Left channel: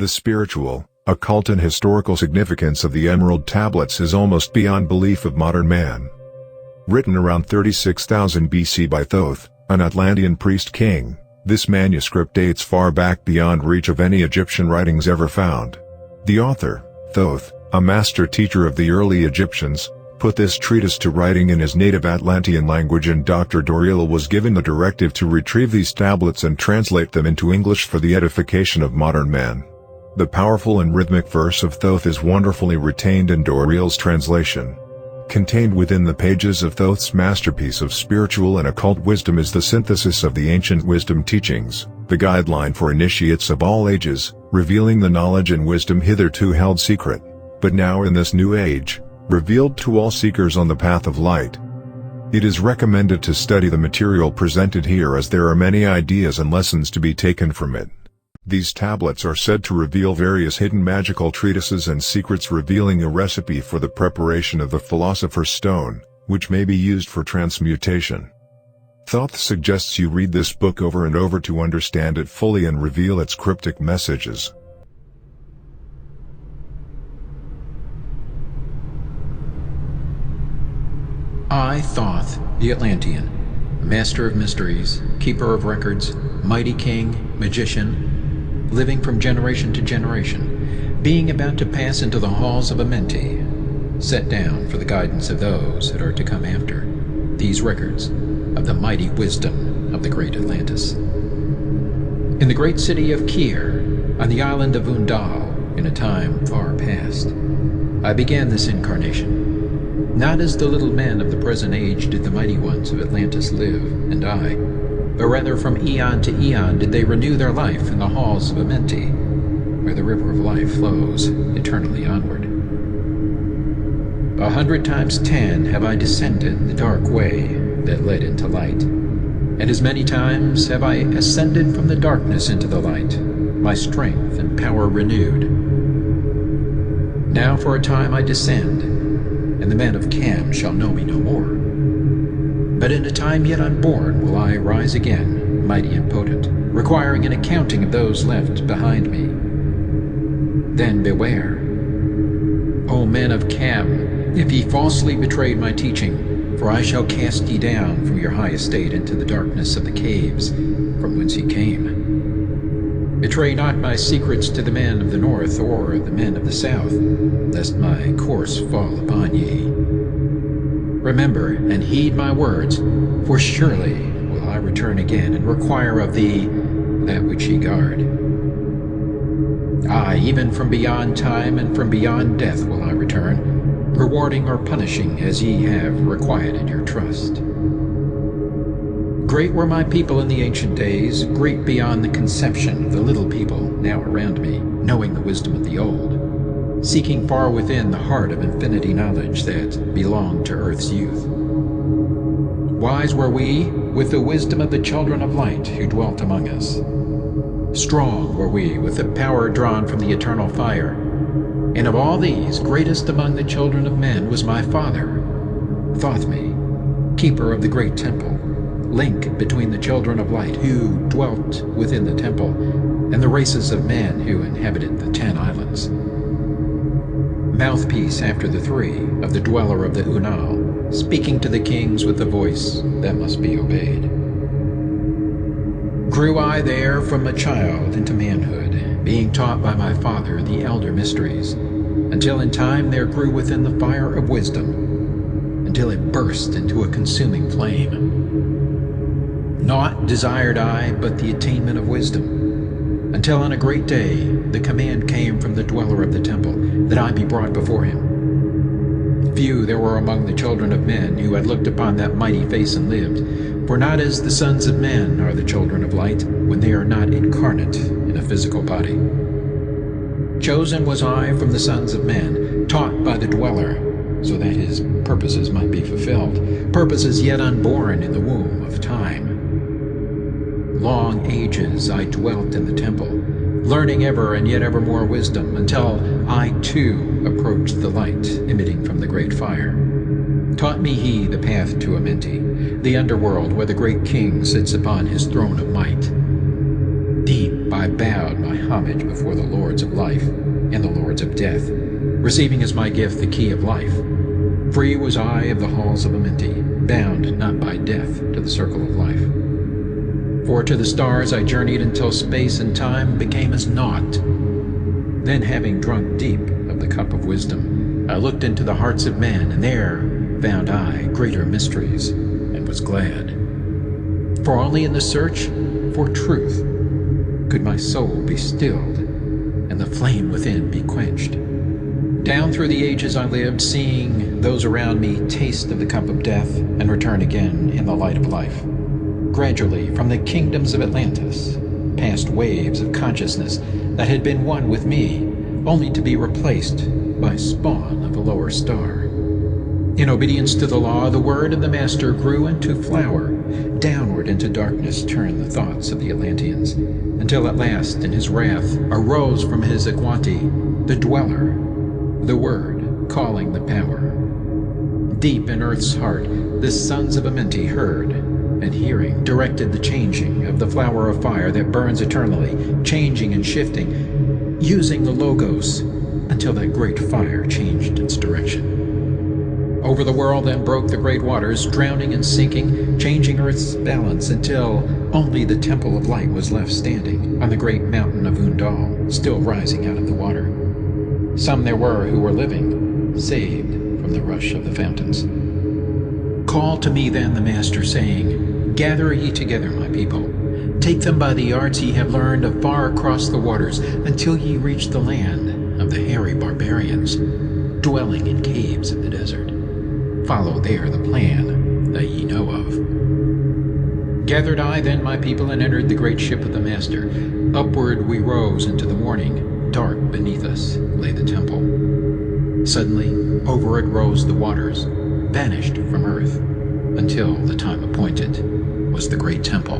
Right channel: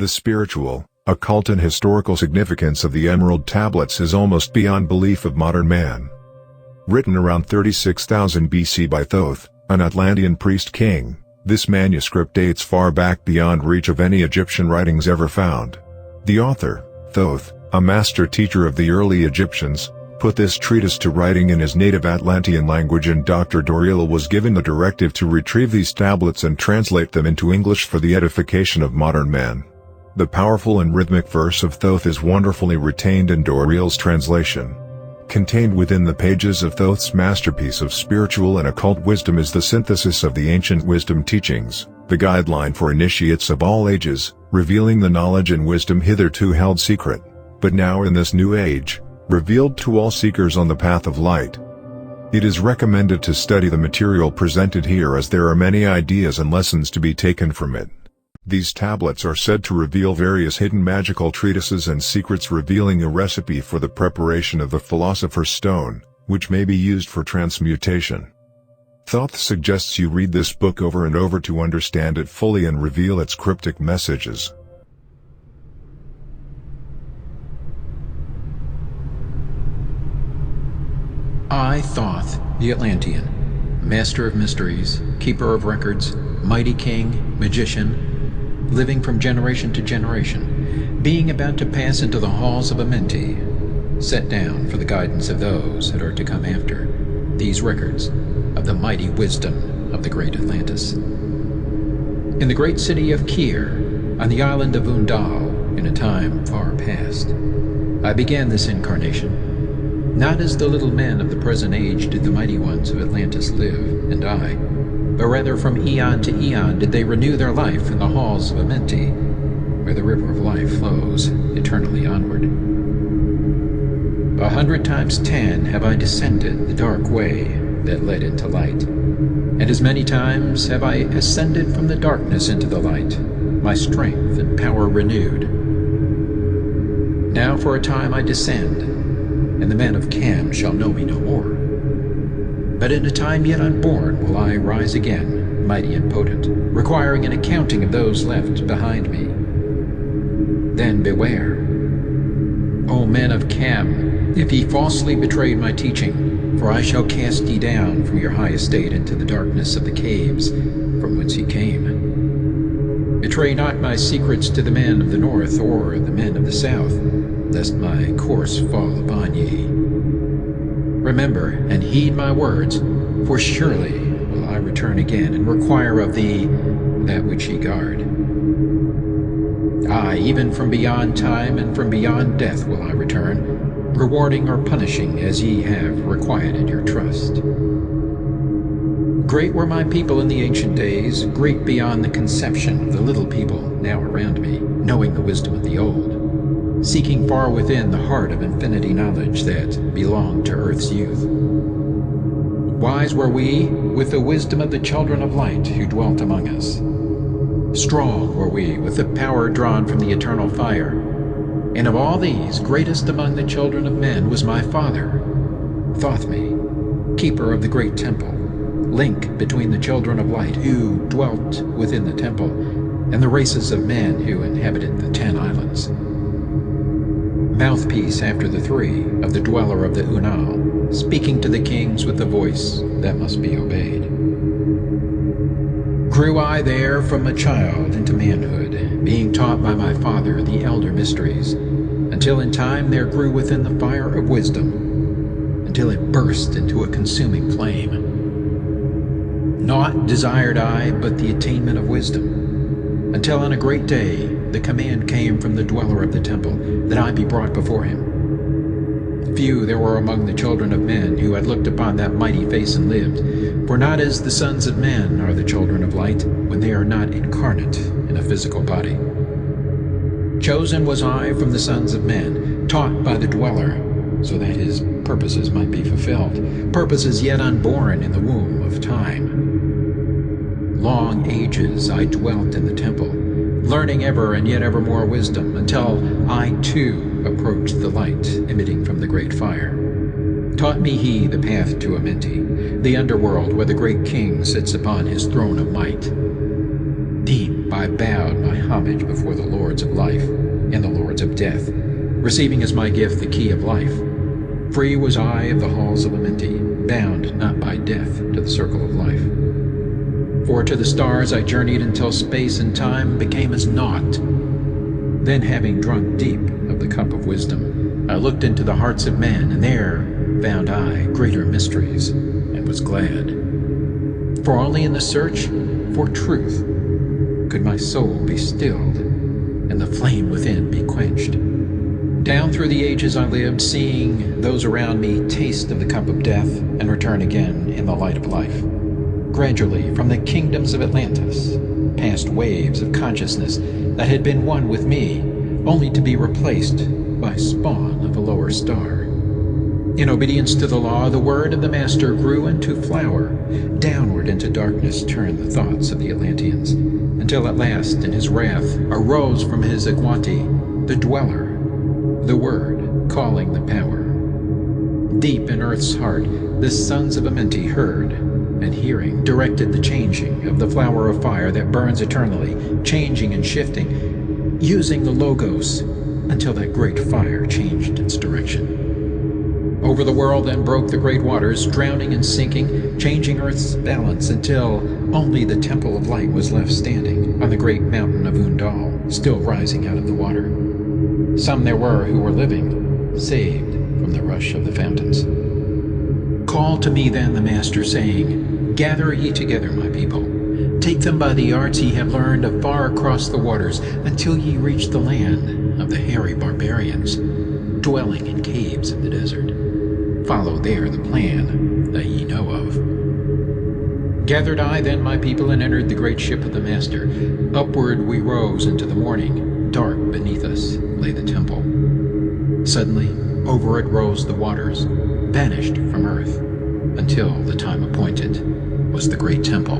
The spiritual, occult and historical significance of the Emerald Tablets is almost beyond belief of modern man. Written around 36,000 BC by Thoth, an Atlantean priest-king, this manuscript dates far back beyond reach of any Egyptian writings ever found. The author, Thoth, a master teacher of the early Egyptians, put this treatise to writing in his native Atlantean language, and Dr. Doreal was given the directive to retrieve these tablets and translate them into English for the edification of modern man. The powerful and rhythmic verse of Thoth is wonderfully retained in Doreal's translation. Contained within the pages of Thoth's masterpiece of spiritual and occult wisdom is the synthesis of the ancient wisdom teachings, the guideline for initiates of all ages, revealing the knowledge and wisdom hitherto held secret, but now in this new age, revealed to all seekers on the path of light. It is recommended to study the material presented here, as there are many ideas and lessons to be taken from it. These tablets are said to reveal various hidden magical treatises and secrets, revealing a recipe for the preparation of the Philosopher's Stone, which may be used for transmutation. Thoth suggests you read this book over and over to understand it fully and reveal its cryptic messages. I, Thoth, the Atlantean, master of mysteries, keeper of records, mighty king, magician, living from generation to generation, being about to pass into the halls of Amenti, set down for the guidance of those that are to come after, these records of the mighty wisdom of the great Atlantis. In the great city of Kir, on the island of Undal, in a time far past, I began this incarnation. Not as the little men of the present age did the mighty ones of Atlantis live and die, but rather from eon to eon did they renew their life in the halls of Amenti, where the river of life flows eternally onward. 100 times 10 have I descended the dark way that led into light, and as many times have I ascended from the darkness into the light, my strength and power renewed. Now for a time I descend, and the men of Cam shall know me no more. But in a time yet unborn will I rise again, mighty and potent, requiring an accounting of those left behind me. Then beware, O men of Cam, if ye falsely betrayed my teaching, for I shall cast ye down from your high estate into the darkness of the caves from whence ye came. Betray not my secrets to the men of the north or the men of the south, lest my course fall upon ye. Remember and heed my words, for surely will I return again and require of thee that which ye guard. Aye, even from beyond time and from beyond death will I return, rewarding or punishing as ye have requited your trust. Great were my people in the ancient days, great beyond the conception of the little people now around me, knowing the wisdom of the old, seeking far within the heart of infinity knowledge that belonged to earth's youth. Wise were we with the wisdom of the children of light who dwelt among us. Strong were we with the power drawn from the eternal fire, and of all these, greatest among the children of men was my father, Thothme, keeper of the great temple, link between the children of light who dwelt within the temple and the races of men who inhabited the 10 islands. Mouthpiece after the 3 of the dweller of the Unal, speaking to the kings with a voice that must be obeyed. Grew I there from a child into manhood, being taught by my father the elder mysteries, until in time there grew within the fire of wisdom, until it burst into a consuming flame. Naught desired I but the attainment of wisdom, until on a great day the command came from the dweller of the temple that I be brought before him. Few there were among the children of men who had looked upon that mighty face and lived, for not as the sons of men are the children of light when they are not incarnate in a physical body. Chosen was I from the sons of men, taught by the dweller, so that his purposes might be fulfilled, purposes yet unborn in the womb of time. Long ages I dwelt in the temple, learning ever and yet ever more wisdom, until I too approached the light emitting from the great fire. Taught me he the path to Amenti, the underworld where the great king sits upon his throne of might. Deep I bowed my homage before the lords of life and the lords of death, receiving as my gift the key of life. Free was I of the halls of Amenti, bound not by death to the circle of life. For to the stars I journeyed until space and time became as naught. Then, having drunk deep of the cup of wisdom, I looked into the hearts of men, and there found I greater mysteries, and was glad. For only in the search for truth could my soul be stilled, and the flame within be quenched. Down through the ages I lived, seeing those around me taste of the cup of death, and return again in the light of life. Gradually, from the kingdoms of Atlantis, past waves of consciousness that had been one with me, only to be replaced by spawn of a lower star. In obedience to the law, the word of the Master grew into flower. Downward into darkness turned the thoughts of the Atlanteans, until at last, in his wrath, arose from his Agwanti the Dweller, the Word calling the Power. Deep in Earth's heart, the sons of Amenti heard, and hearing, directed the changing of the flower of fire that burns eternally, changing and shifting, using the Logos, until that great fire changed its direction. Over the world then broke the great waters, drowning and sinking, changing Earth's balance until only the Temple of Light was left standing on the great mountain of Undal, still rising out of the water. Some there were who were living, saved from the rush of the fountains. Called to me then the Master, saying, Gather ye together, my people. Take them by the arts ye have learned afar across the waters, until ye reach the land of the hairy barbarians, dwelling in caves of the desert. Follow there the plan that ye know of. Gathered I then my people, and entered the great ship of the Master. Upward we rose into the morning. Dark beneath us lay the temple. Suddenly over it rose the waters, vanished from earth, until the time appointed was the great temple.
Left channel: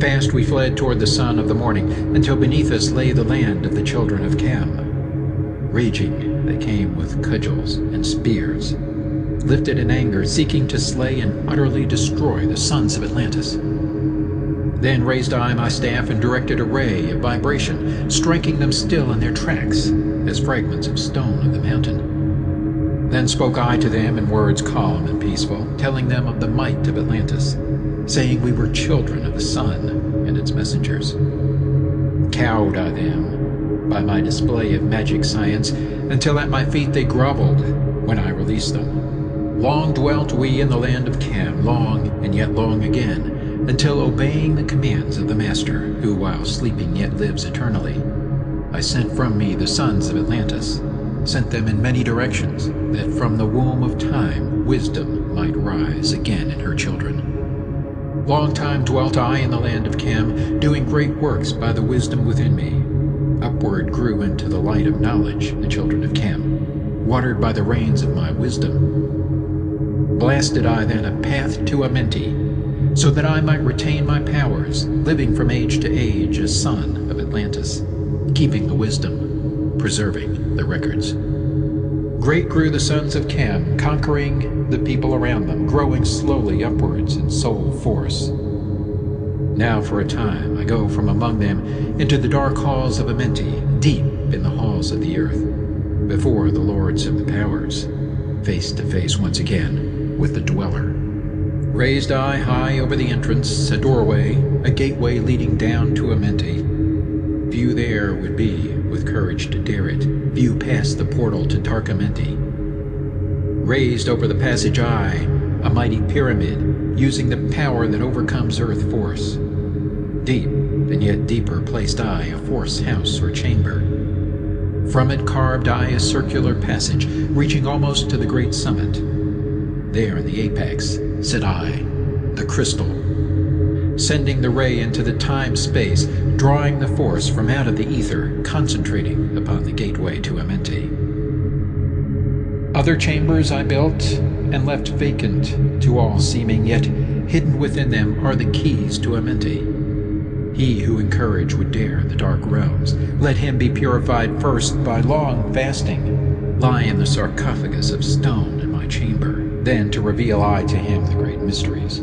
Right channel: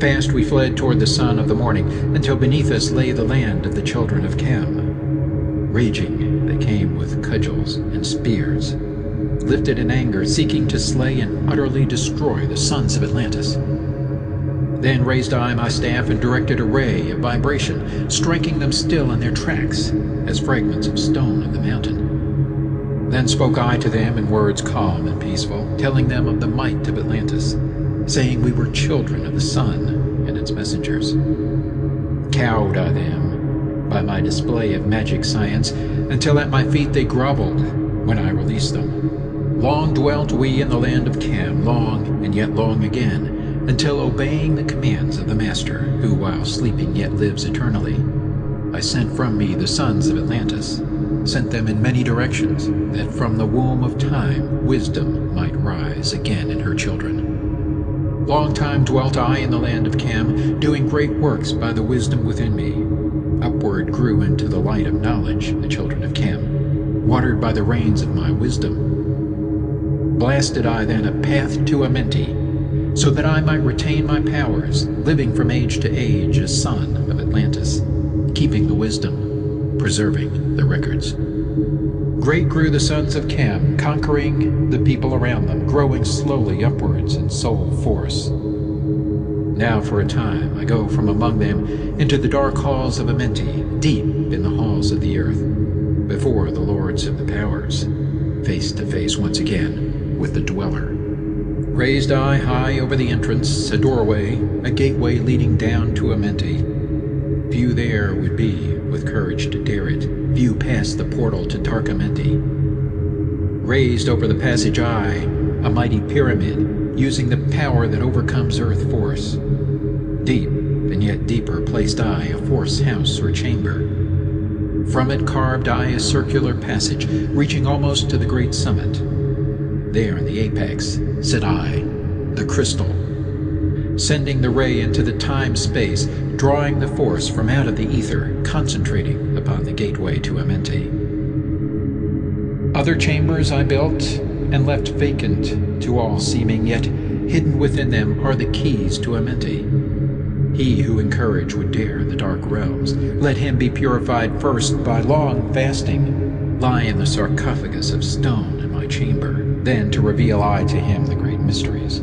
Fast we fled toward the sun of the morning, until beneath us lay the land of the children of Cam. Raging they came with cudgels and spears, lifted in anger, seeking to slay and utterly destroy the sons of Atlantis. Then raised I my staff and directed a ray of vibration, striking them still in their tracks, as fragments of stone of the mountain. Then spoke I to them in words calm and peaceful, telling them of the might of Atlantis, saying we were children of the sun and its messengers. Cowed I them by my display of magic science, until at my feet they groveled when I released them. Long dwelt we in the land of Cam, long and yet long again, until obeying the commands of the Master, who while sleeping yet lives eternally, I sent from me the sons of Atlantis, sent them in many directions, that from the womb of time wisdom might rise again in her children. Long time dwelt I in the land of Cam, doing great works by the wisdom within me. Upward grew into the light of knowledge the children of Cam, watered by the rains of my wisdom. Blasted I then a path to Amenti, so that I might retain my powers, living from age to age as son of Atlantis, keeping the wisdom, preserving the records. Great grew the sons of Cam, conquering the people around them, growing slowly upwards in soul force. Now for a time I go from among them into the dark halls of Amenti, deep in the halls of the earth, before the lords of the powers, face to face once again with the Dweller. Raised I high over the entrance, a doorway, a gateway leading down to Amenti. Few there would be with courage to dare it, few past the portal to dark Amenti. Raised over the passage I, a mighty pyramid, using the power that overcomes earth force. Deep and yet deeper placed I a force house or chamber. From it carved I a circular passage, reaching almost to the great summit. There in the apex sit I, the crystal, sending the ray into the time-space, drawing the force from out of the ether, concentrating upon the gateway to Amenti. Other chambers I built and left vacant to all seeming, yet hidden within them are the keys to Amenti. He who in courage would dare the dark realms, let him be purified first by long fasting, lie in the sarcophagus of stone in my chamber, then to reveal I to him the great mysteries.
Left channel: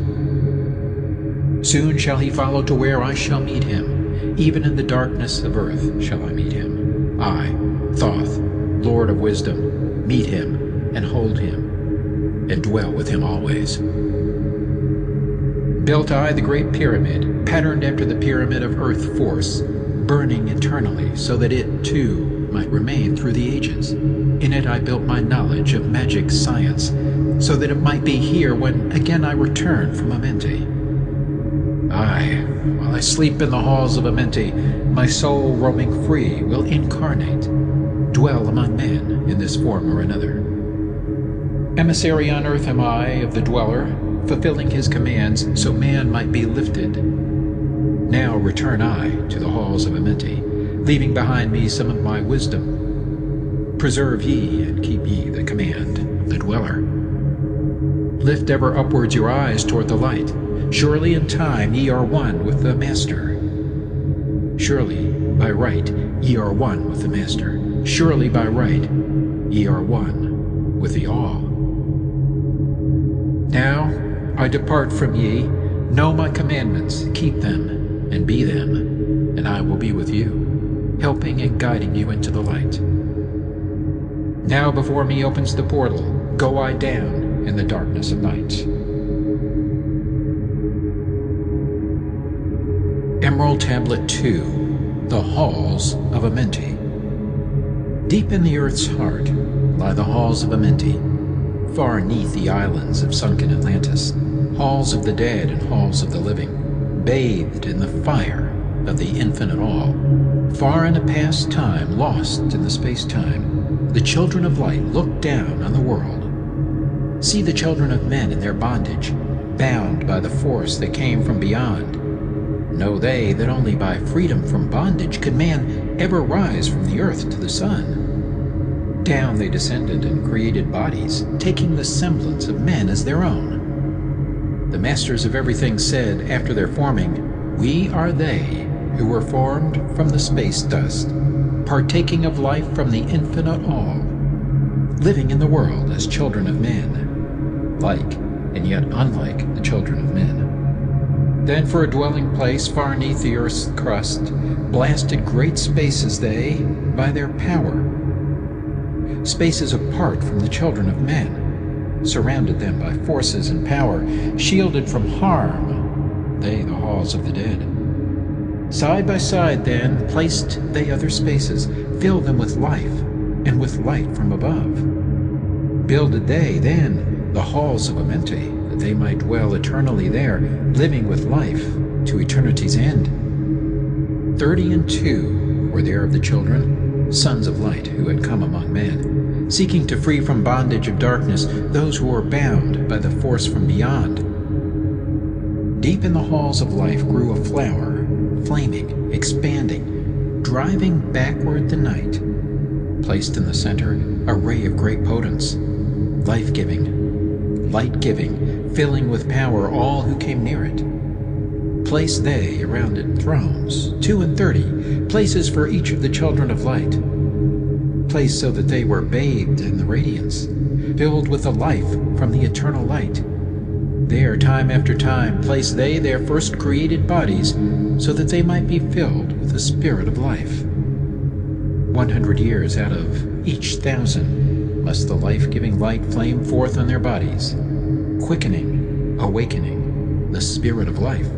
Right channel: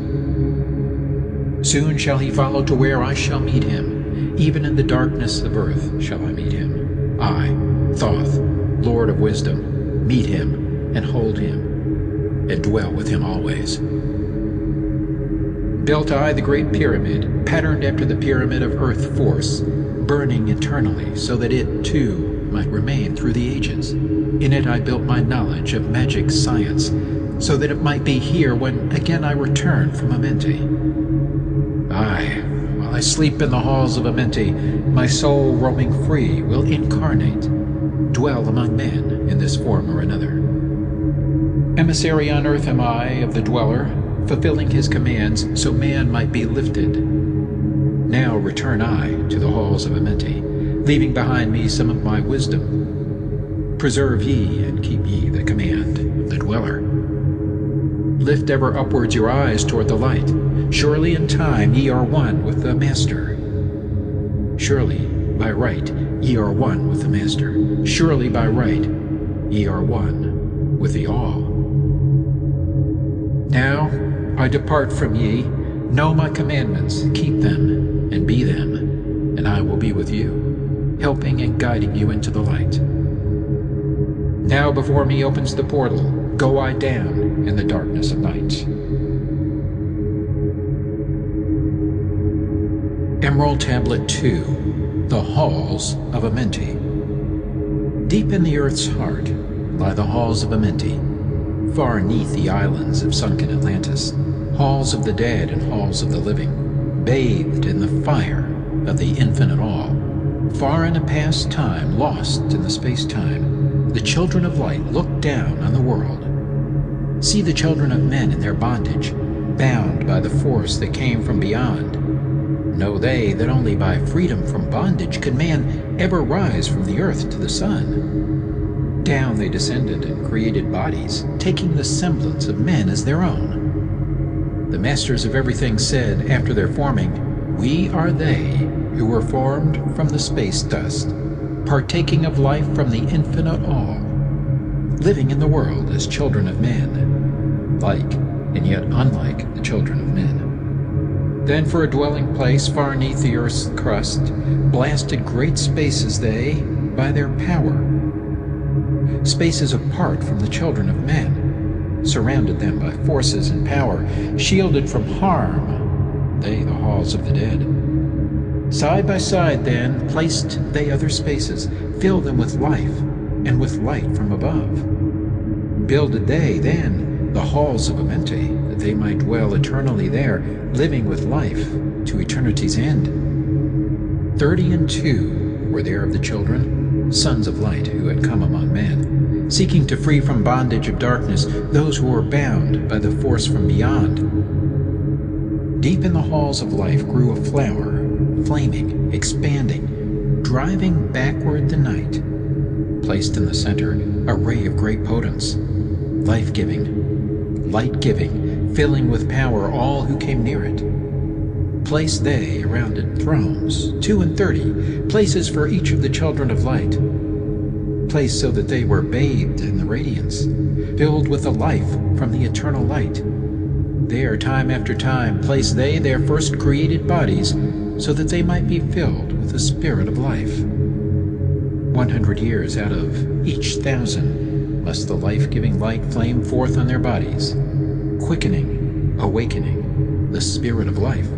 Soon shall he follow to where I shall meet him, even in the darkness of earth shall I meet him. I, Thoth, Lord of wisdom, meet him, and hold him, and dwell with him always. Built I the great pyramid, patterned after the pyramid of earth force, burning eternally, so that it, too, might remain through the ages. In it I built my knowledge of magic science, so that it might be here when again I return from Amenti. Aye, while I sleep in the halls of Amenti, my soul roaming free will incarnate, dwell among men in this form or another. Emissary on earth am I of the Dweller, fulfilling his commands so man might be lifted. Now return I to the halls of Amenti, leaving behind me some of my wisdom. Preserve ye and keep ye the command of the Dweller. Lift ever upwards your eyes toward the light. Surely in time ye are one with the Master. Surely by right ye are one with the Master. Surely by right ye are one with the All. Now I depart from ye. Know my commandments, keep them, and be them, and I will be with you, helping and guiding you into the light. Now before me opens the portal, go I down in the darkness of night. Emerald Tablet 2, The Halls of Amenti. Deep in the earth's heart lie the halls of Amenti, far neath the islands of sunken Atlantis, halls of the dead and halls of the living, bathed in the fire of the infinite all. Far in a past time, lost in the space-time, the children of light look down on the world. See the children of men in their bondage, bound by the force that came from beyond. Know they that only by freedom from bondage could man ever rise from the earth to the sun. Down they descended and created bodies, taking the semblance of men as their own. The masters of everything said after their forming, "We are they who were formed from the space dust, partaking of life from the infinite all, living in the world as children of men, like and yet unlike the children of men." Then for a dwelling place far neath the earth's crust, blasted great spaces they by their power. Spaces apart from the children of men, surrounded them by forces and power, shielded from harm, they the halls of the dead. Side by side then placed they other spaces, filled them with life and with light from above. Builded they then the halls of Amenti, that they might dwell eternally there, living with life to eternity's end. 32 were there of the children, sons of light, who had come among men, seeking to free from bondage of darkness those who were bound by the force from beyond. Deep in the halls of life grew a flower, flaming, expanding, driving backward the night. Placed in the center, a ray of great potence, life-giving, light-giving, filling with power all who came near it. Placed they around it thrones, 32, places for each of the children of light. Placed so that they were bathed in the radiance, filled with the life from the eternal light. There, time after time, placed they their first created bodies, so that they might be filled with the spirit of life. 100 years out of each 1,000 must the life-giving light flame forth on their bodies, quickening, awakening the spirit of life.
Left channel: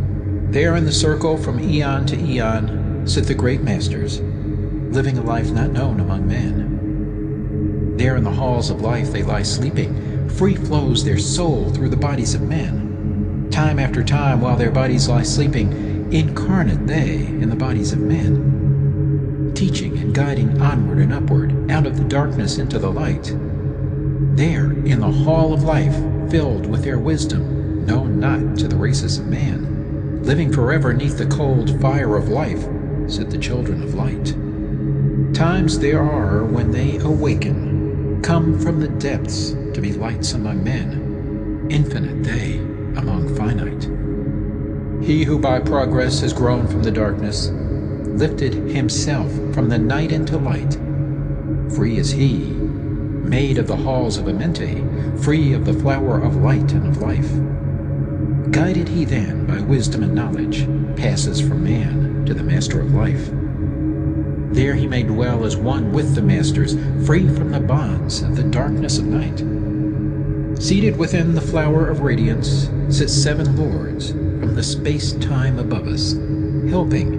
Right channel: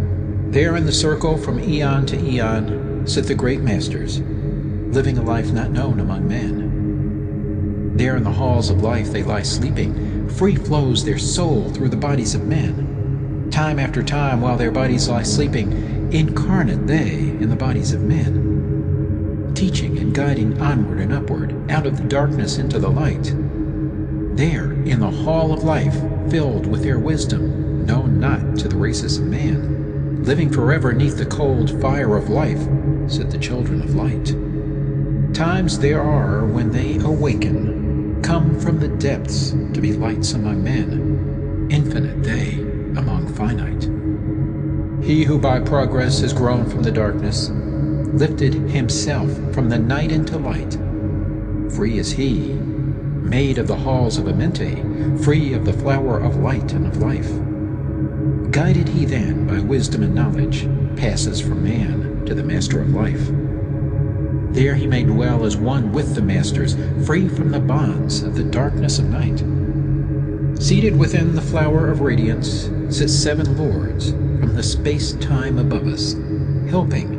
There in the circle from eon to eon sit the great masters, living a life not known among men. There in the halls of life they lie sleeping, free flows their soul through the bodies of men. Time after time, while their bodies lie sleeping, incarnate they in the bodies of men, teaching and guiding onward and upward, out of the darkness into the light. There in the hall of life, filled with their wisdom, known not to the races of man, living forever neath the cold fire of life, sit the children of light. Times there are when they awaken, come from the depths to be lights among men, infinite they among finite. He who by progress has grown from the darkness, lifted himself from the night into light. Free is he, made of the halls of Amenti, free of the flower of light and of life. Guided he then by wisdom and knowledge, passes from man to the Master of life. There he may dwell as one with the masters, free from the bonds of the darkness of night. Seated within the flower of radiance sit 7 lords from the space-time above us, helping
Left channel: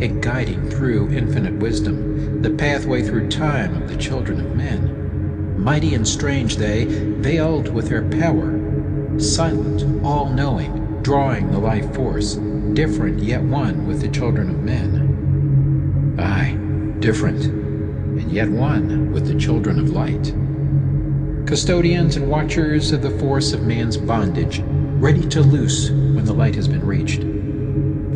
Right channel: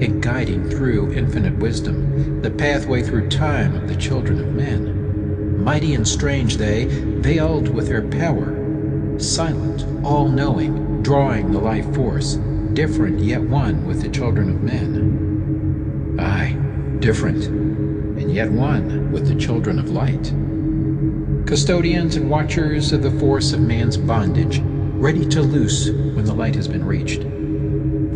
and guiding through infinite wisdom the pathway through time of the children of men. Mighty and strange they, veiled with their power, silent, all-knowing, drawing the life force, different yet one with the children of men. Aye, different, and yet one with the children of light. Custodians and watchers of the force of man's bondage, ready to loose when the light has been reached.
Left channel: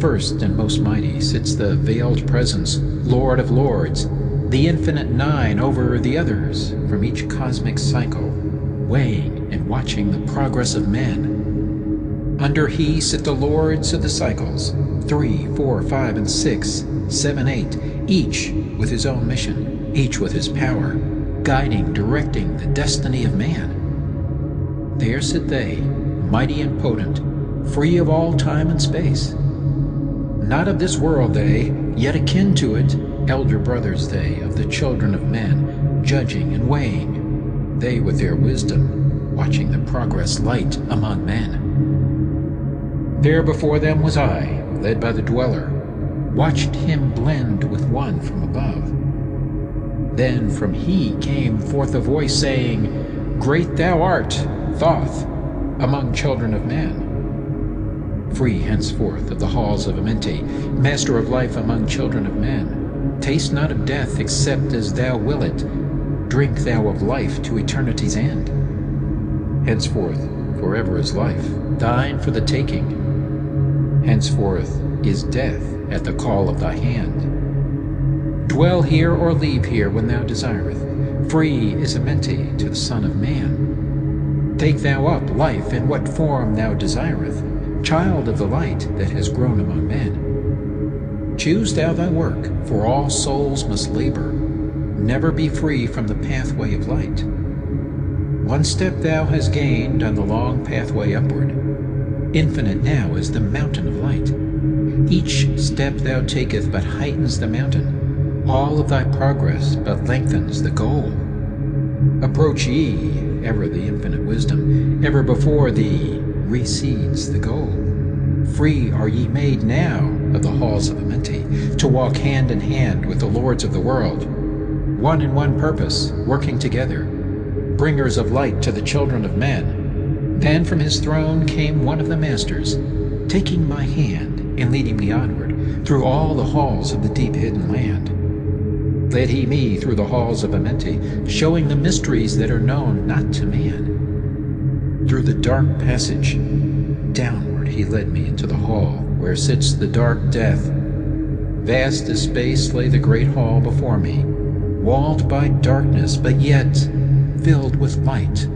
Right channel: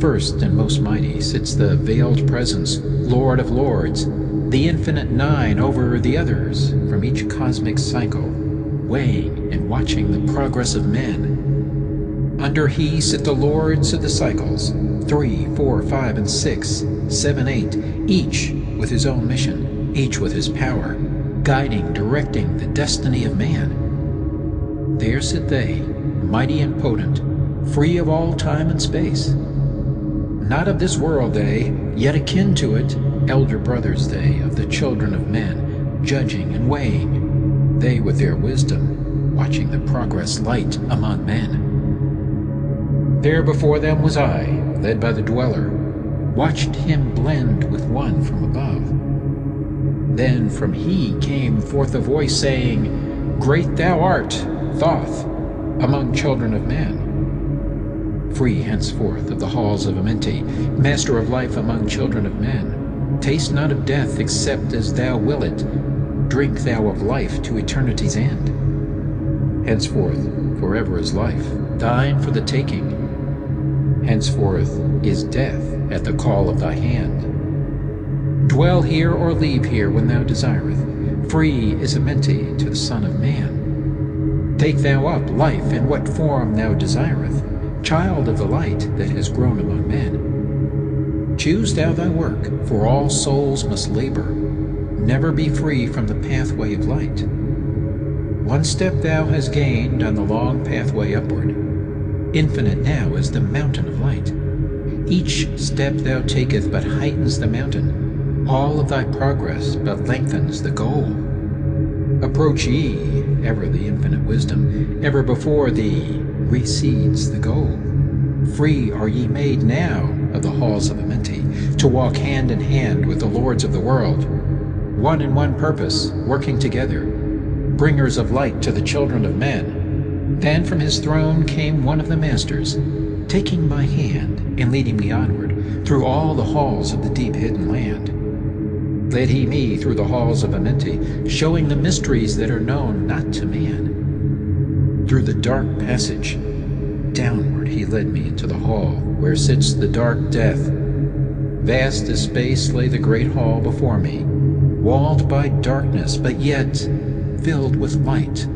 First and most mighty sits the veiled presence, Lord of lords, the infinite 9 over the others from each cosmic cycle, weighing and watching the progress of men. Under he sit the lords of the cycles, 3, 4, 5, and 6, 7, 8, each with his own mission, each with his power, guiding, directing the destiny of man. There sit they, mighty and potent, free of all time and space. Not of this world they, yet akin to it, elder brothers they, of the children of men, judging and weighing, they with their wisdom, watching the progress light among men. There before them was I, led by the dweller, watched him blend with one from above. Then from he came forth a voice saying, Great thou art, Thoth, among children of men. Free henceforth of the halls of Amenti, master of life among children of men. Taste not of death except as thou will it. Drink thou of life to eternity's end. Henceforth forever is life, thine for the taking. Henceforth is death at the call of thy hand. Dwell here or leave here when thou desireth. Free is Amenti to the Son of Man. Take thou up life in what form thou desireth, child of the light that has grown among men. Choose thou thy work, for all souls must labor, never be free from the pathway of light. One step thou hast gained on the long pathway upward. Infinite now is the mountain of light. Each step thou taketh but heightens the mountain. All of thy progress but lengthens the goal. Approach ye, ever the infinite wisdom, ever before thee recedes the goal. Free are ye made now of the halls of Amenti, to walk hand in hand with the lords of the world, one in one purpose, working together, bringers of light to the children of men. Then from his throne came one of the masters, taking my hand and leading me onward through all the halls of the deep hidden land. Led he me through the halls of Amenti, showing the mysteries that are known not to man. Through the dark passage, downward he led me into the hall where sits the dark death. Vast as space lay the great hall before me, walled by darkness, but yet filled with light.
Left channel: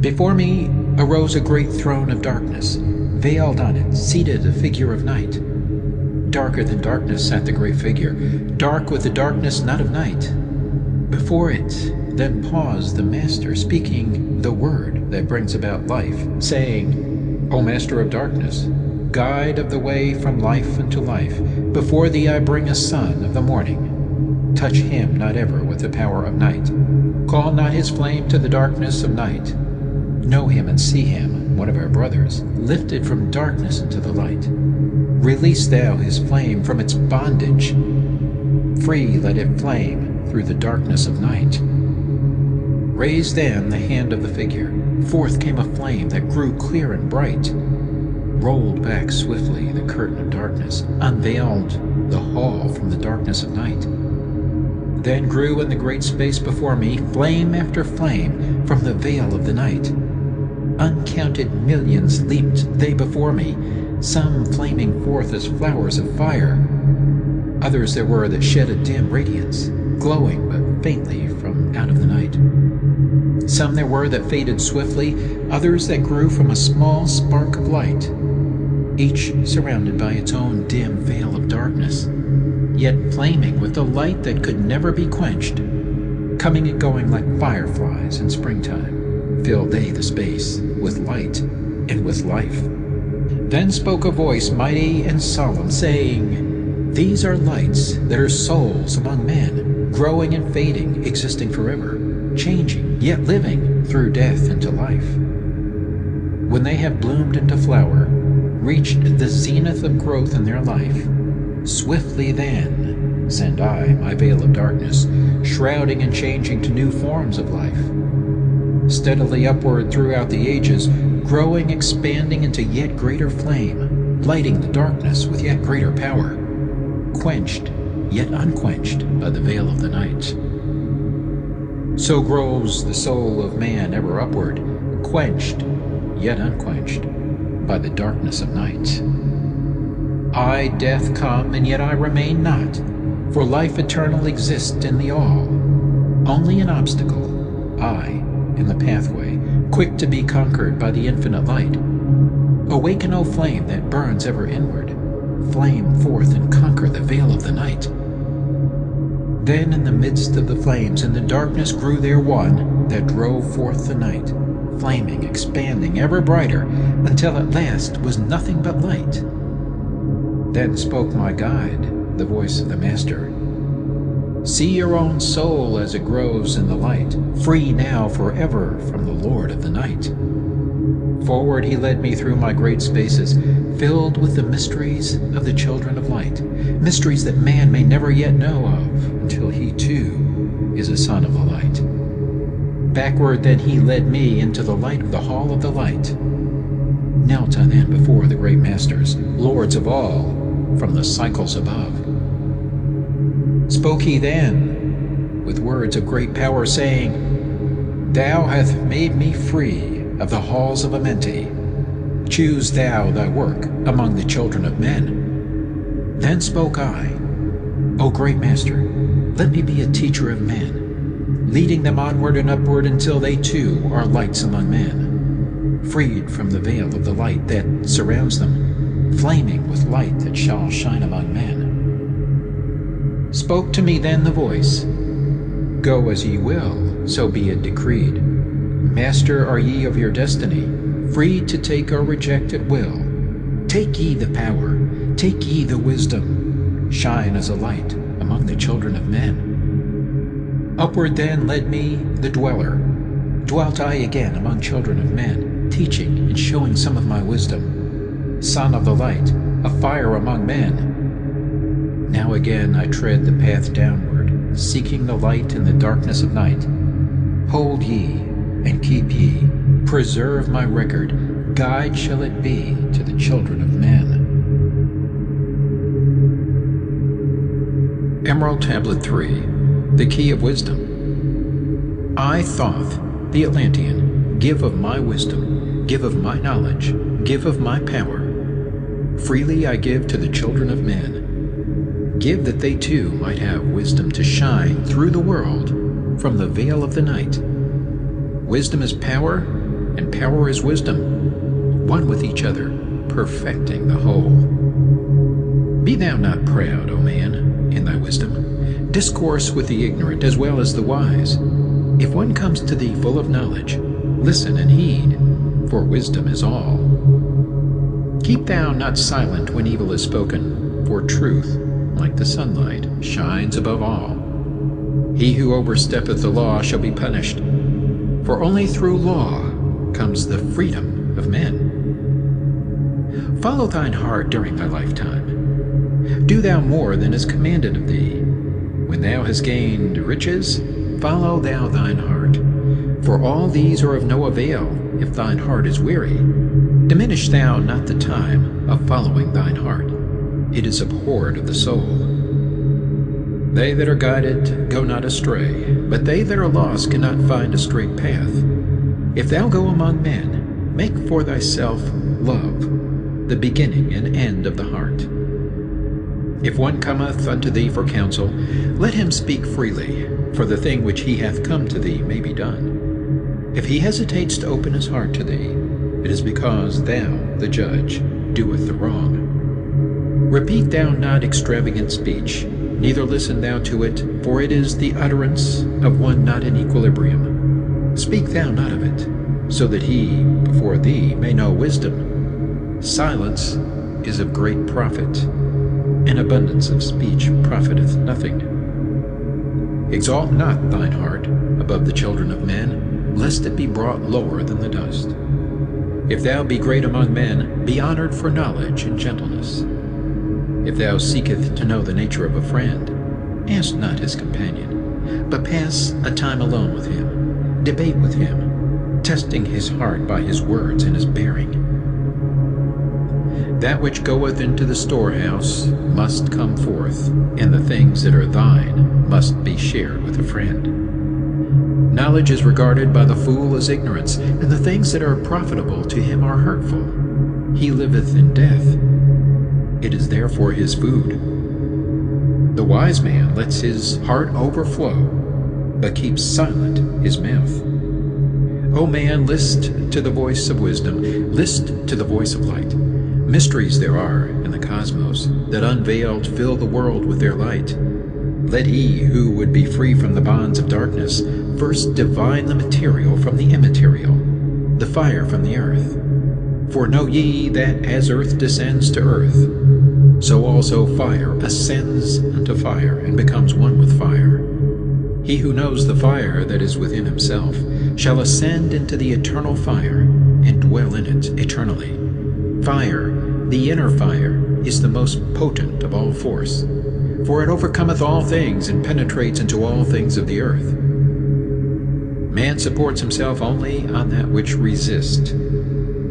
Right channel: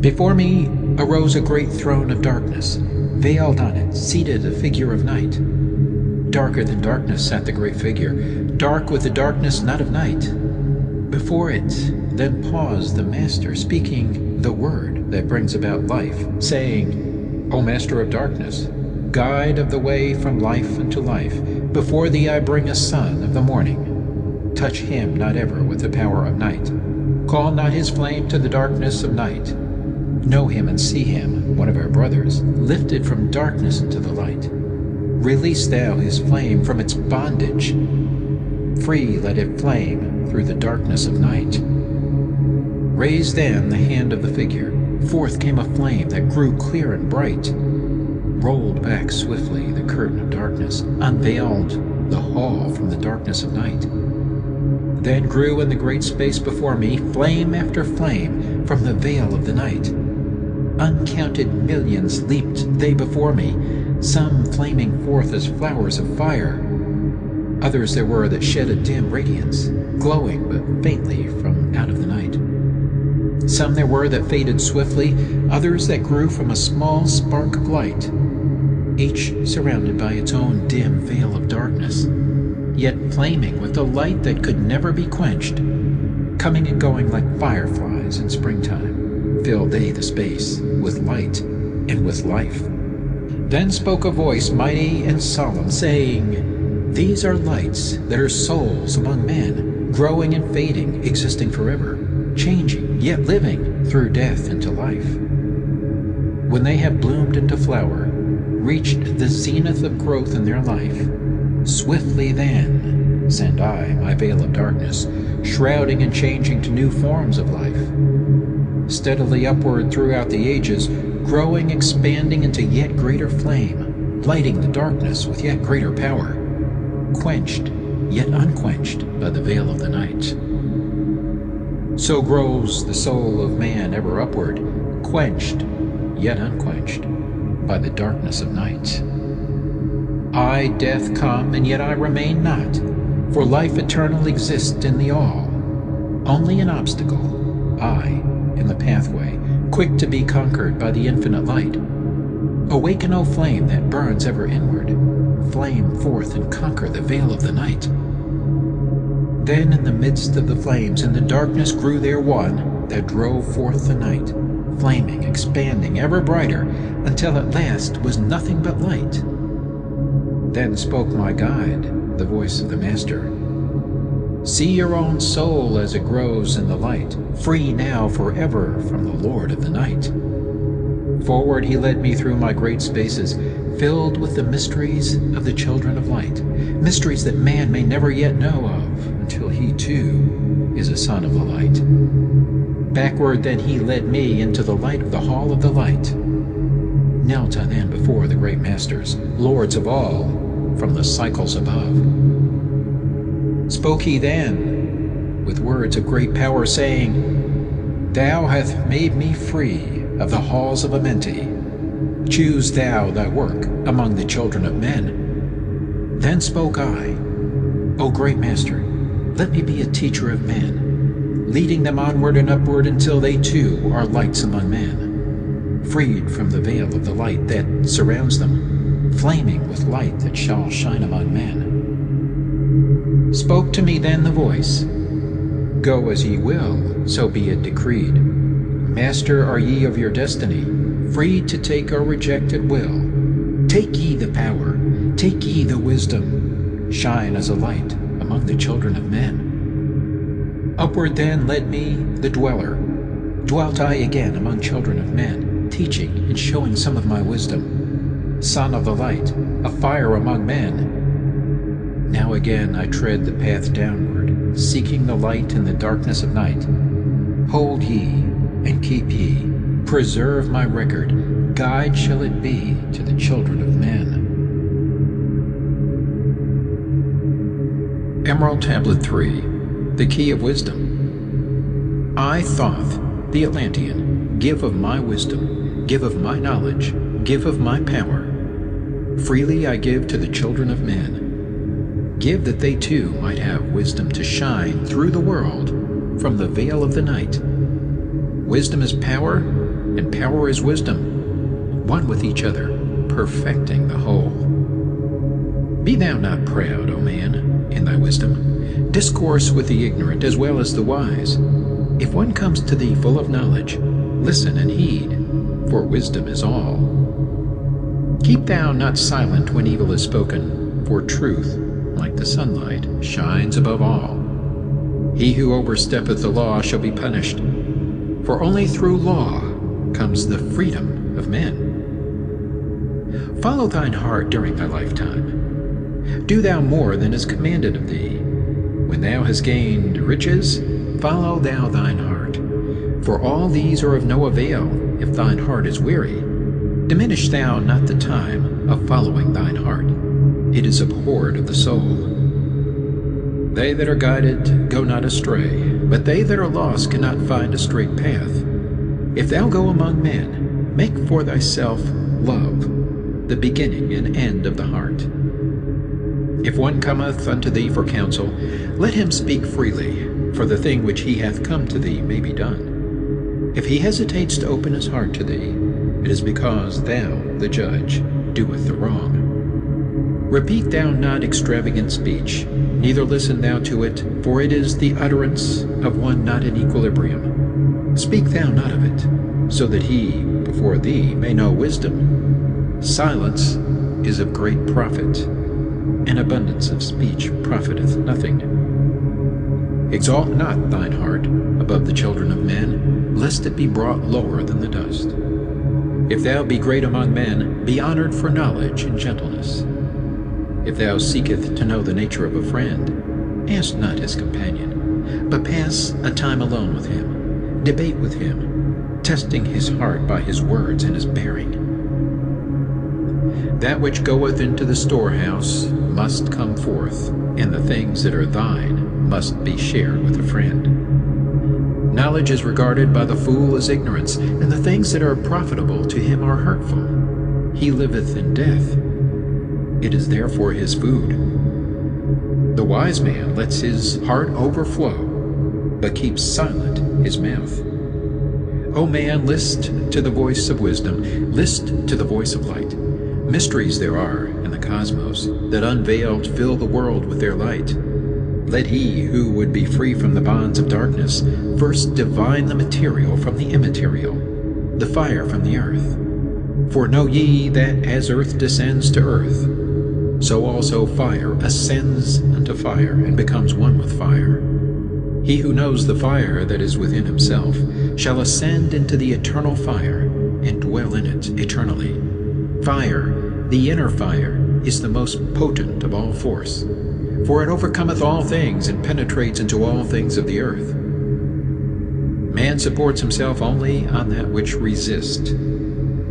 Before me arose a great throne of darkness. Veiled on it, seated a figure of night. Darker than darkness sat the great figure, dark with the darkness not of night. Before it then paused the Master, speaking the word that brings about life, saying, O Master of darkness, guide of the way from life unto life, before thee I bring a son of the morning. Touch him not ever with the power of night. Call not his flame to the darkness of night. Know him and see him, one of our brothers, lifted from darkness into the light. Release thou his flame from its bondage. Free let it flame through the darkness of night. Raise then the hand of the figure. Forth came a flame that grew clear and bright. Rolled back swiftly the curtain of darkness, unveiled the hall from the darkness of night. Then grew in the great space before me flame after flame from the veil of the night. Uncounted millions leaped they before me, some flaming forth as flowers of fire. Others there were that shed a dim radiance, glowing but faintly from out of the night. Some there were that faded swiftly, others that grew from a small spark of light, each surrounded by its own dim veil of darkness, yet flaming with a light that could never be quenched. Coming and going like fireflies in springtime, filled they the space with light, and with life. Then spoke a voice mighty and solemn, saying, These are lights that are souls among men, growing and fading, existing forever, changing, yet living through death into life. When they have bloomed into flower, reached the zenith of growth in their life, swiftly then send I my veil of darkness, shrouding and changing to new forms of life. Steadily upward throughout the ages, growing, expanding into yet greater flame, lighting the darkness with yet greater power, quenched yet unquenched by the veil of the night. So grows the soul of man ever upward, quenched yet unquenched by the darkness of night. I, death, come, and yet I remain not, for life eternal exists in the all. Only an obstacle, I, in the pathway, quick to be conquered by the infinite light. Awaken, O flame that burns ever inward, flame forth and conquer the veil of the night. Then in the midst of the flames in the darkness grew there one that drove forth the night, flaming, expanding, ever brighter, until at last was nothing but light. Then spoke my guide, the voice of the Master. See your own soul as it grows in the light, free now forever from the Lord of the night. Forward he led me through my great spaces, filled with the mysteries of the children of light, mysteries that man may never yet know of, until he too is a son of the light. Backward then he led me into the light of the hall of the light. Knelt I then before the great masters, lords of all, from the cycles above. Spoke he then with words of great power, saying, Thou hast made me free of the halls of Amenti. Choose thou thy work among the children of men. Then spoke I, O great Master, let me be a teacher of men, leading them onward and upward until they too are lights among men, freed from the veil of the light that surrounds them, flaming with light that shall shine among men. Spoke to me then the voice, Go as ye will, so be it decreed. Master are ye of your destiny, free to take or reject at will. Take ye the power, take ye the wisdom, shine as a light among the children of men. Upward then led me the dweller. Dwelt I again among children of men, teaching and showing some of my wisdom. Son of the light, a fire among men. Now again I tread the path downward, seeking the light in the darkness of night. Hold ye, and keep ye, preserve my record, guide shall it be to the children of men. Emerald Tablet 3, The Key of Wisdom. I, Thoth, the Atlantean, give of my wisdom, give of my knowledge, give of my power. Freely I give to the children of men. Give that they too might have wisdom to shine through the world from the veil of the night. Wisdom is power, and power is wisdom, one with each other, perfecting the whole. Be thou not proud, O man, in thy wisdom. Discourse with the ignorant as well as the wise. If one comes to thee full of knowledge, listen and heed, for wisdom is all. Keep thou not silent when evil is spoken, for truth, like the sunlight, shines above all. He who oversteppeth the law shall be punished, for only through law comes the freedom of men. Follow thine heart during thy lifetime. Do thou more than is commanded of thee. When thou hast gained riches, follow thou thine heart. For all these are of no avail if thine heart is weary. Diminish thou not the time of following thine heart. It is abhorred of the soul. They that are guided go not astray, but they that are lost cannot find a straight path. If thou go among men, make for thyself love, the beginning and end of the heart. If one cometh unto thee for counsel, let him speak freely, for the thing which he hath come to thee may be done. If he hesitates to open his heart to thee, it is because thou, the judge, doeth the wrong. Repeat thou not extravagant speech, neither listen thou to it, for it is the utterance of one not in equilibrium. Speak thou not of it, so that he before thee may know wisdom. Silence is of great profit, and abundance of speech profiteth nothing. Exalt not thine heart above the children of men, lest it be brought lower than the dust. If thou be great among men, be honored for knowledge and gentleness. If thou seekest to know the nature of a friend, ask not his companion, but pass a time alone with him, debate with him, testing his heart by his words and his bearing. That which goeth into the storehouse must come forth, and the things that are thine must be shared with a friend. Knowledge is regarded by the fool as ignorance, and the things that are profitable to him are hurtful. He liveth in death. It is therefore his food. The wise man lets his heart overflow, but keeps silent his mouth. O man, list to the voice of wisdom, list to the voice of light. Mysteries there are in the cosmos that unveiled fill the world with their light. Let he who would be free from the bonds of darkness first divine the material from the immaterial, the fire from the earth. For know ye that as earth descends to earth, so also fire ascends unto fire and becomes one with fire. He who knows the fire that is within himself shall ascend into the eternal fire and dwell in it eternally. Fire, the inner fire, is the most potent of all force, for it overcometh all things and penetrates into all things of the earth. Man supports himself only on that which resists.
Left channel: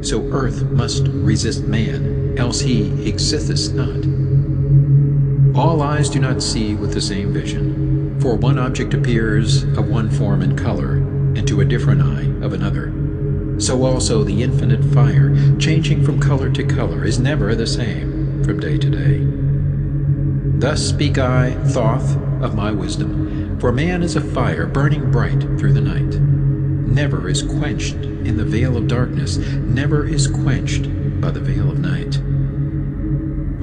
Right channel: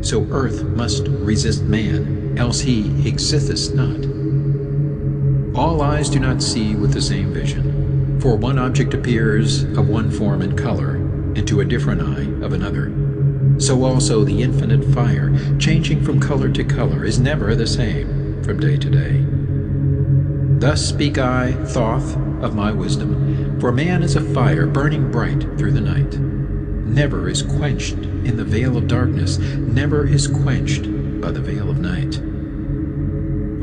So earth must resist man, else he existeth not. All eyes do not see with the same vision, for one object appears of one form and color, and to a different eye of another. So also the infinite fire, changing from color to color, is never the same from day to day. Thus speak I, Thoth, of my wisdom, for man is a fire burning bright through the night. Never is quenched in the veil of darkness, never is quenched by the veil of night.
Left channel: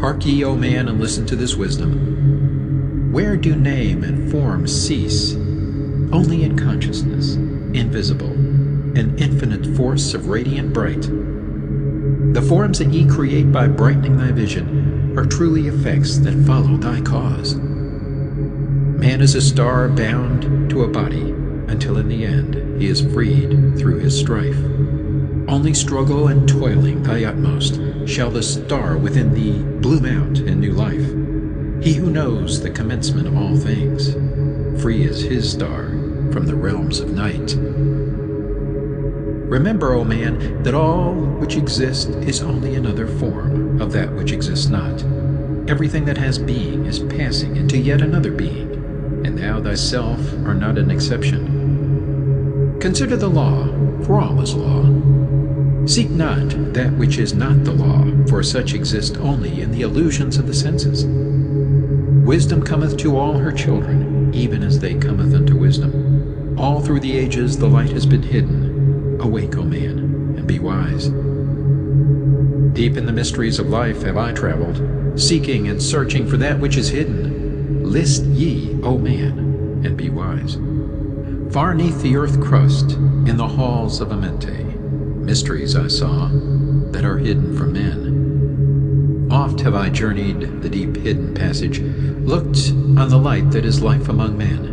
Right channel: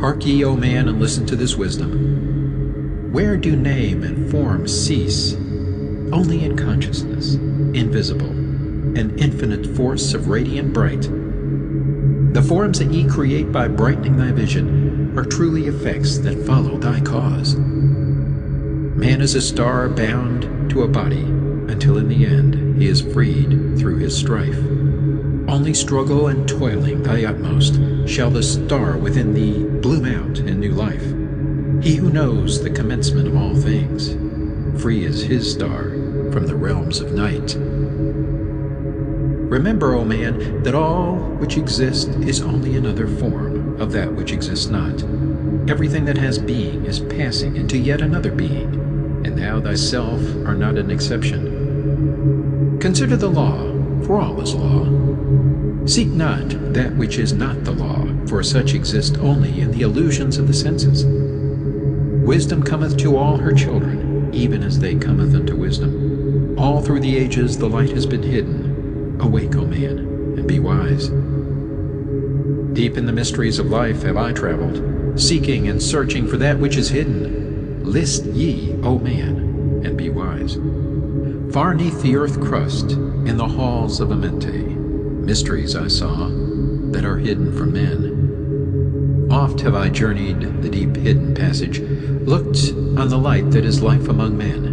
Hark ye, O man, and listen to this wisdom. Where do name and form cease? Only in consciousness, invisible, an infinite force of radiant bright. The forms that ye create by brightening thy vision are truly effects that follow thy cause. Man is a star bound to a body until in the end he is freed through his strife. Only struggle and toiling thy utmost shall the star within thee bloom out in new life. He who knows the commencement of all things, free is his star from the realms of night. Remember, O man, that all which exists is only another form of that which exists not. Everything that has being is passing into yet another being, and thou thyself art not an exception. Consider the law, for all is law. Seek not that which is not the law, for such exist only in the illusions of the senses. Wisdom cometh to all her children, even as they cometh unto wisdom. All through the ages the light has been hidden. Awake, O man, and be wise. Deep in the mysteries of life have I traveled, seeking and searching for that which is hidden. List ye, O man, and be wise. Far neath the earth crust, in the halls of Amenti, mysteries I saw that are hidden from men. Oft have I journeyed the deep hidden passage, looked on the light that is life among men.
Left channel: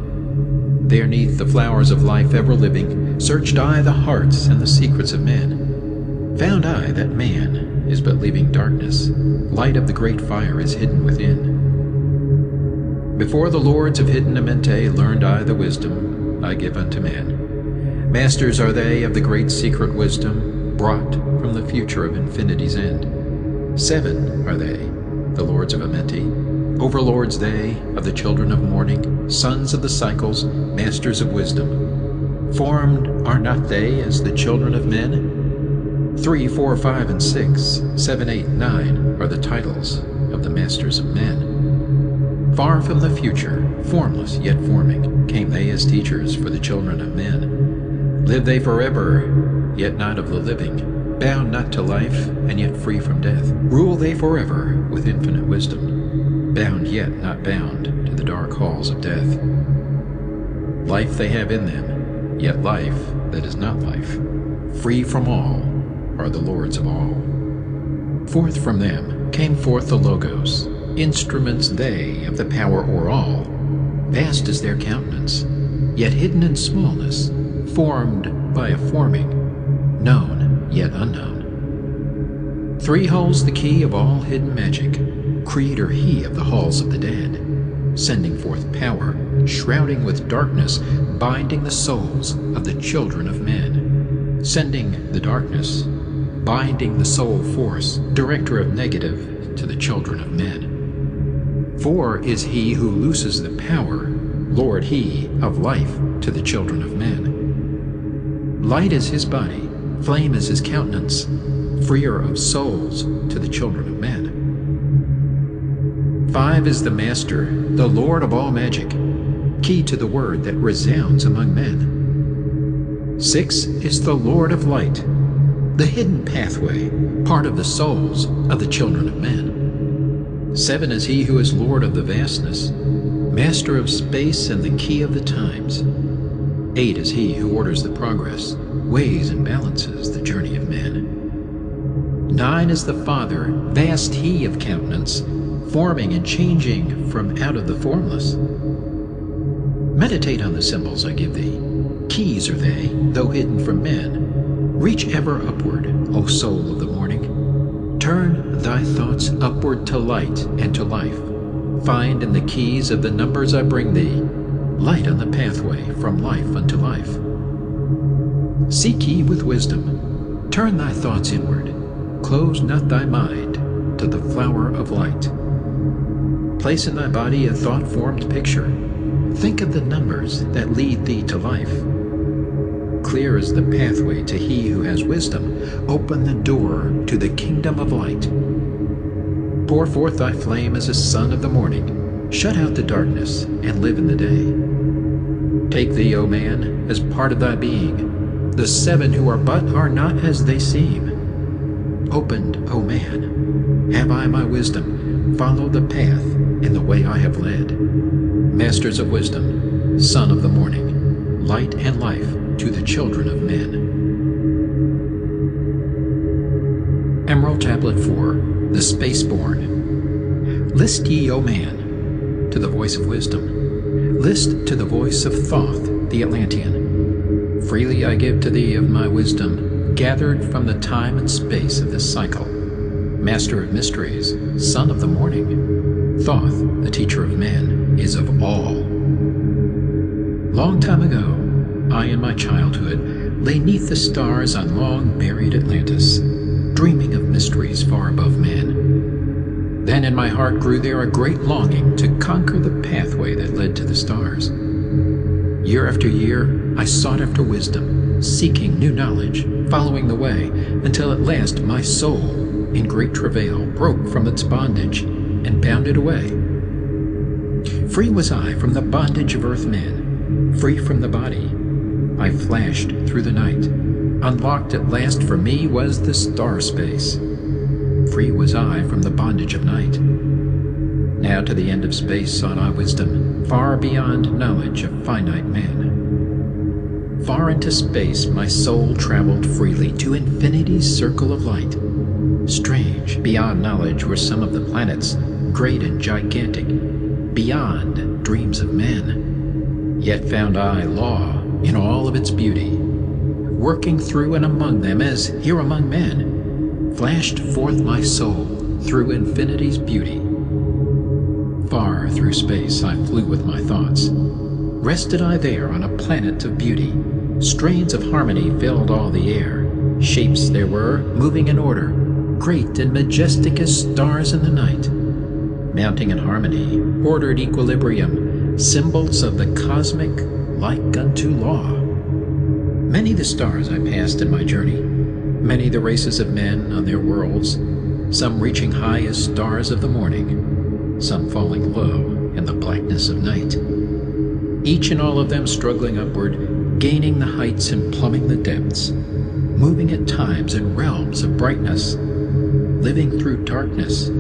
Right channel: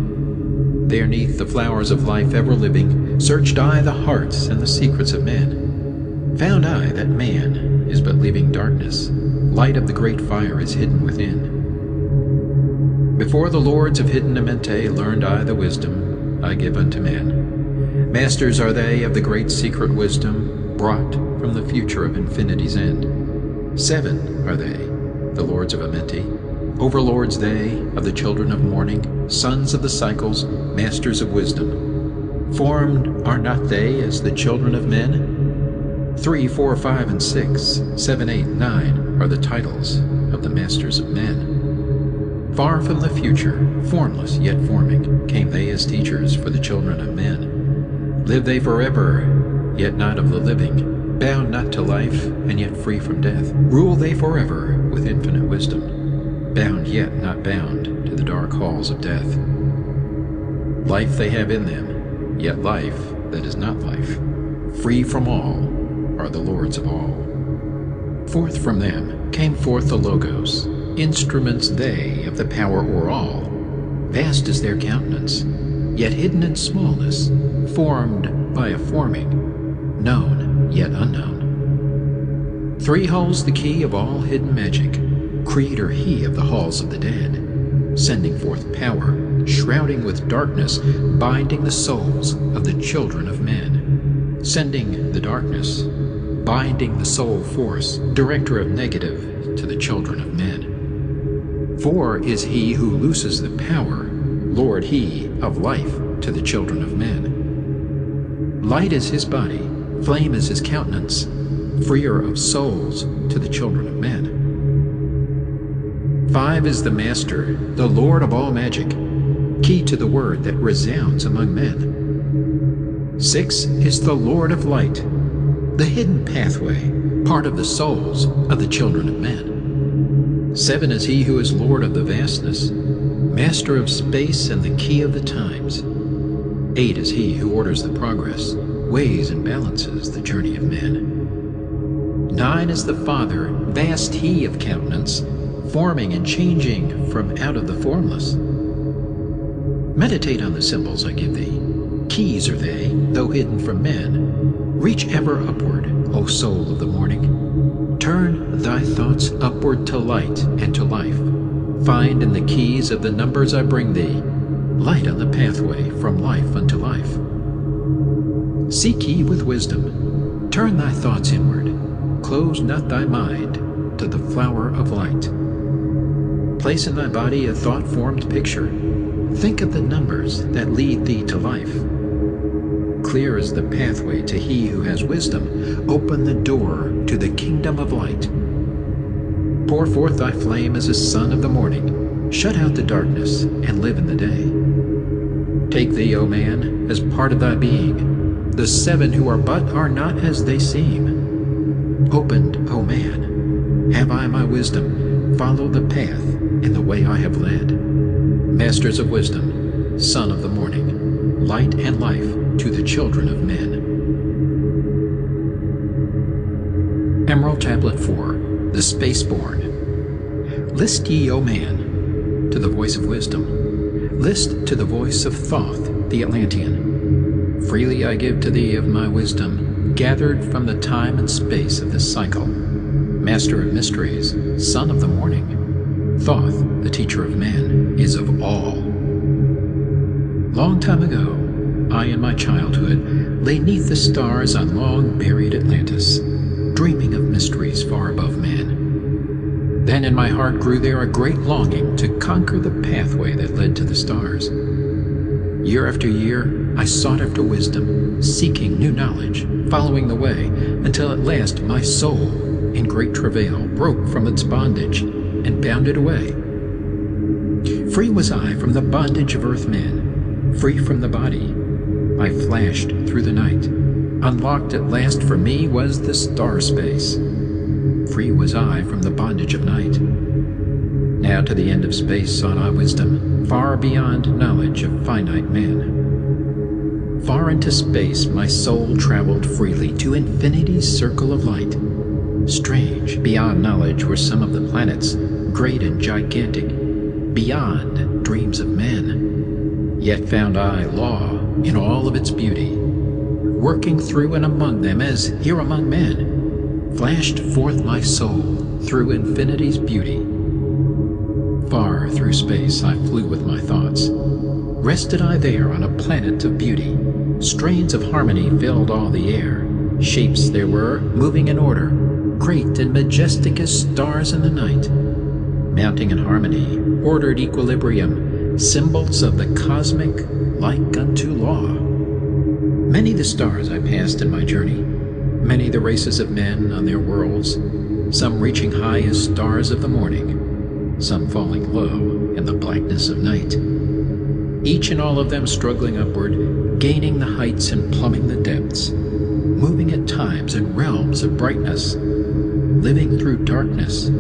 There neath the flowers of life ever living, searched I the hearts and the secrets of men. Found I that man is but leaving darkness, light of the great fire is hidden within. Before the lords of hidden Amenti learned I the wisdom I give unto men. Masters are they of the great secret wisdom, brought from the future of infinity's end. 7 are they, the lords of Amenti, overlords they of the children of morning, sons of the cycles, masters of wisdom. Formed are not they as the children of men? 3, 4, 5, and 6, 7, 8, 9 are the titles of the masters of men. Far from the future, formless yet forming, came they as teachers for the children of men. Live they forever, yet not of the living, bound not to life, and yet free from death. Rule they forever with infinite wisdom, bound yet not bound to the dark halls of death. Life they have in them, yet life that is not life, free from all, are the lords of all. Forth from them came forth the Logos, instruments they of the power o'er all. Vast is their countenance, yet hidden in smallness, formed by a forming, known yet unknown. Three holds the key of all hidden magic, creator he of the halls of the dead, sending forth power, shrouding with darkness, binding the souls of the children of men. Sending the darkness, binding the soul force, director of negative to the children of men. For is he who looses the power, Lord he of life to the children of men. Light is his body, flame is his countenance, freer of souls to the children of men. 5 is the Master, the Lord of all magic, key to the word that resounds among men. 6 is the Lord of light, the hidden pathway, part of the souls of the children of men. 7 is he who is Lord of the vastness, master of space and the key of the times. 8 is he who orders the progress, weighs and balances the journey of men. 9 is the Father, vast he of countenance, forming and changing from out of the formless. Meditate on the symbols I give thee. Keys are they, though hidden from men. Reach ever upward, O soul of the morning. Turn thy thoughts upward to light and to life. Find in the keys of the numbers I bring thee, light on the pathway from life unto life. Seek ye with wisdom. Turn thy thoughts inward. Close not thy mind to the flower of light. Place in thy body a thought-formed picture. Think of the numbers that lead thee to life. Clear is the pathway to he who has wisdom. Open the door to the kingdom of light. Pour forth thy flame as a sun of the morning. Shut out the darkness and live in the day. Take thee, O man, as part of thy being. The 7 who are but are not as they seem. Opened, O man, have I my wisdom. Follow the path in the way I have led. Masters of wisdom, son of the morning, light and life to the children of men. Emerald Tablet 4, the Spaceborn. List ye, O man, to the voice of wisdom. List to the voice of Thoth, the Atlantean. Freely I give to thee of my wisdom, gathered from the time and space of this cycle. Master of mysteries, son of the morning. Thoth, the teacher of men, is of all. Long time ago, I in my childhood lay 'neath the stars on long-buried Atlantis, dreaming of mysteries far above man. Then in my heart grew there a great longing to conquer the pathway that led to the stars. Year after year, I sought after wisdom, seeking new knowledge, following the way, until at last my soul, in great travail, broke from its bondage and bounded away. Free was I from the bondage of earth men, free from the body. I flashed through the night. Unlocked at last for me was the star space. Free was I from the bondage of night. Now to the end of space sought I wisdom, far beyond knowledge of finite man. Far into space my soul traveled freely to infinity's circle of light. Strange, beyond knowledge were some of the planets, great and gigantic, beyond dreams of men. Yet found I law in all of its beauty, working through and among them as here among men, flashed forth my soul through infinity's beauty. Far through space I flew with my thoughts. Rested I there on a planet of beauty. Strains of harmony filled all the air. Shapes there were, moving in order, great and majestic as stars in the night. Mounting in harmony, ordered equilibrium, symbols of the cosmic, like unto law. Many the stars I passed in my journey, many the races of men on their worlds, some reaching high as stars of the morning, some falling low in the blackness of night. Each and all of them struggling upward, gaining the heights and plumbing the depths, moving at times in realms of brightness, living through darkness,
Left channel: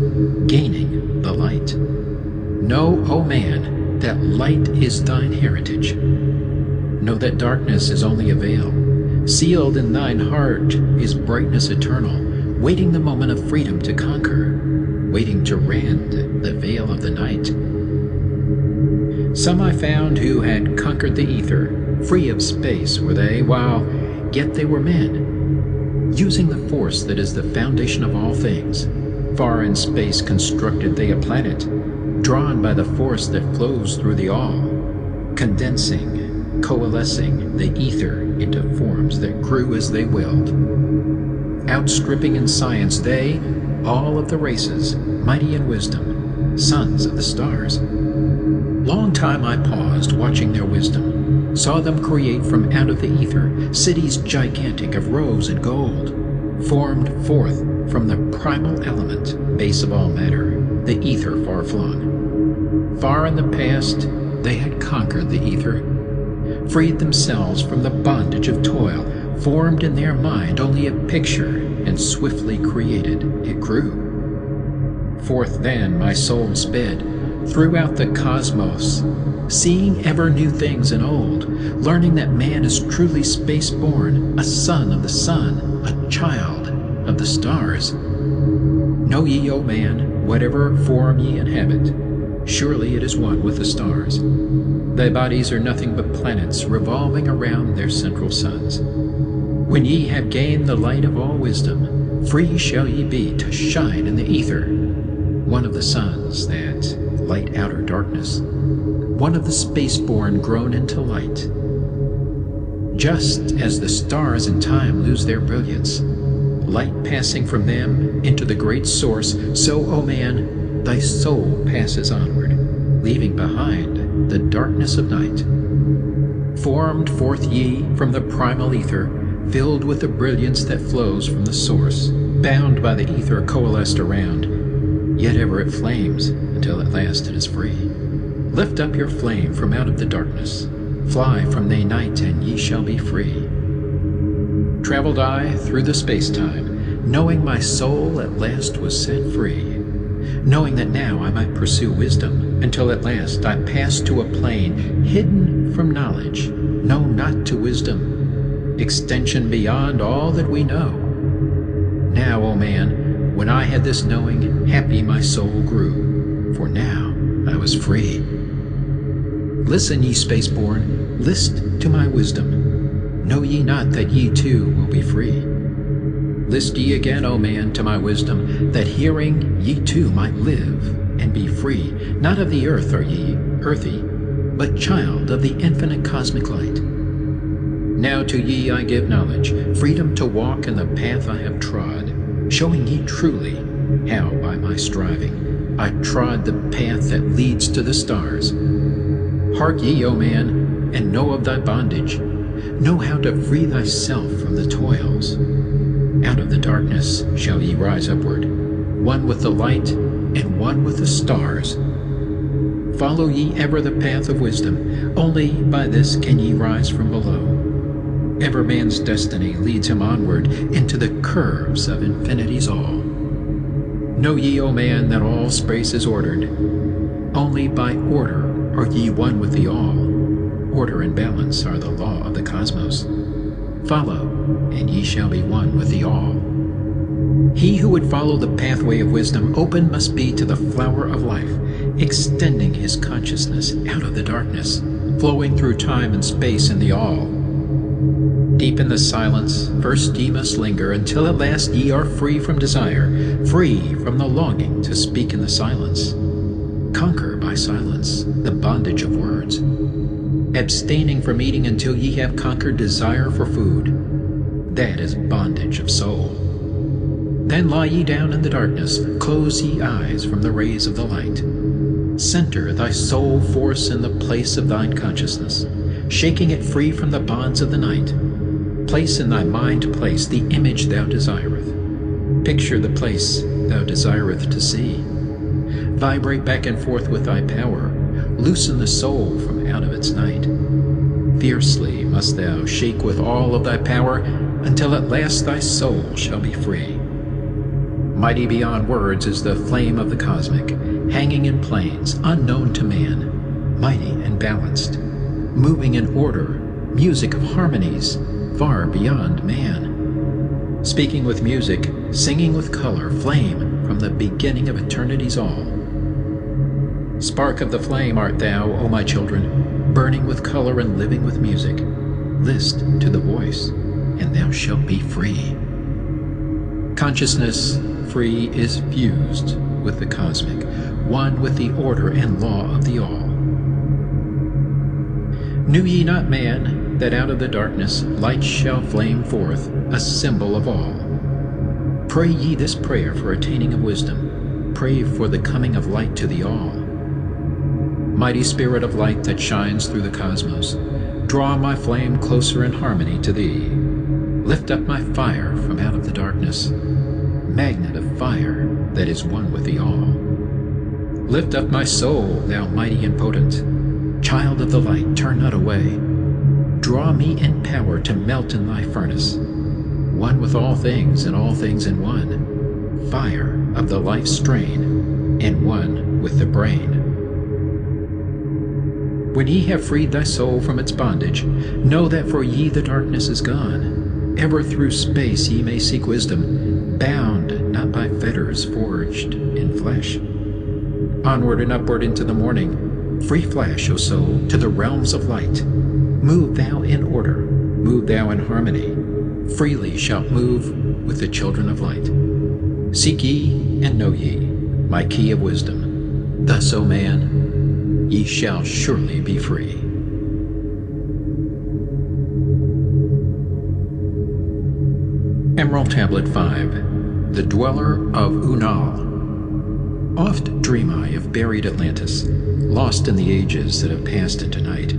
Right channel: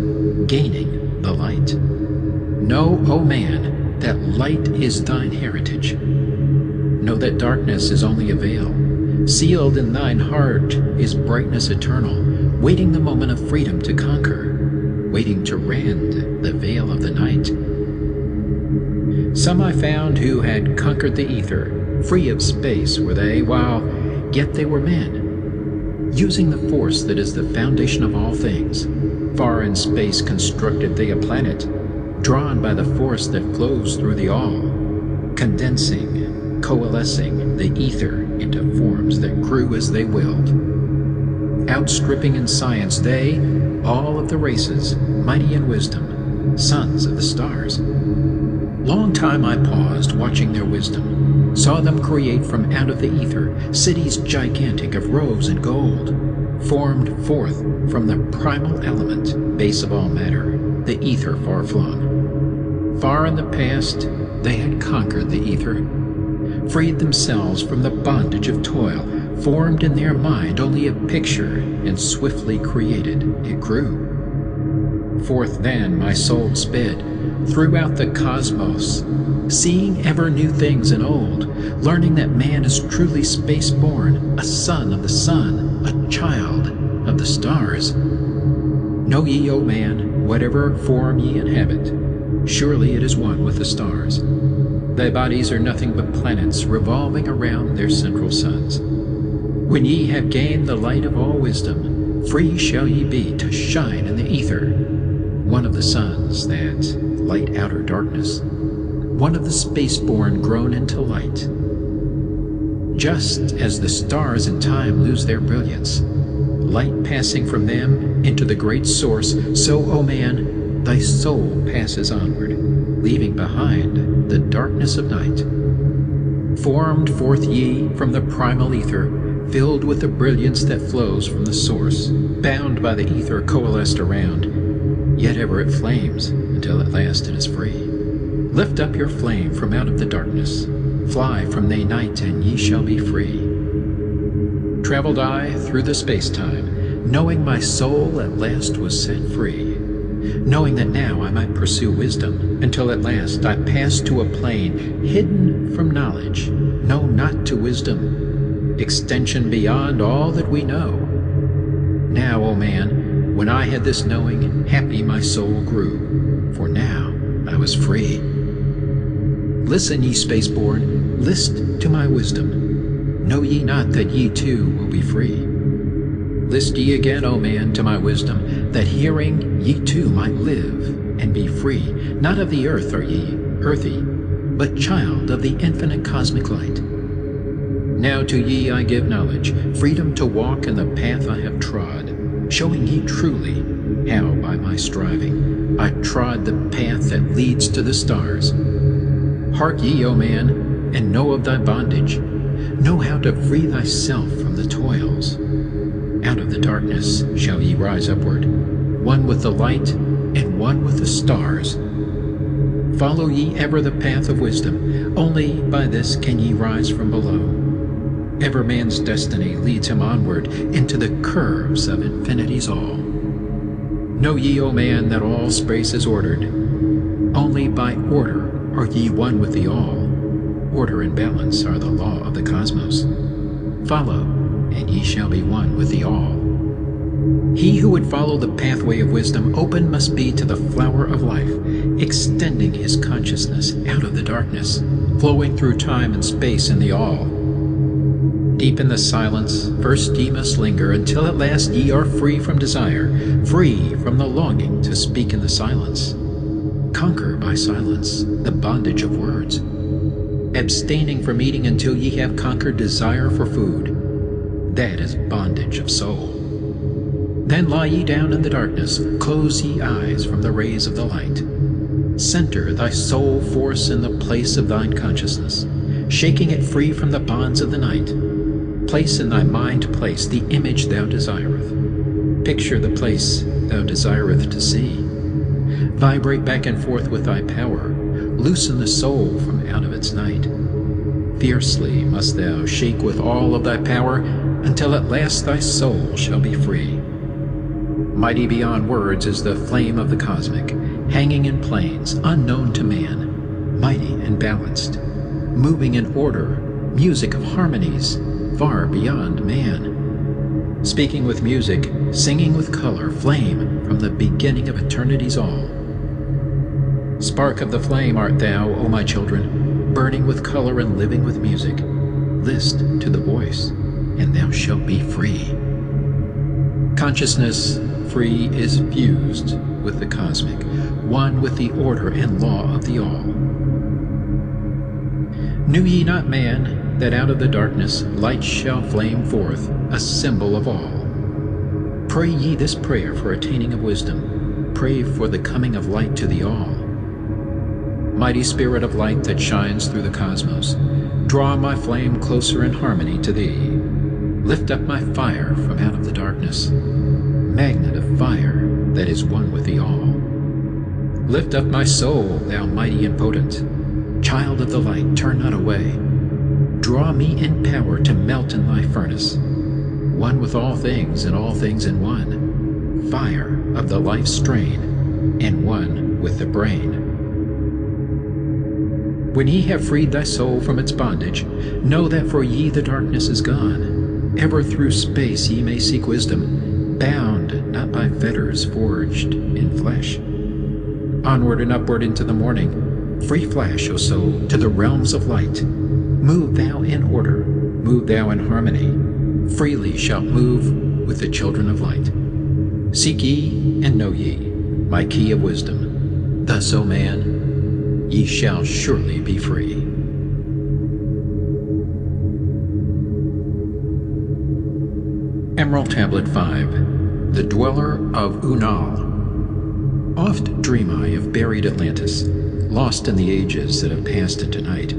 gaining the light. Know, O man, that light is thine heritage. Know that darkness is only a veil, Sealed in thine heart is brightness eternal, waiting the moment of freedom to conquer, waiting to rend the veil of the night. Some I found who had conquered the ether, free of space were they, while yet they were men, using the force that is the foundation of all things. Far in space constructed they a planet, drawn by the force that flows through the all, condensing, coalescing the ether into forms that grew as they willed. Outstripping in science they, all of the races, mighty in wisdom, sons of the stars. Long time I paused, watching their wisdom, saw them create from out of the ether cities gigantic of rose and gold, formed forth from the primal element, base of all matter, the ether far-flung. Far in the past, they had conquered the ether, freed themselves from the bondage of toil, formed in their mind only a picture, and swiftly created it grew. Forth then my soul sped, throughout the cosmos, seeing ever new things and old, learning that man is truly space-born, a son of the sun, a child of the stars. Know ye, O man, whatever form ye inhabit, surely it is one with the stars. Thy bodies are nothing but planets revolving around their central suns. When ye have gained the light of all wisdom, free shall ye be to shine in the ether, one of the suns that light outer darkness, one of the space-born grown into light. Just as the stars in time lose their brilliance, light passing from them into the great source, so, O man, thy soul passes onward, leaving behind the darkness of night. Formed forth ye from the primal ether, filled with the brilliance that flows from the source, bound by the ether coalesced around, yet ever it flames until at last it is free. Lift up your flame from out of the darkness, fly from the night, and ye shall be free. Traveled I through the space-time, knowing my soul at last was set free, knowing that now I might pursue wisdom, until at last I passed to a plane hidden from knowledge, known not to wisdom, extension beyond all that we know. Now, O man, when I had this knowing, happy my soul grew, for now I was free. Listen, ye spaceborn, list to my wisdom. Know ye not that ye too will be free? List ye again, O man, to my wisdom, that hearing ye too might live and be free. Not of the earth are ye, earthy, but child of the infinite cosmic light. Now to ye I give knowledge, freedom to walk in the path I have trod, showing ye truly how by my striving I trod the path that leads to the stars. Hark ye, O man, and know of thy bondage. Know how to free thyself from the toils. Out of the darkness shall ye rise upward, one with the light and one with the stars. Follow ye ever the path of wisdom, only by this can ye rise from below. Ever man's destiny leads him onward into the curves of infinity's all. Know ye, O man, that all space is ordered. Only by order are ye one with the all. Order and balance are the law of the cosmos. Follow, and ye shall be one with the all. He who would follow the pathway of wisdom open must be to the flower of life, extending his consciousness out of the darkness, flowing through time and space in the all. Deep in the silence, first ye must linger, until at last ye are free from desire, free from the longing to speak in the silence. Conquer by silence the bondage of words, abstaining from eating until ye have conquered desire for food. That is bondage of soul. Then lie ye down in the darkness, close ye eyes from the rays of the light. Center thy soul force in the place of thine consciousness, shaking it free from the bonds of the night. Place in thy mind place the image thou desireth. Picture the place thou desireth to see. Vibrate back and forth with thy power. Loosen the soul from out of its night. Fiercely must thou shake with all of thy power, until at last thy soul shall be free. Mighty beyond words is the flame of the cosmic, hanging in planes unknown to man, mighty and balanced, moving in order, music of harmonies, far beyond man. Speaking with music, singing with color, flame from the beginning of eternity's all. Spark of the flame art thou, O my children, burning with color and living with music. List to the voice, and thou shalt be free. Consciousness free is fused with the cosmic, one with the order and law of the all. Knew ye not, man, that out of the darkness light shall flame forth, a symbol of all? Pray ye this prayer for attaining of wisdom. Pray for the coming of light to the all. Mighty spirit of light that shines through the cosmos, draw my flame closer in harmony to thee. Lift up my fire from out of the darkness, magnet of fire that is one with the all. Lift up my soul, thou mighty and potent. Child of the light, turn not away. Draw me in power to melt in thy furnace, one with all things and all things in one. Fire of the life strain, and one with the brain. When ye have freed thy soul from its bondage, know that for ye the darkness is gone. Ever through space ye may seek wisdom, bound not by fetters forged in flesh. Onward and upward into the morning, free flash, O soul, to the realms of light. Move thou in order, move thou in harmony. Freely shalt move with the children of light. Seek ye and know ye my key of wisdom. Thus, O man, ye shall surely be free. Emerald Tablet 5. The Dweller of Unal. Oft dream I of buried Atlantis, lost in the ages that have passed into night.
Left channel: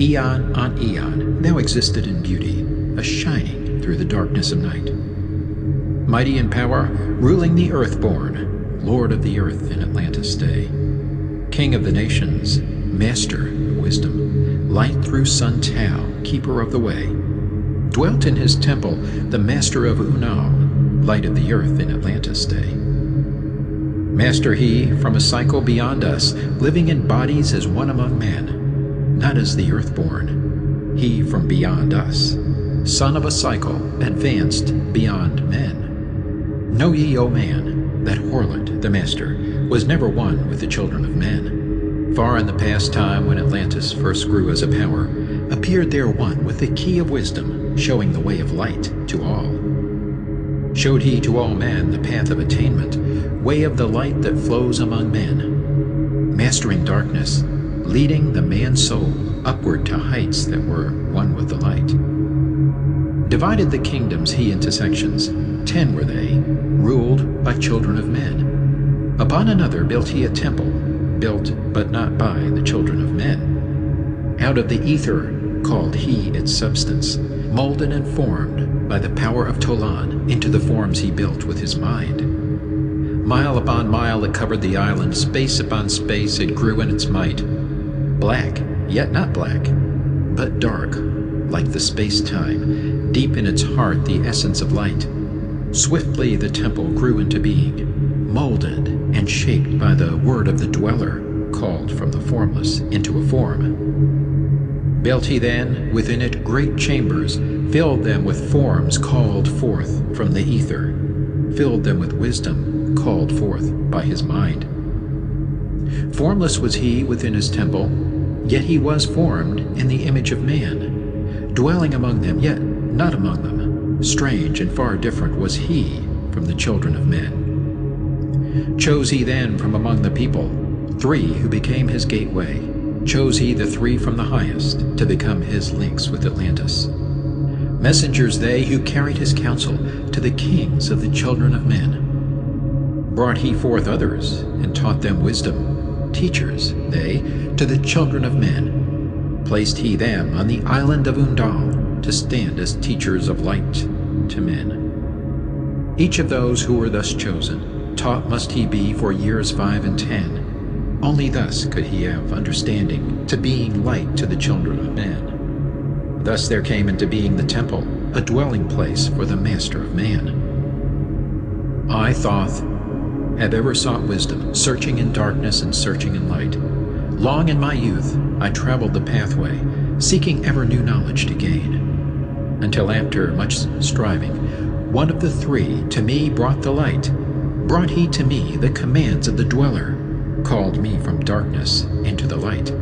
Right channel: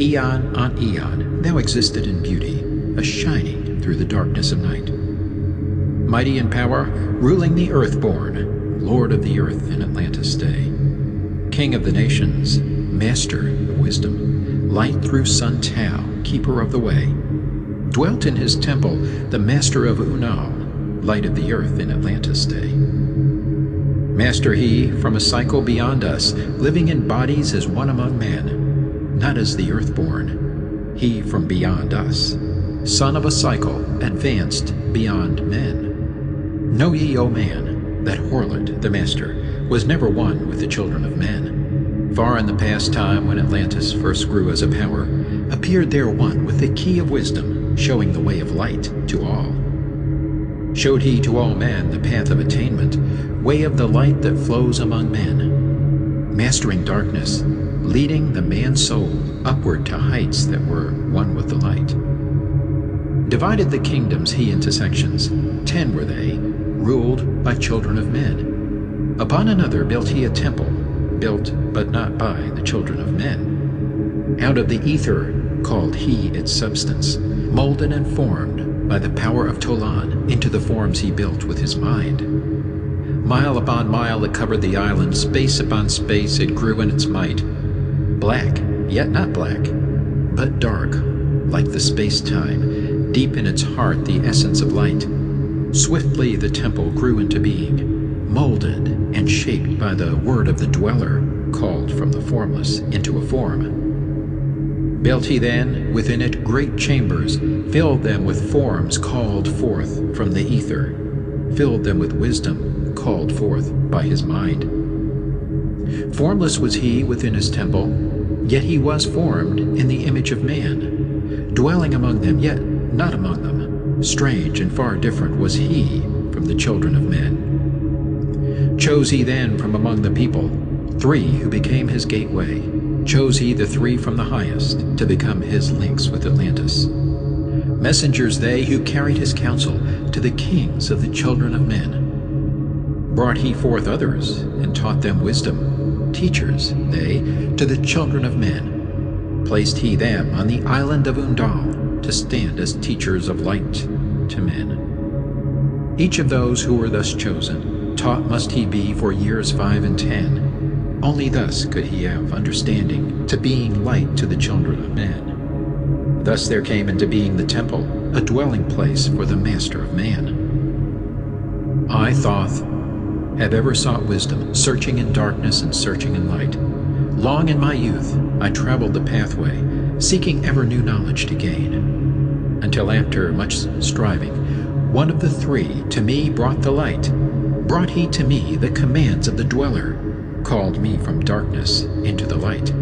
Eon on eon, thou existed in beauty, a shining through the darkness of night. Mighty in power, ruling the earth-born, Lord of the earth in Atlantis' day. King of the nations, master of wisdom, light through sun Tao, keeper of the way. Dwelt in his temple the master of Unal, light of the earth in Atlantis' day. Master he from a cycle beyond us, living in bodies as one among men, not as the earthborn, he from beyond us, son of a cycle, advanced beyond men. Know ye, O man, that Horlet, the master, was never one with the children of men. Far in the past time when Atlantis first grew as a power, appeared there one with the key of wisdom, showing the way of light to all. Showed he to all men the path of attainment, way of the light that flows among men, mastering darkness, leading the man's soul upward to heights that were one with the light. Divided the kingdoms he into sections, 10 were they, ruled by children of men. Upon another built he a temple, built but not by the children of men. Out of the ether called he its substance, molded and formed by the power of Tolan into the forms he built with his mind. Mile upon mile it covered the island, space upon space it grew in its might. Black, yet not black, but dark, like the space-time, deep in its heart the essence of light. Swiftly the temple grew into being, molded and shaped by the word of the dweller, called from the formless into a form. Built he then within it great chambers, filled them with forms called forth from the ether, filled them with wisdom called forth by his mind. Formless was he within his temple, yet he was formed in the image of man, dwelling among them, yet not among them. Strange and far different was he from the children of men. Chose he then from among the people 3 who became his gateway. Chose he the 3 from the highest to become his links with Atlantis. Messengers they who carried his counsel to the kings of the children of men. Brought he forth others and taught them wisdom. Teachers they to the children of men. Placed he them on the island of Undal to stand as teachers of light to men. Each of those who were thus chosen, taught must he be for years 5 and 10. Only thus could he have understanding to being light to the children of men. Thus there came into being the temple, a dwelling place for the master of man. I, Thoth, have ever sought wisdom, searching in darkness and searching in light. Long in my youth I traveled the pathway, seeking ever new knowledge to gain. until after much striving, one of the three to me brought the light. Brought he to me the commands of the dweller, called me from darkness into the light.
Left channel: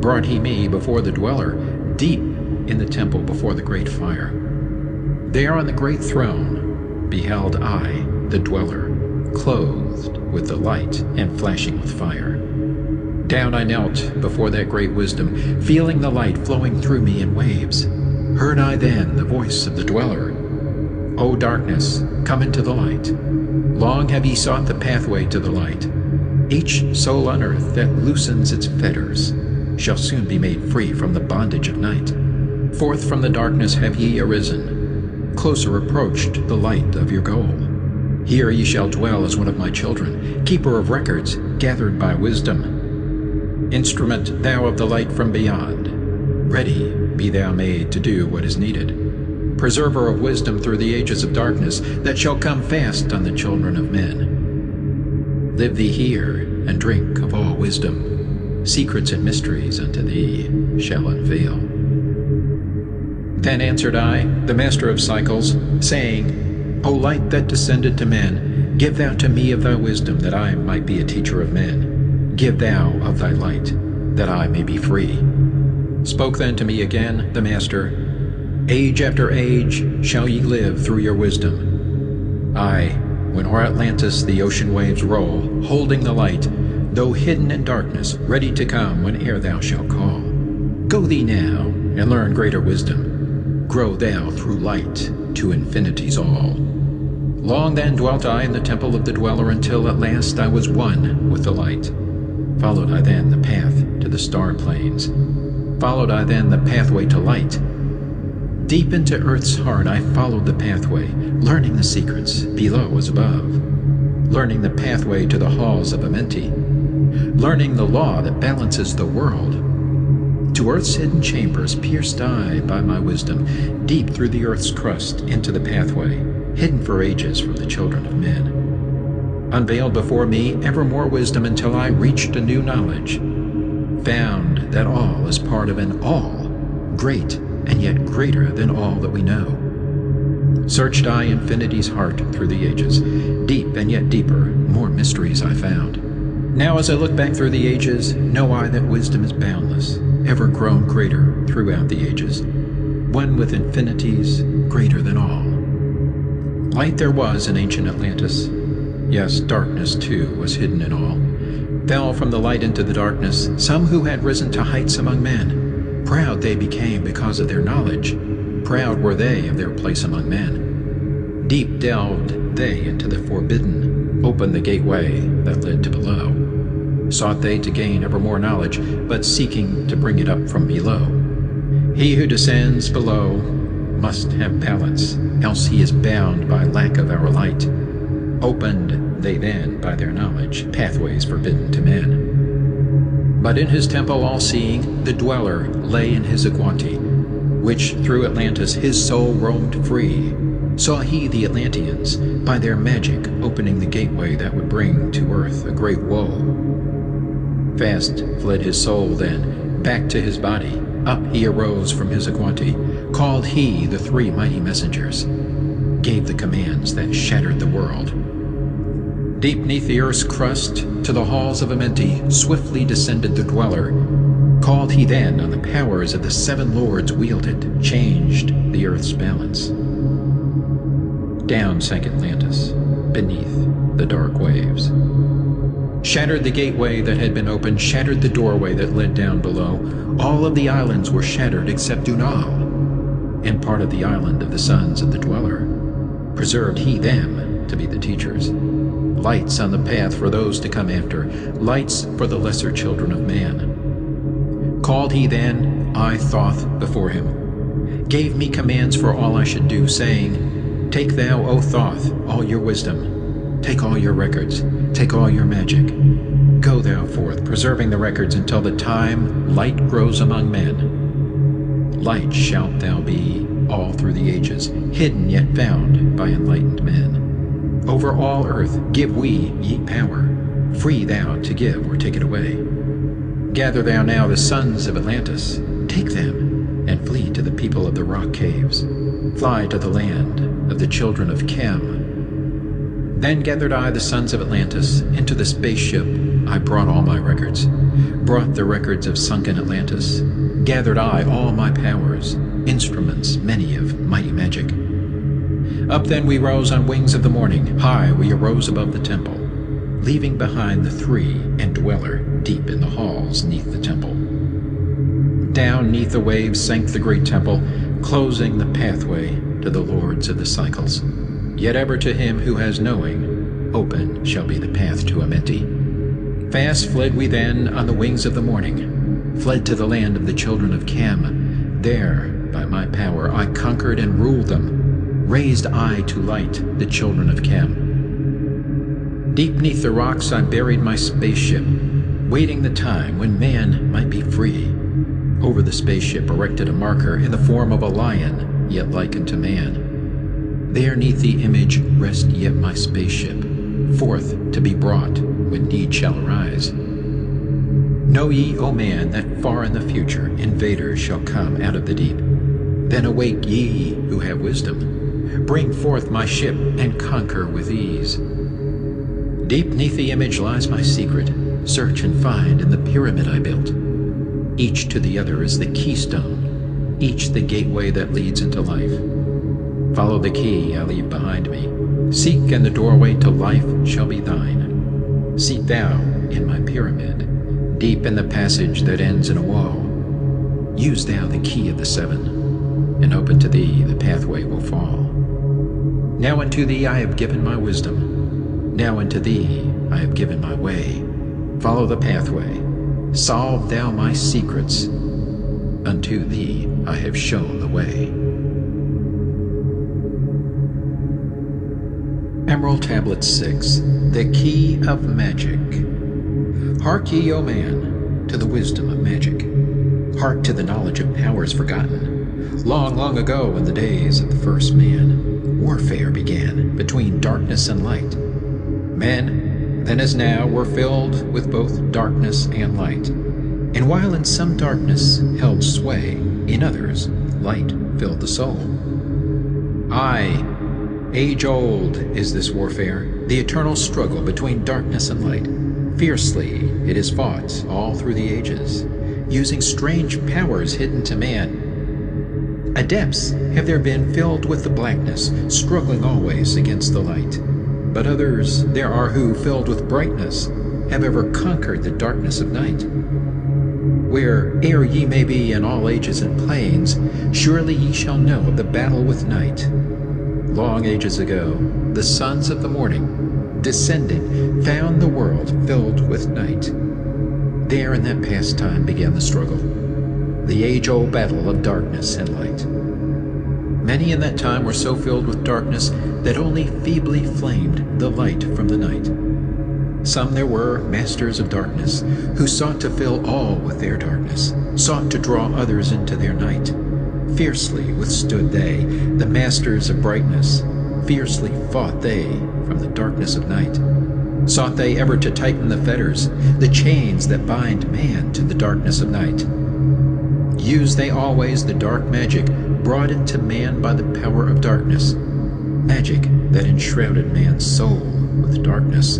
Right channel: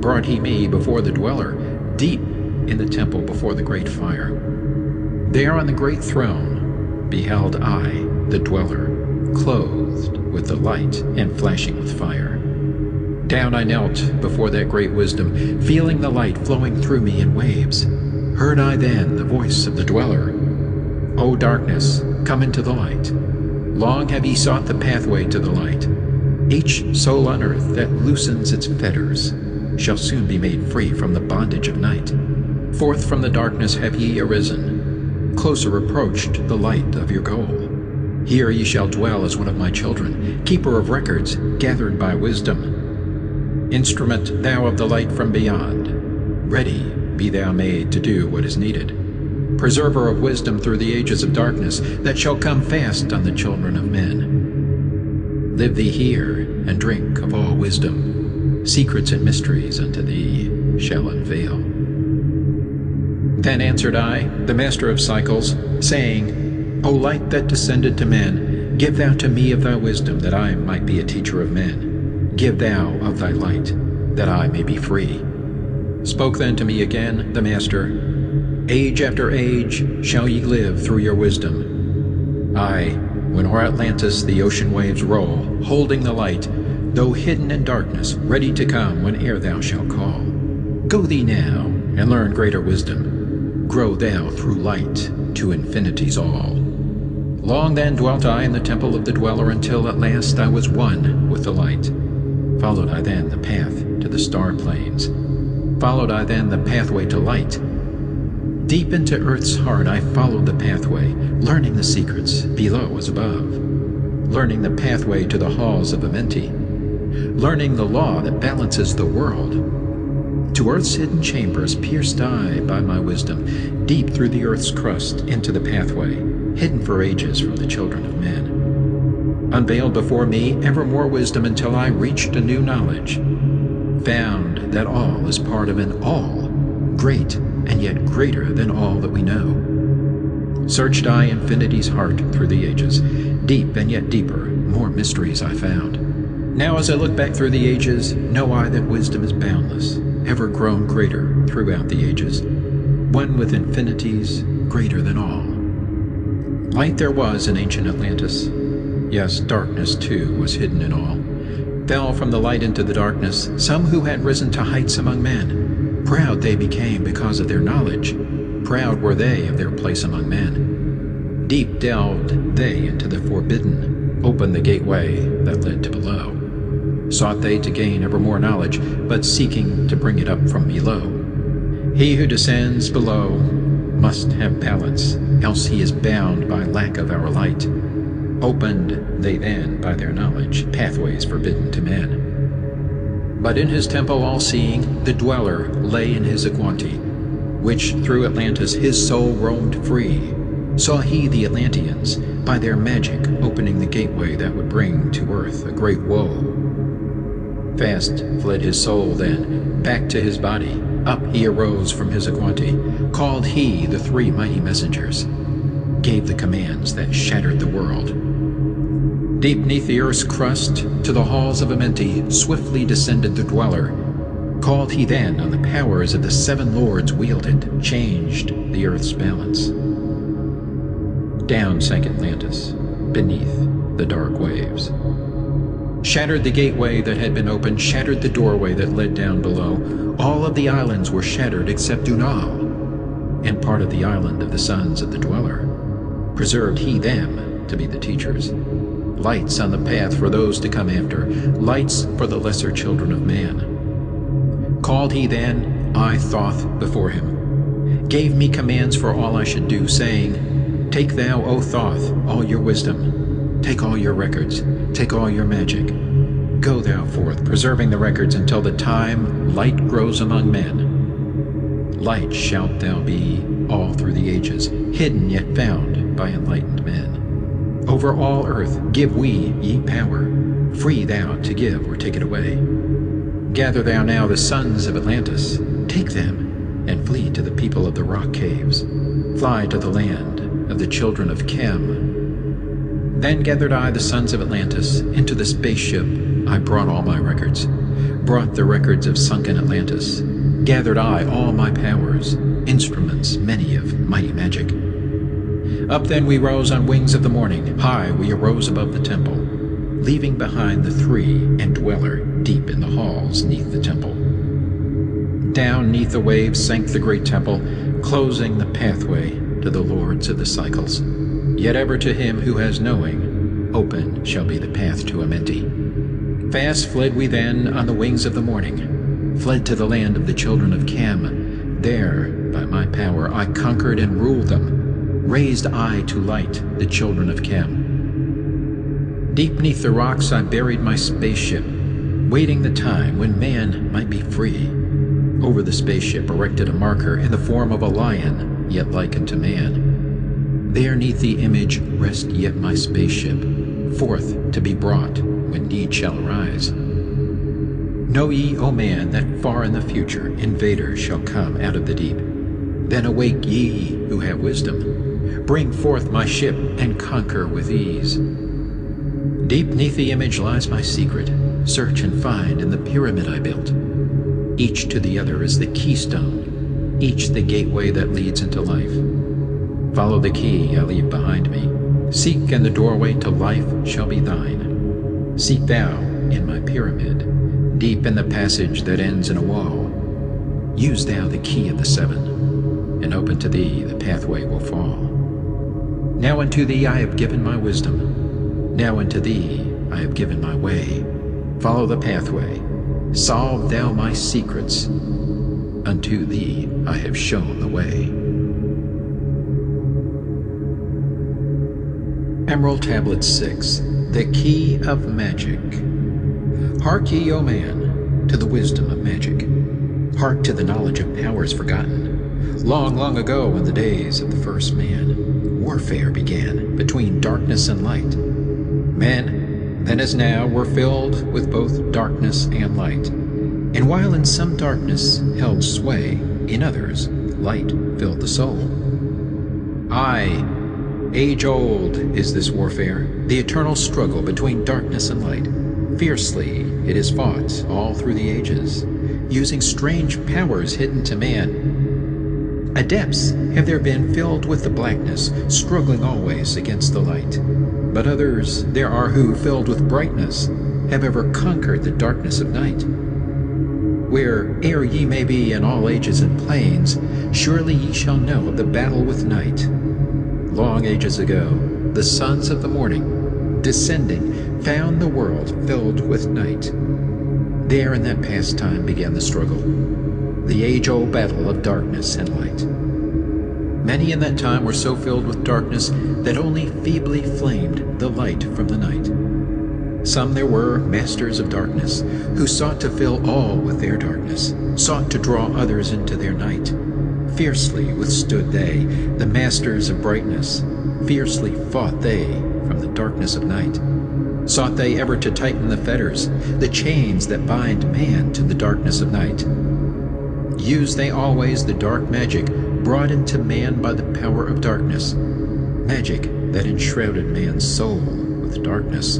Brought he me before the dweller, deep in the temple before the great fire. There on the great throne beheld I the dweller, clothed with the light and flashing with fire. Down I knelt before that great wisdom, feeling the light flowing through me in waves. Heard I then the voice of the dweller, O darkness, come into the light. Long have ye sought the pathway to the light. Each soul on earth that loosens its fetters shall soon be made free from the bondage of night. Forth from the darkness have ye arisen, closer approached the light of your goal. Here ye shall dwell as one of my children, keeper of records, gathered by wisdom. Instrument thou of the light from beyond, ready be thou made to do what is needed. Preserver of wisdom through the ages of darkness that shall come fast on the children of men. Live thee here and drink of all wisdom, secrets and mysteries unto thee shall unveil. Then answered I, the master of cycles, saying, O light that descended to men, give thou to me of thy wisdom, that I might be a teacher of men. Give thou of thy light, that I may be free. Spoke then to me again the master, Age after age shall ye live through your wisdom. Aye, when o'er Atlantis the ocean waves roll, holding the light, though hidden in darkness, ready to come whene'er thou shalt call. Go thee now, and learn greater wisdom. Grow thou through light to infinity's all. Long then dwelt I in the temple of the dweller, until at last I was one with the light. Followed I then the path to the star plains. Followed I then the pathway to light. Deep into earth's heart I followed the pathway, learning the secrets below as above. Learning the pathway to the halls of Amenti. Learning the law that balances the world. To earth's hidden chambers pierced I by my wisdom, deep through the earth's crust into the pathway, hidden for ages from the children of men. Unveiled before me ever more wisdom until I reached a new knowledge. Found that all is part of an all, great and yet greater than all that we know. Searched I infinity's heart through the ages, deep and yet deeper, more mysteries I found. Now as I look back through the ages, know I that wisdom is boundless, ever grown greater throughout the ages, one with infinities greater than all. Light there was in ancient Atlantis, yes, darkness too was hidden in all. Fell from the light into the darkness some who had risen to heights among men. Proud they became because of their knowledge. Proud were they of their place among men. Deep delved they into the forbidden, opened the gateway that led to below. Sought they to gain ever more knowledge, but seeking to bring it up from below. He who descends below must have balance, else he is bound by lack of our light. Opened they then by their knowledge pathways forbidden to men. But in his temple all-seeing, the dweller lay in his Aquanti, which through Atlantis his soul roamed free. Saw he the Atlanteans, by their magic, opening the gateway that would bring to earth a great woe. Fast fled his soul then, back to his body. Up he arose from his Aquanti, called he the three mighty messengers, gave the commands that shattered the world. Deep neath the earth's crust, to the halls of Amenti, swiftly descended the dweller. Called he then on the powers of the seven lords wielded, changed the earth's balance. Down sank Atlantis, beneath the dark waves. Shattered the gateway that had been opened, shattered the doorway that led down below. All of the islands were shattered except Dunal, and part of the island of the sons of the dweller. Preserved he them to be the teachers. Lights on the path for those to come after, lights for the lesser children of man. Called he then, I Thoth, before him, gave me commands for all I should do, saying, Take thou, O Thoth, all your wisdom, take all your records, take all your magic. Go thou forth, preserving the records until the time light grows among men. Light shalt thou be all through the ages, hidden yet found by enlightened men. Over all earth give we ye power, free thou to give or take it away. Gather thou now the sons of Atlantis, take them, and flee to the people of the rock caves. Fly to the land of the children of Chem. Then gathered I the sons of Atlantis into the spaceship. I brought all my records, brought the records of sunken Atlantis. Gathered I all my powers, instruments many of mighty magic. Up then we rose on wings of the morning. High we arose above the temple, leaving behind the three and dweller deep in the halls neath the temple. Down neath the waves sank the great temple, closing the pathway to the lords of the cycles. Yet ever to him who has knowing, open shall be the path to Amenti. Fast fled we then on the wings of the morning, fled to the land of the children of Chem. There, by my power, I conquered and ruled them, raised I to light the children of Chem. Deep neath the rocks I buried my spaceship, waiting the time when man might be free. Over the spaceship erected a marker in the form of a lion, yet like unto man. There neath the image rest yet my spaceship, forth to be brought when need shall arise. Know ye, O man, that far in the future invaders shall come out of the deep. Then awake ye who have wisdom, bring forth my ship and conquer with ease. Deep neath the image lies my secret, search and find in the pyramid I built. Each to the other is the keystone, each the gateway that leads into life. Follow the key I leave behind me. Seek, and the doorway to life shall be thine. Seek thou in my pyramid, deep in the passage that ends in a wall. Use thou the key of the seven, and open to thee the pathway will fall. Now unto thee I have given my wisdom, now unto thee I have given my way. Follow the pathway, solve thou my secrets, unto thee I have shown the way. Emerald Tablet 6, The Key of Magic. Hark ye, O man, to the wisdom of magic. Hark to the knowledge of powers forgotten. Long, long ago, in the days of the first man, warfare began between darkness and light. Men, then as now, were filled with both darkness and light. And while in some darkness held sway, in others light filled the soul. Aye, age-old is this warfare, the eternal struggle between darkness and light. Fiercely it is fought all through the ages, using strange powers hidden to man. Adepts have there been filled with the blackness, struggling always against the light. But others there are who, filled with brightness, have ever conquered the darkness of night. Where'er ye may be in all ages and planes, surely ye shall know of the battle with night. Long ages ago, the sons of the morning, descending, found the world filled with night. There in that past time began the struggle, the age-old battle of darkness and light. Many in that time were so filled with darkness that only feebly flamed the light from the night. Some there were, masters of darkness, who sought to fill all with their darkness, sought to draw others into their night. Fiercely withstood they, the masters of brightness, fiercely fought they from the darkness of night. Sought they ever to tighten the fetters, the chains that bind man to the darkness of night. Used they always the dark magic brought into man by the power of darkness, magic that enshrouded man's soul with darkness.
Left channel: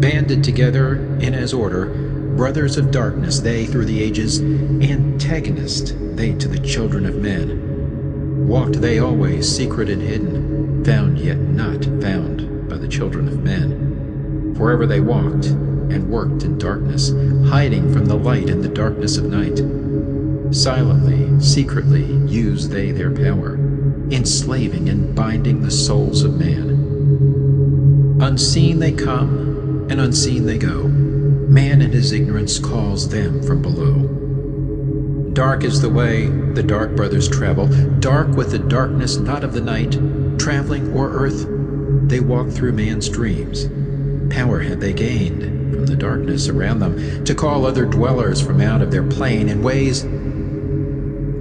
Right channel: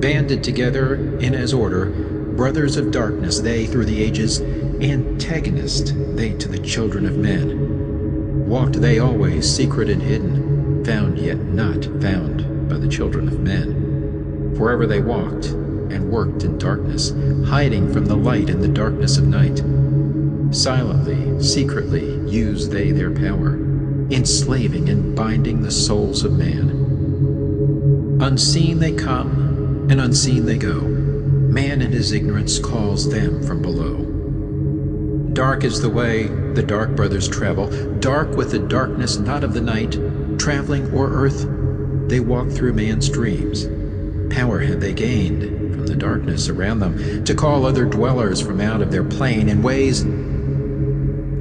Banded together in as order, brothers of darkness they through the ages, antagonist they to the children of men. Walked they always secret and hidden, found yet not found by the children of men. Forever they walked and worked in darkness, hiding from the light in the darkness of night. Silently, secretly used they their power, enslaving and binding the souls of man. Unseen they come, and unseen they go. Man in his ignorance calls them from below. Dark is the way the dark brothers travel, dark with the darkness not of the night. Traveling o'er earth, they walk through man's dreams. Power had they gained from the darkness around them to call other dwellers from out of their plane in ways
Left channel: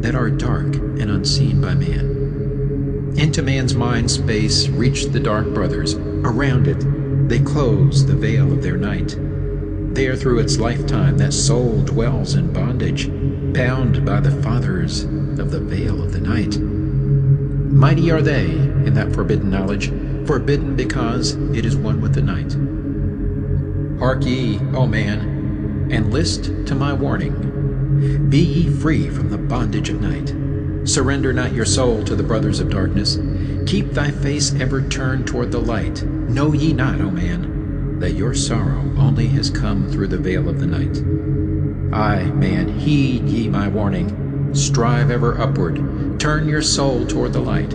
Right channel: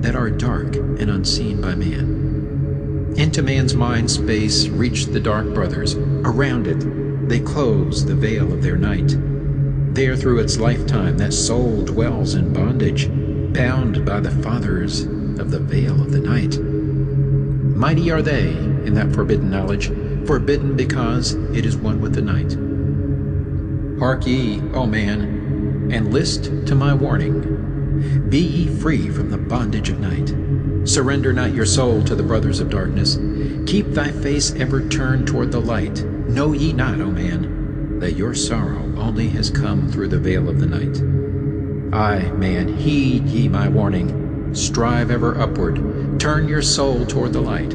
that are dark and unseen by man. Into man's mind space reached the dark brothers. Around it, they close the veil of their night. There through its lifetime that soul dwells in bondage, bound by the fathers of the veil of the night. Mighty are they in that forbidden knowledge, forbidden because it is one with the night. Hark ye, O man, and list to my warning. Be ye free from the bondage of night. Surrender not your soul to the brothers of darkness. Keep thy face ever turned toward the light. Know ye not, O man, that your sorrow only has come through the veil of the night? Aye, man, heed ye my warning. Strive ever upward. Turn your soul toward the light.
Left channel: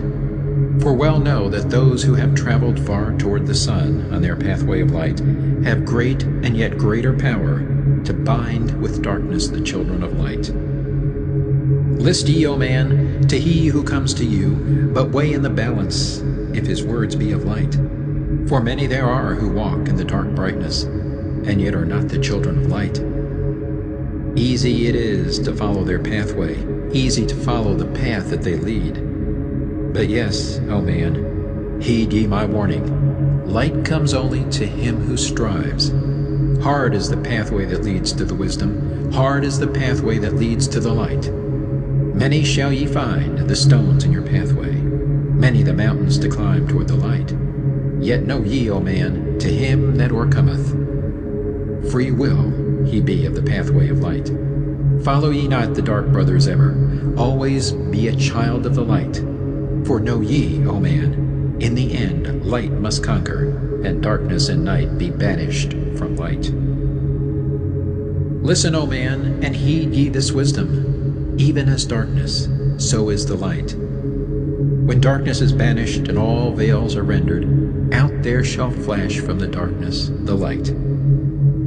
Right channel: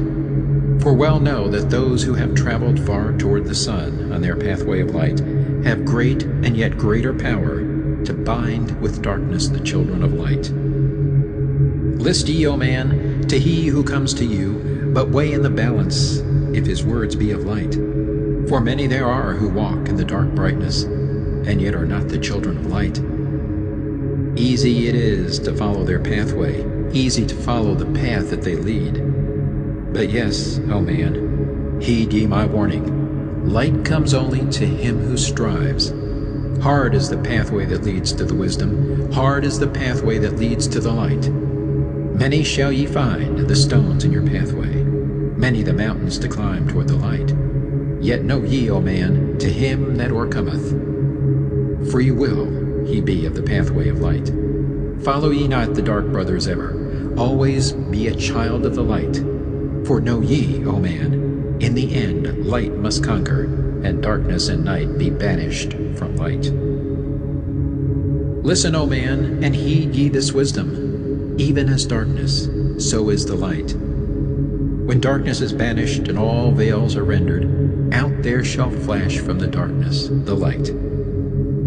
For well know that those who have traveled far toward the sun on their pathway of light have great and yet greater power to bind with darkness the children of light. List ye, O man, to he who comes to you, but weigh in the balance if his words be of light. For many there are who walk in the dark brightness, and yet are not the children of light. Easy it is to follow their pathway, easy to follow the path that they lead. But yes, O man, heed ye my warning. Light comes only to him who strives. Hard is the pathway that leads to the wisdom, hard is the pathway that leads to the light. Many shall ye find the stones in your pathway, many the mountains to climb toward the light. Yet know ye, O man, to him that o'ercometh, free will he be of the pathway of light. Follow ye not the dark brothers ever, always be a child of the light. For know ye, O man, in the end light must conquer, and darkness and night be banished from light. Listen, O man, and heed ye this wisdom. Even as darkness, so is the light. When darkness is banished and all veils are rendered, out there shall flash from the darkness the light.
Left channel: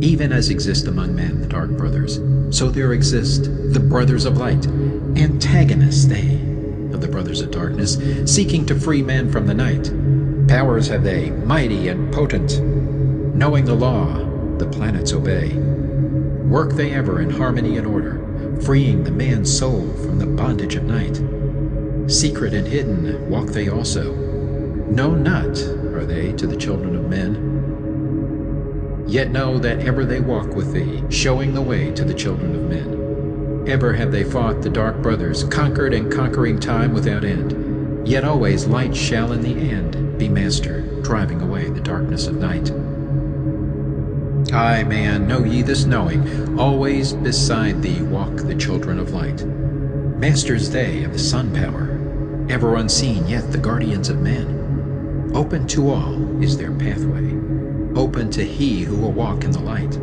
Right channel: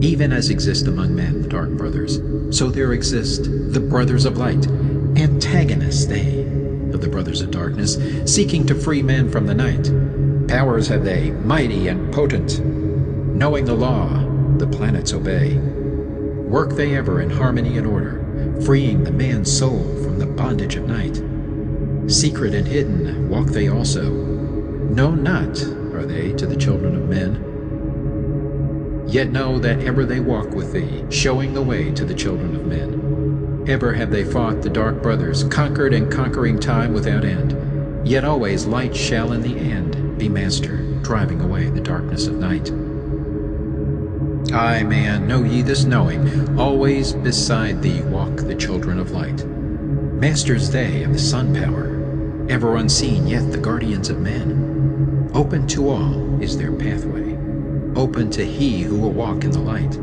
Even as exist among men the dark brothers, so there exist the brothers of light, antagonists they of the brothers of darkness, seeking to free men from the night. Powers have they, mighty and potent. Knowing the law, the planets obey. Work they ever in harmony and order, freeing the man's soul from the bondage of night. Secret and hidden walk they also. Known not are they to the children of men. Yet know that ever they walk with thee, showing the way to the children of men. Ever have they fought the dark brothers, conquered and conquering time without end. Yet always light shall in the end be master, driving away the darkness of night. Aye, man, know ye this knowing, always beside thee walk the children of light. Masters they of the sun power, ever unseen yet the guardians of men. Open to all is their pathway, open to he who will walk in the light.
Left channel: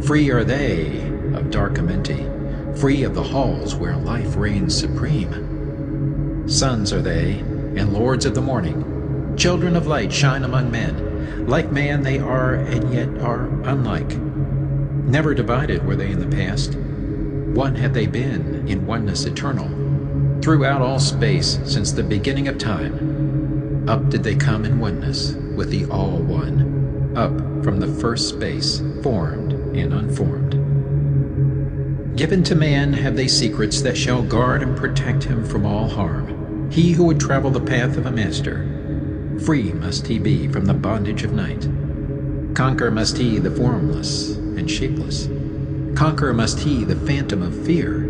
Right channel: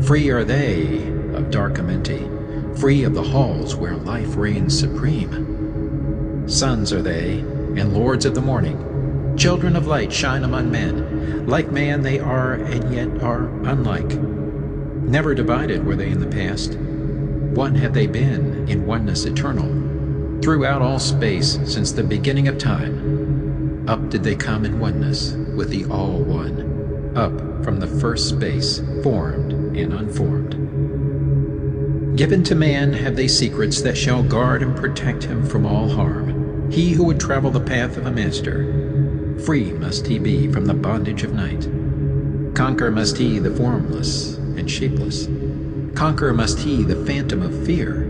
Free are they of dark Amenti, free of the halls where life reigns supreme. Sons are they, and lords of the morning, children of light shine among men. Like man they are, and yet are unlike. Never divided were they in the past. One have they been in oneness eternal. Throughout all space, since the beginning of time, up did they come in oneness with the All One, up from the first space, formed and unformed. Given to man have they secrets that shall guard and protect him from all harm. He who would travel the path of a master, free must he be from the bondage of night. Conquer must he the formless and shapeless. Conquer must he the phantom of fear.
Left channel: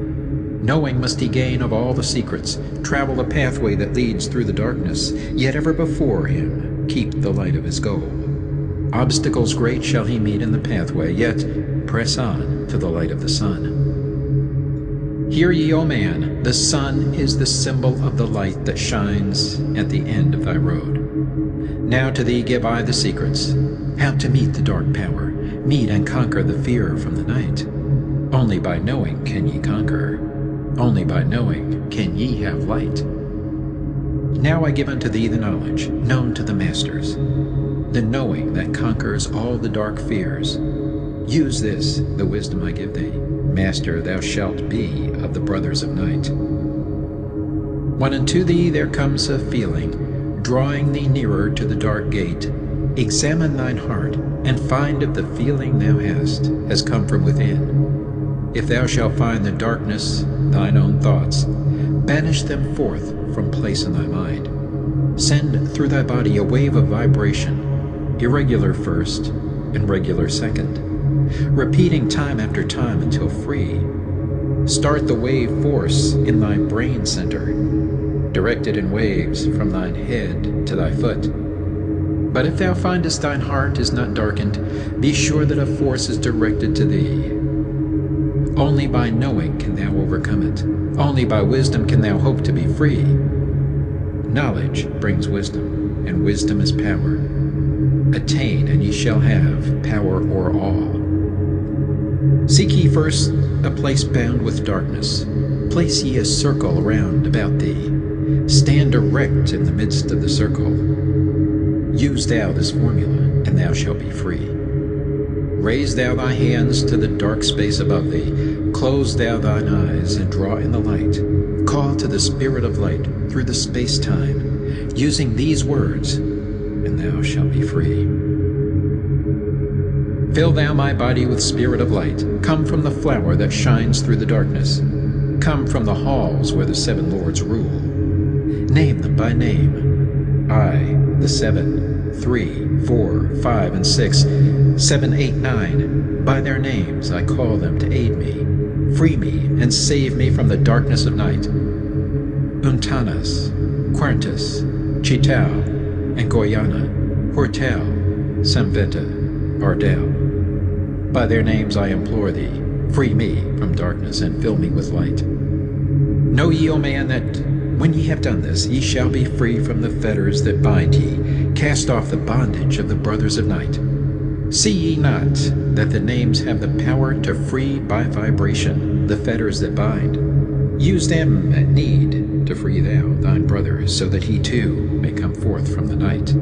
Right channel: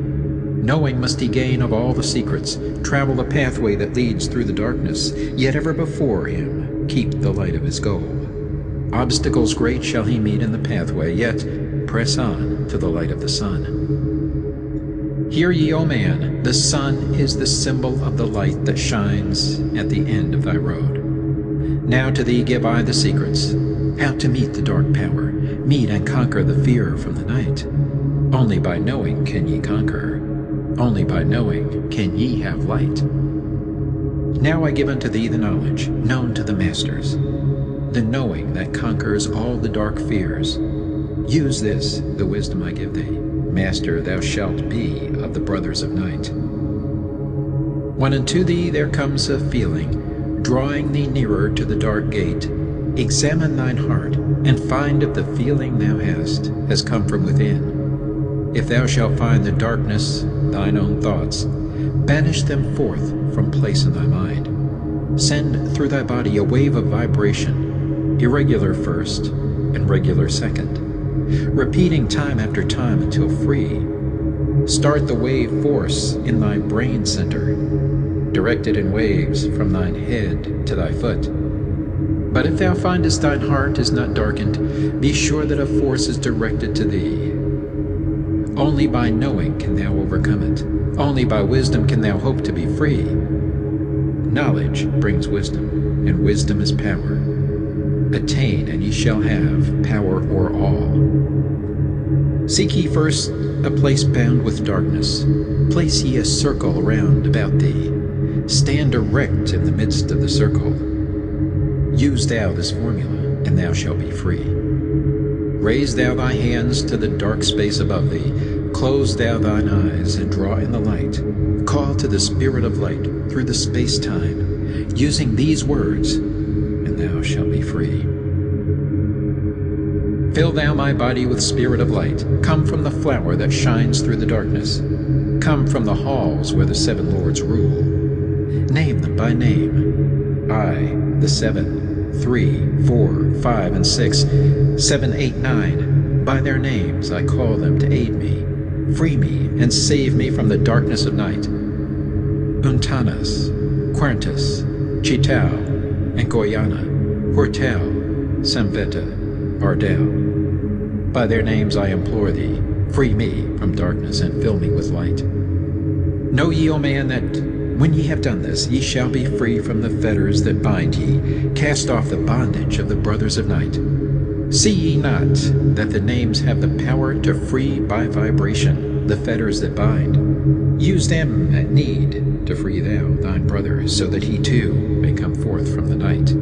Knowing must he gain of all the secrets, travel the pathway that leads through the darkness, yet ever before him keep the light of his goal. Obstacles great shall he meet in the pathway, yet press on to the light of the sun. Hear ye, O man, the sun is the symbol of the light that shines at the end of thy road. Now to thee give I the secrets, how to meet the dark power, meet and conquer the fear from the night. Only by knowing can ye conquer, only by knowing can ye have light. Now I give unto thee the knowledge, known to the masters, the knowing that conquers all the dark fears. Use this, the wisdom I give thee. Master thou shalt be of the brothers of night. When unto thee there comes a feeling, drawing thee nearer to the dark gate, examine thine heart, and find if the feeling thou hast has come from within. If thou shalt find the darkness, thine own thoughts, banish them forth from place in thy mind. Send through thy body a wave of vibration, irregular first and regular second, repeating time after time until free. Start the wave force in thy brain center, direct it in waves from thine head to thy foot. But if thou findest thine heart is not darkened, be sure that a force is directed to thee. Only by knowing can thou overcome it. Only by wisdom can thou hope to be free. Knowledge brings wisdom, and wisdom is power. Attain, and ye shall have power o'er all. Seek ye first a place bound with darkness. Place ye a circle round about thee. Stand erect in the midst of the circle. Use thou this formula, and thou shalt be free. Raise thou thy hands to the dark space above thee. Close thou thine eyes and draw in the light. Call to the Spirit of light through the space-time, using these words, and thou shalt be free. Fill thou my body with spirit of light. Come from the flower that shines through the darkness. Come from the halls where the seven lords rule. Name them by name. I, the 7, 3, 4, 5, and 6, 7, 8, 9. By their names I call them to aid me. Free me and save me from the darkness of night. Untanas, Querntys, Chitau, and Goyana, Hortel, Samveta, Ardel. By their names I implore thee, free me from darkness and fill me with light. Know ye, O man, that when ye have done this, ye shall be free from the fetters that bind ye. Cast off the bondage of the brothers of night. See ye not that the names have the power to free by vibration the fetters that bind? Use them at need to free thou thine brother, so that he too may come forth from the night.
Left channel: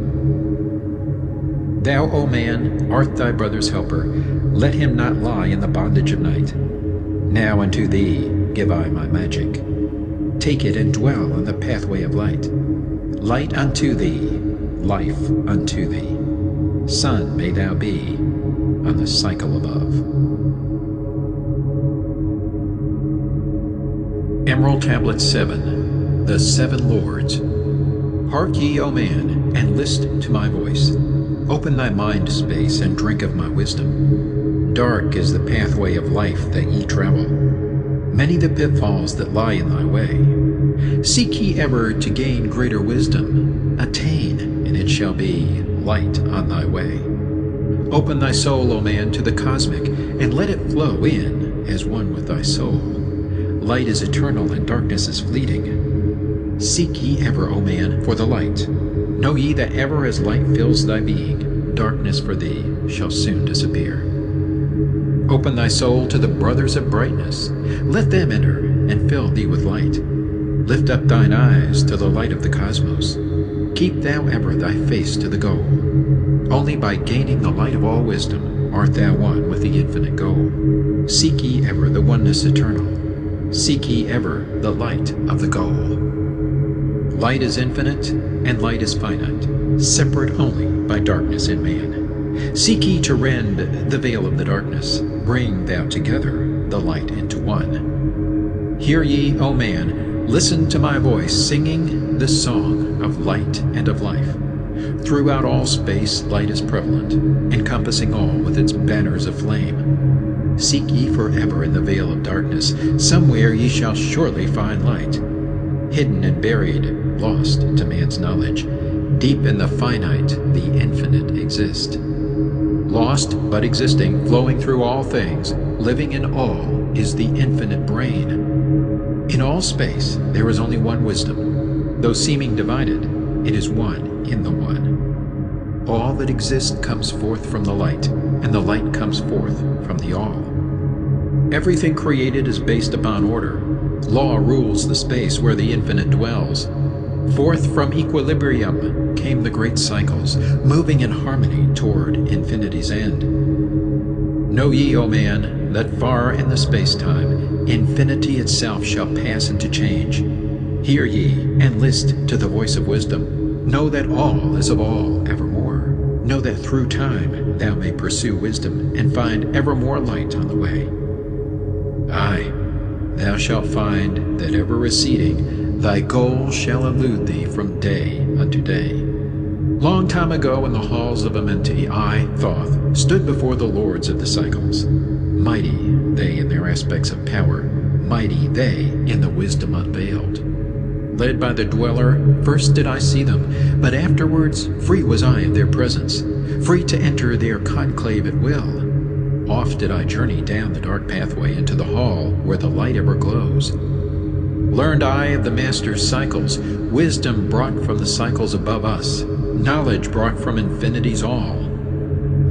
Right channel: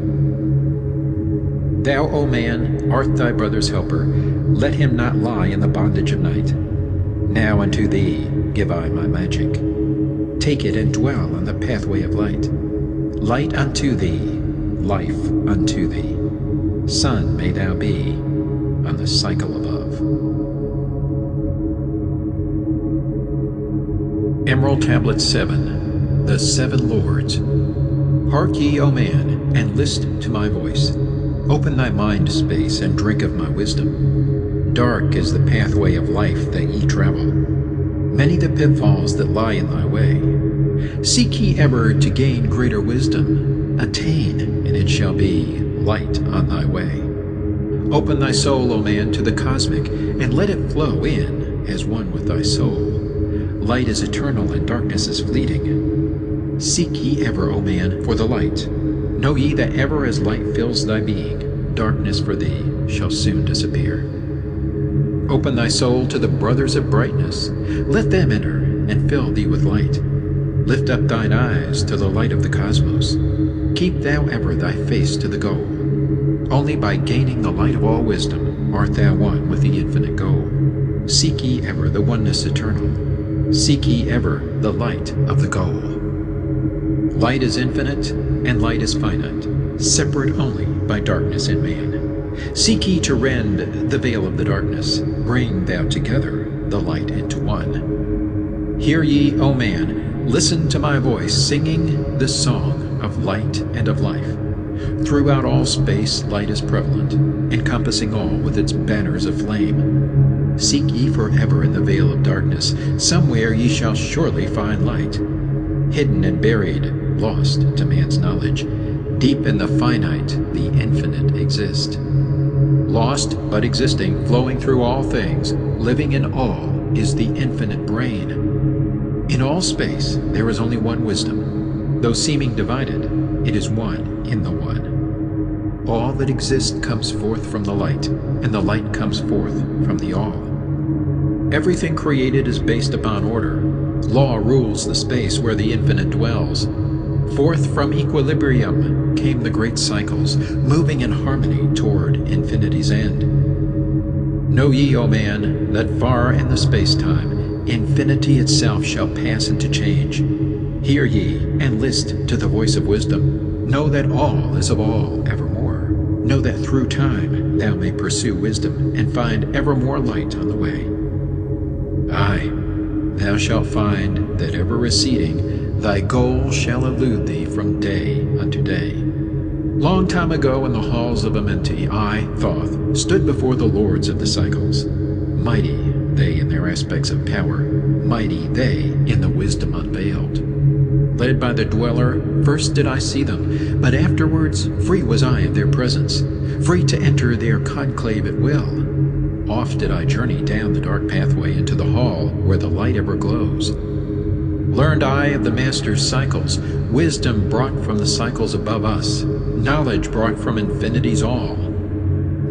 Thou, O man, art thy brother's helper. Let him not lie in the bondage of night. Now unto thee give I my magic. Take it and dwell on the pathway of light. Light unto thee, life unto thee. Sun may thou be on the cycle above. Emerald Tablet 7, The Seven Lords. Hark ye, O man, and list to my voice. Open thy mind space and drink of my wisdom. Dark is the pathway of life that ye travel. Many the pitfalls that lie in thy way. Seek ye ever to gain greater wisdom. Attain, and it shall be light on thy way. Open thy soul, O man, to the cosmic, and let it flow in as one with thy soul. Light is eternal and darkness is fleeting. Seek ye ever, O man, for the light. Know ye that ever as light fills thy being, darkness for thee shall soon disappear. Open thy soul to the brothers of brightness. Let them enter and fill thee with light. Lift up thine eyes to the light of the cosmos. Keep thou ever thy face to the goal. Only by gaining the light of all wisdom art thou one with the infinite goal. Seek ye ever the oneness eternal. Seek ye ever the light of the goal. Light is infinite, and light is finite, separate only by darkness in man. Seek ye to rend the veil of the darkness. Bring thou together the light into one. Hear ye, O man, listen to my voice, singing the song of light and of life. Throughout all space light is prevalent, encompassing all with its banners of flame. Seek ye forever in the veil of darkness. Somewhere ye shall surely find light. Hidden and buried, lost to man's knowledge, deep in the finite, the infinite exist. Lost but existing, flowing through all things, living in all, is the infinite brain. In all space there is only one wisdom. Though seeming divided, it is one in the one. All that exists comes forth from the light, and the light comes forth from the all. Everything created is based upon order. Law rules the space where the infinite dwells. Forth from equilibrium came the great cycles, moving in harmony toward infinity's end. Know ye, O man, that far in the space-time, infinity itself shall pass into change. Hear ye, and list to the voice of wisdom. Know that all is of all evermore. Know that through time thou may pursue wisdom, and find ever more light on the way. Aye, thou shalt find that ever receding, thy goal shall elude thee from day unto day. Long time ago in the halls of Amenti, I, Thoth, stood before the lords of the cycles. Mighty they in their aspects of power, mighty they in the wisdom unveiled. Led by the dweller, first did I see them, but afterwards free was I of their presence, free to enter their conclave at will. Oft did I journey down the dark pathway into the hall where the light ever glows. Learned I of the Master's cycles, wisdom brought from the cycles above us, knowledge brought from infinity's all.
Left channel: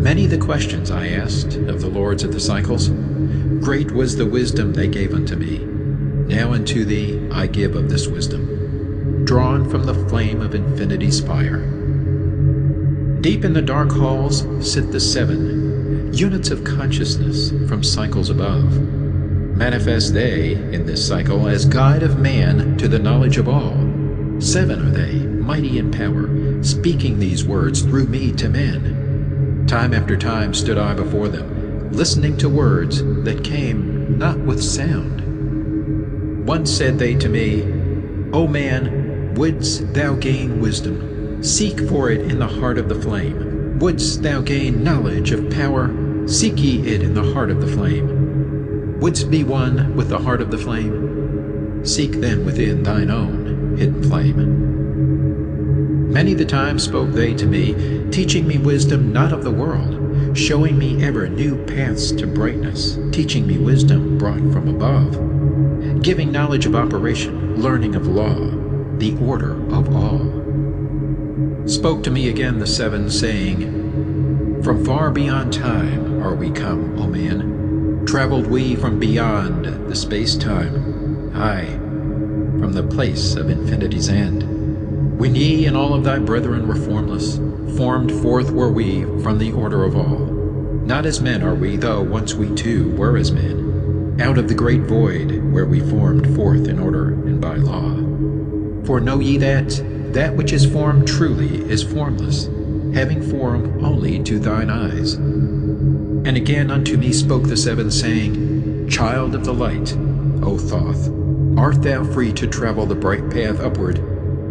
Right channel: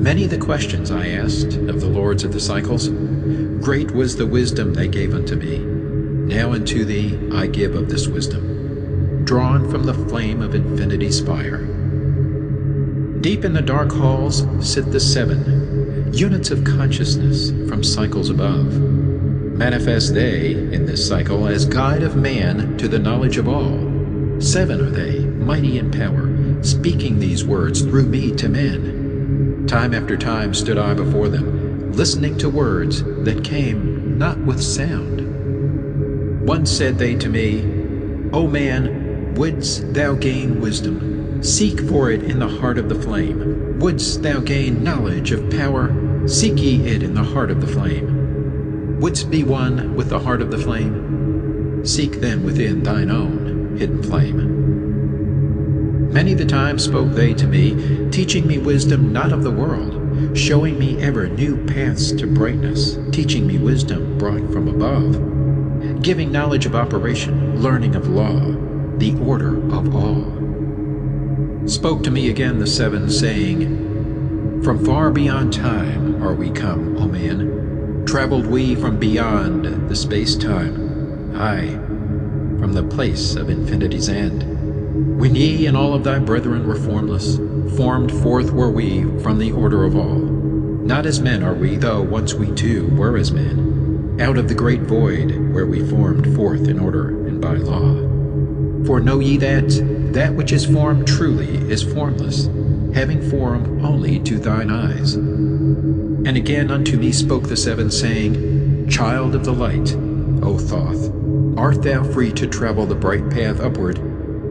Many the questions I asked of the lords of the cycles. Great was the wisdom they gave unto me. Now unto thee I give of this wisdom, drawn from the flame of infinity's fire. Deep in the dark halls sit the seven, units of consciousness from cycles above. Manifest they in this cycle as guide of man to the knowledge of all. Seven are they, mighty in power, speaking these words through me to men. Time after time stood I before them, listening to words that came not with sound. Once said they to me, O man, wouldst thou gain wisdom? Seek for it in the heart of the flame. Wouldst thou gain knowledge of power? Seek ye it in the heart of the flame. Wouldst be one with the heart of the flame? Seek then within thine own hidden flame. Many the time spoke they to me, teaching me wisdom not of the world, showing me ever new paths to brightness, teaching me wisdom brought from above, giving knowledge of operation, learning of law, the order of all. Spoke to me again the seven, saying, From far beyond time are we come, O man. Traveled we from beyond the space-time, aye, from the place of infinity's end. When ye and all of thy brethren were formless, formed forth were we from the order of all. Not as men are we, though once we too were as men, out of the great void where we formed forth in order and by law. For know ye that which is formed truly is formless, having form only to thine eyes. And again unto me spoke the seven, saying, Child of the light, O Thoth, art thou free to travel the bright path upward,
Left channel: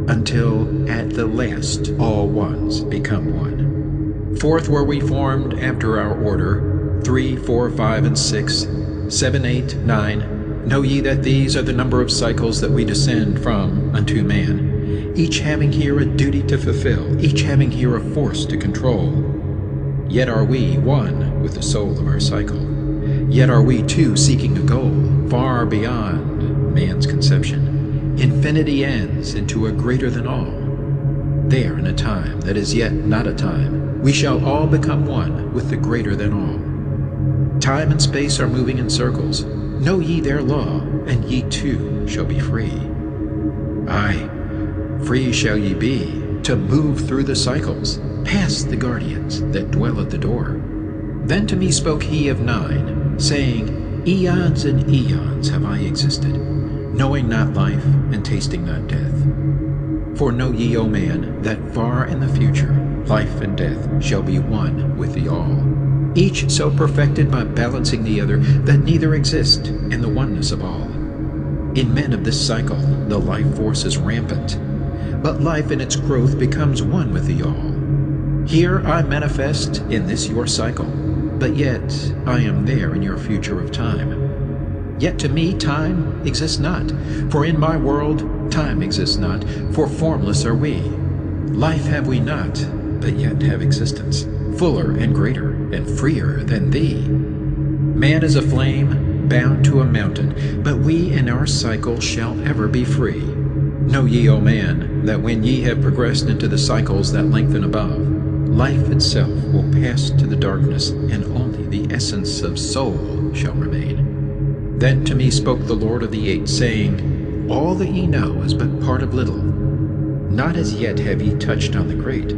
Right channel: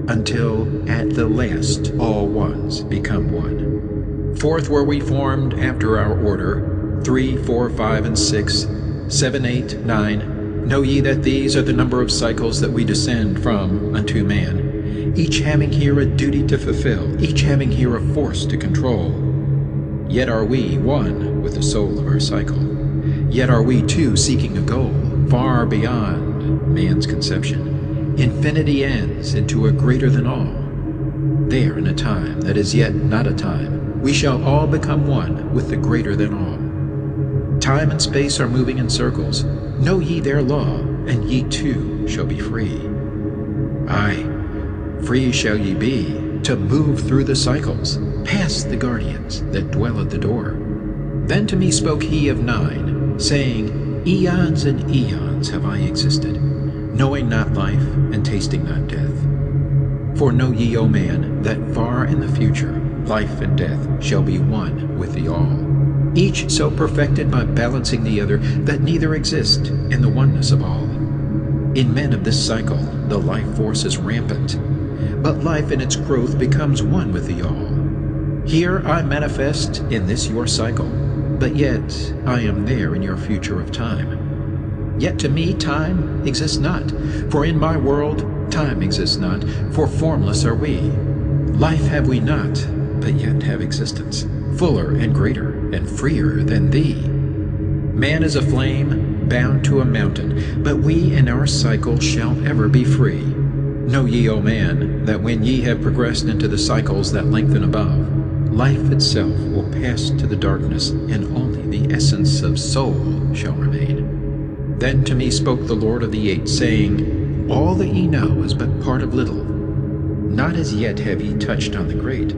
until at the last all ones become one. Forth were we formed after our order, 3, 4, 5, and 6, 7, 8, 9. Know ye that these are the number of cycles that we descend from unto man, each having here a duty to fulfill, each having here a force to control. Yet are we one with the soul of our cycle. Yet are we too seeking a goal far beyond man's conception. Infinity ends into a greater than all. There in a time that is yet not a time, we shall all become one with the greater than all. Time and space are moving in circles. Know ye their law, and ye too shall be free. Aye, free shall ye be to move through the cycles, past the guardians that dwell at the door. Then to me spoke he of 9, saying, Eons and eons have I existed, knowing not life and tasting not death. For know ye, O man, that far in the future life and death shall be one with the all, each so perfected by balancing the other that neither exist in the oneness of all. In men of this cycle the life force is rampant, but life in its growth becomes one with the all. Here I manifest in this your cycle, but yet I am there in your future of time. Yet to me time exists not, for in my world time exists not, for formless are we. Life have we not, but yet have existence, fuller and greater and freer than thee. Man is a flame bound to a mountain, but we in our cycle shall ever be free. Know ye, O man, that when ye have progressed into the cycles that lengthen above, life itself will pass to the darkness, and only the essence of soul shall remain. Then to me spoke the Lord of the Eight, saying, All that ye know is but part of little. Not as yet have ye touched on the great.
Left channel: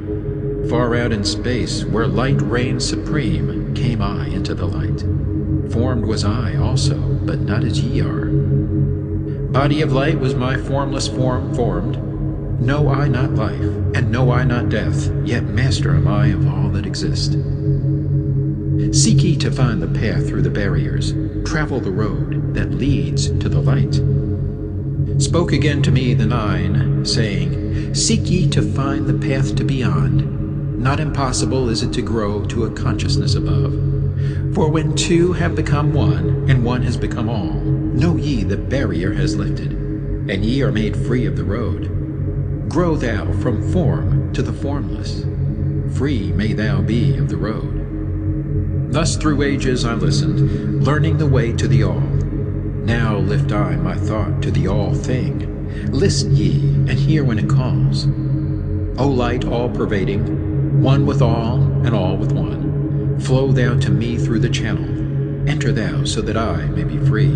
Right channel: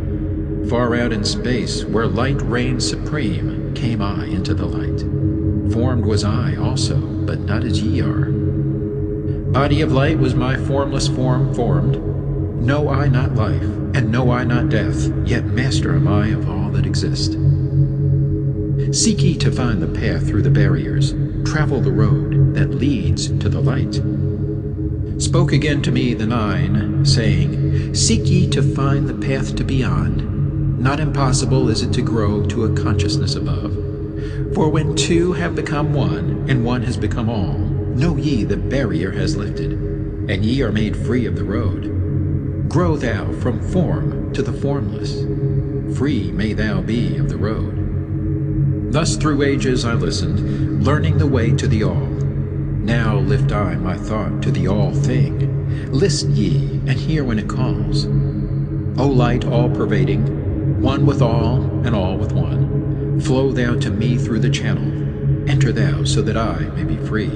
Far out in space, where light reigns supreme, came I into the light. Formed was I also, but not as ye are. Body of light was my formless form formed. Know I not life, and know I not death, yet master am I of all that exist. Seek ye to find the path through the barriers, travel the road that leads to the light. Spoke again to me the 9, saying, Seek ye to find the path to beyond. Not impossible is it to grow to a consciousness above. For when two have become one, and one has become all, Know ye the barrier has lifted, and ye are made free of the road. Grow thou from form to the formless, free may thou be of the road. Thus through ages I listened, learning the way to the all. Now lift I my thought to the all thing. List ye, and hear when it calls. O light all-pervading, one with all and all with one, flow thou to me through the channel. Enter thou so that I may be free.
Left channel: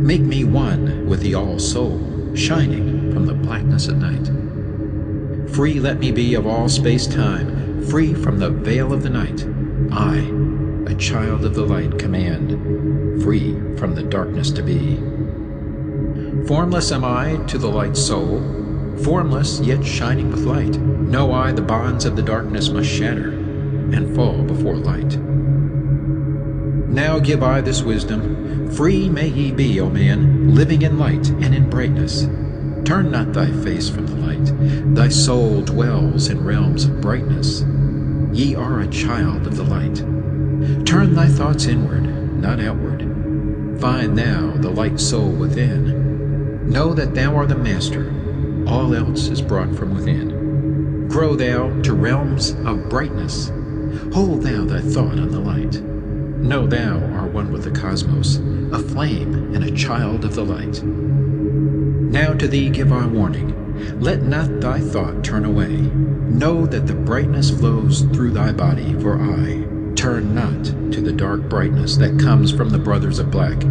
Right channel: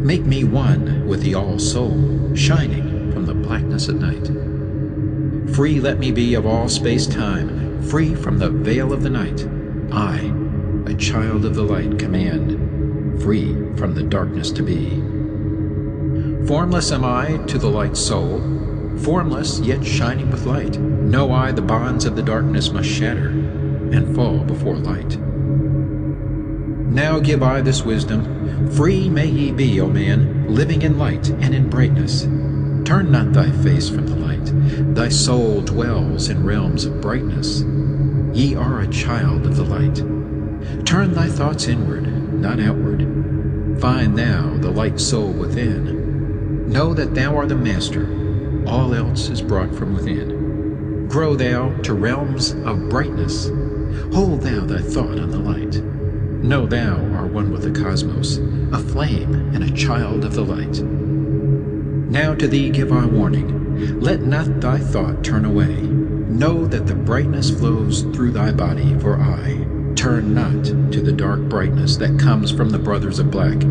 Make me one with the all-soul, shining from the blackness at night. Free let me be of all space-time, free from the veil of the night. I, a child of the light, command, free from the darkness to be. Formless am I to the light soul, formless yet shining with light. Know I the bonds of the darkness must shatter and fall before light. Now give I this wisdom, free may ye be, O man, living in light and in brightness. Turn not thy face from the light, thy soul dwells in realms of brightness. Ye are a child of the light. Turn thy thoughts inward, not outward. Find thou the light soul within. Know that thou art the master, all else is brought from within. Grow thou to realms of brightness. Hold thou thy thought on the light. Know thou art one with the cosmos, a flame and a child of the light. Now to thee give I warning, let not thy thought turn away. Know that the brightness flows through thy body, for I turn not to the dark brightness that comes from the brothers of black,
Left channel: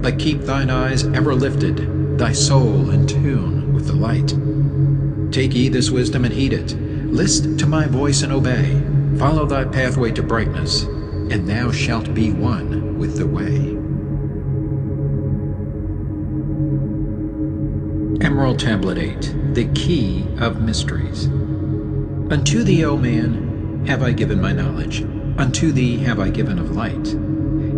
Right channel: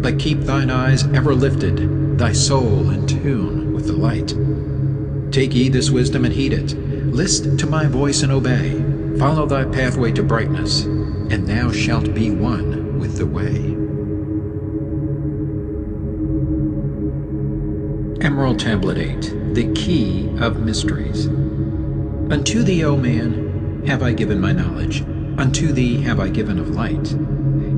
but keep thine eyes ever lifted, thy soul in tune with the light. Take ye this wisdom and heed it. List to my voice and obey. Follow thy pathway to brightness, and thou shalt be one with the way. Emerald Tablet 8, the Key of Mysteries. Unto thee, O man, have I given my knowledge. Unto thee have I given of light.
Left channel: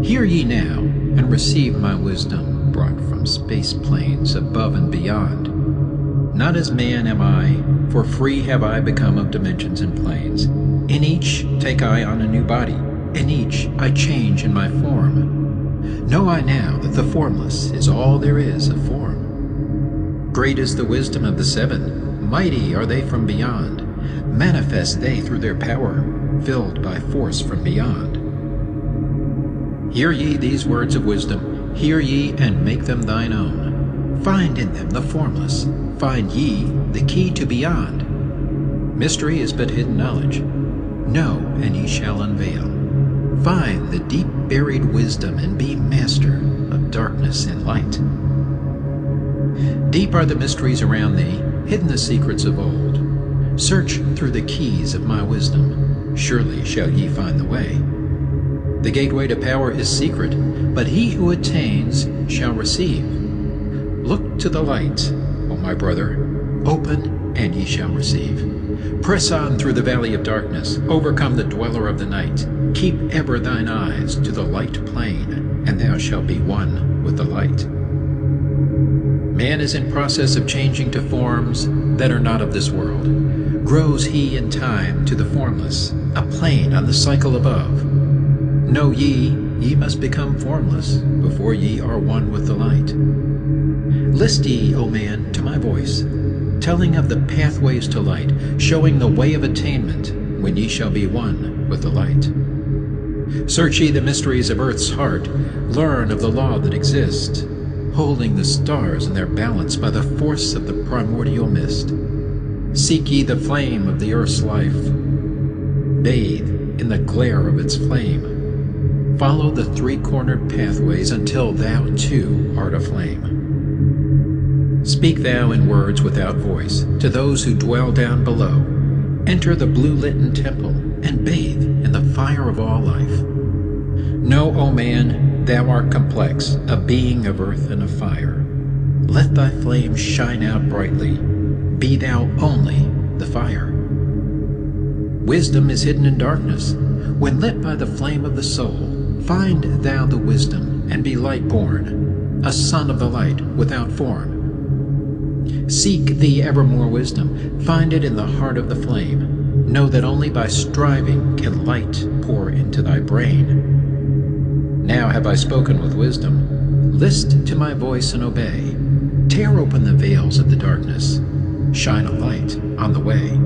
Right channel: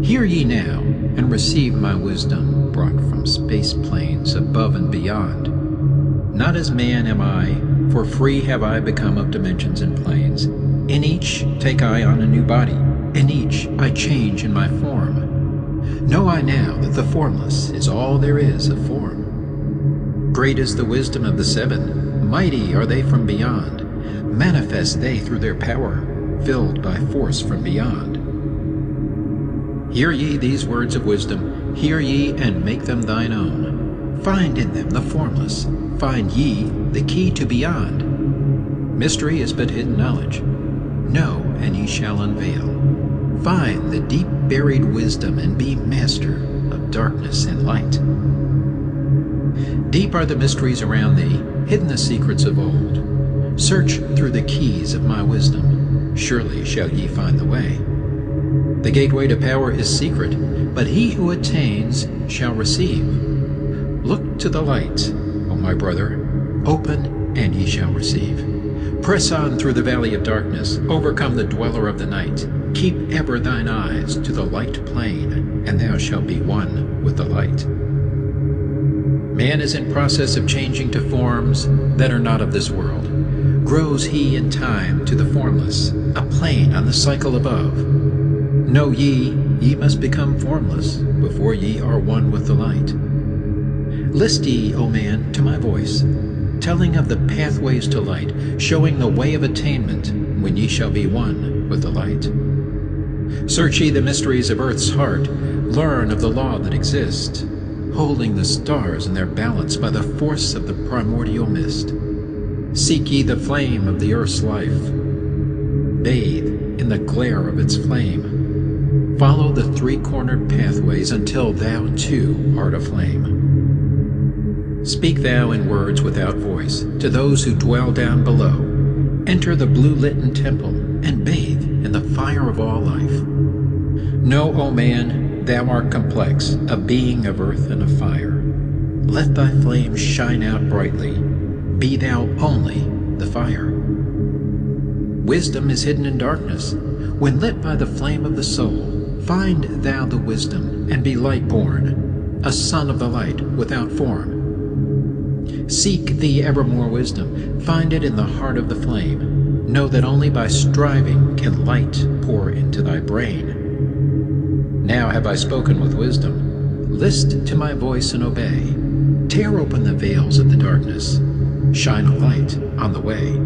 Hear ye now, and receive my wisdom, brought from space planes above and beyond. Not as man am I, for free have I become of dimensions and planes. In each take I on a new body, in each I change in my form. Know I now that the formless is all there is of form. Great is the wisdom of the seven, mighty are they from beyond. Manifest they through their power, filled by force from beyond. Hear ye these words of wisdom, hear ye and make them thine own. Find in them the formless, find ye the key to beyond. Mystery is but hidden knowledge. Know, and ye shall unveil. Find the deep buried wisdom, and be master of darkness and light. Deep are the mysteries around thee, hidden the secrets of old. Search through the keys of my wisdom, surely shall ye find the way. The gateway to power is secret, but he who attains shall receive. Look to the light, O my brother, open and ye shall receive. Press on through the valley of darkness, overcome the dweller of the night. Keep ever thine eyes to the light plain, and thou shalt be one with the light. Man is in process of changing to forms that are not of this world. Grows he in time to the formless, a plane on the cycle above. Know ye, ye must become formless before ye are one with the light. List ye, O man, to my voice, telling of the pathways to light, showing the way of attainment when ye shall be one with the light. Search ye the mysteries of earth's heart, learn of the law that exists, holding the stars in their balance by the force of the primordial mist. Seek ye the flame of the earth's life, bathe in the glare of its flame. Follow the three-cornered pathways until thou too art aflame. Speak thou in words without voice to those who dwell down below. Enter the blue-litten temple and bathe in the fire of all life. Know, O man, thou art complex, a being of earth and of fire. Let thy flame shine out brightly. Be thou only the fire. Wisdom is hidden in darkness. When lit by the flame of the soul, find thou the wisdom and be light-born, a son of the light without form. Seek thee evermore wisdom, find it in the heart of the flame. Know that only by striving can light pour into thy brain. Now have I spoken with wisdom. list to my voice and obey. Tear open the veils of the darkness. Shine a light on the way.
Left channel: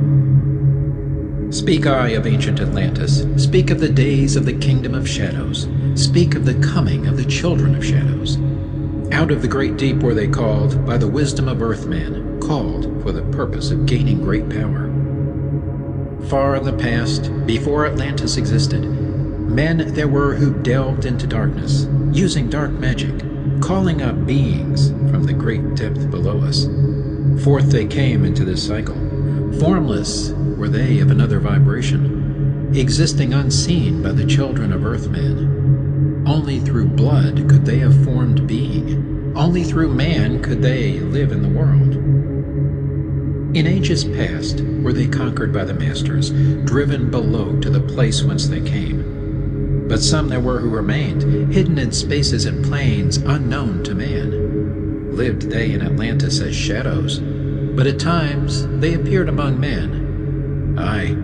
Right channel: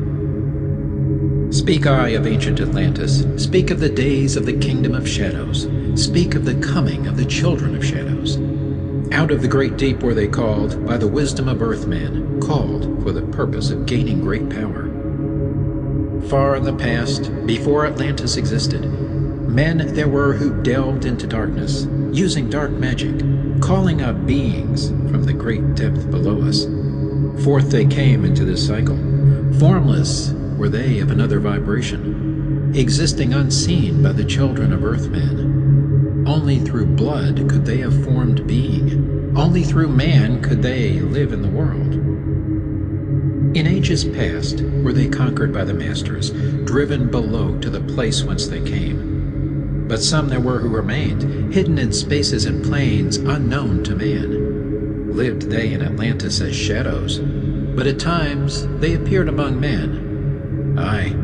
Speak I of ancient Atlantis. Speak of the days of the kingdom of shadows. Speak of the coming of the children of shadows. Out of the great deep were they called, by the wisdom of earthmen, called for the purpose of gaining great power. Far in the past, before Atlantis existed, men there were who delved into darkness, using dark magic, calling up beings from the great depth below us. Forth they came into this cycle. Formless were they of another vibration, existing unseen by the children of Earthmen. Only through blood could they have formed being. Only through man could they live in the world. In ages past were they conquered by the masters, driven below to the place whence they came. But some there were who remained, hidden in spaces and planes unknown to man. Lived they in Atlantis as shadows, but at times they appeared among men. Aye,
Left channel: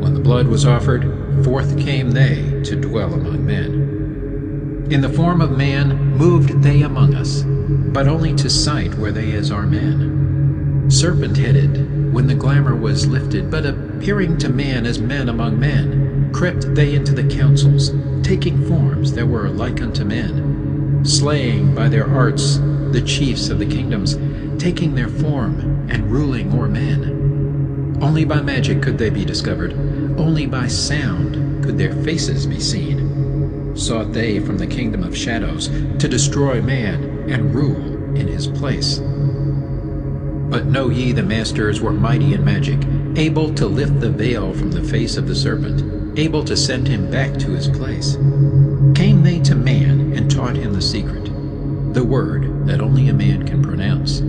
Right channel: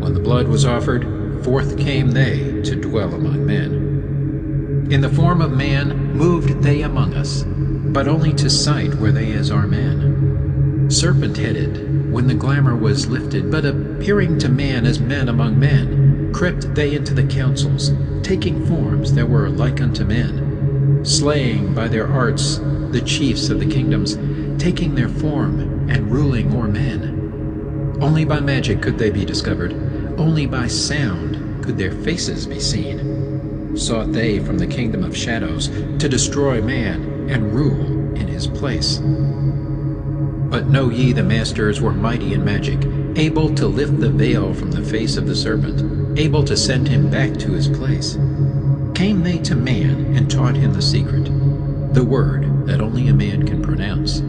when the blood was offered, forth came they to dwell among men. In the form of man moved they among us, but only to sight were they as our men. Serpent-headed, when the glamour was lifted, but appearing to man as men among men, crept they into the councils, taking forms that were like unto men, slaying by their arts the chiefs of the kingdoms, taking their form and ruling o'er men. Only by magic could they be discovered, only by sound could their faces be seen. Sought they from the kingdom of shadows to destroy man and rule in his place. But know ye the masters were mighty in magic, able to lift the veil from the face of the serpent, able to send him back to his place. Came they to man and taught him the secret, the word that only a man can pronounce.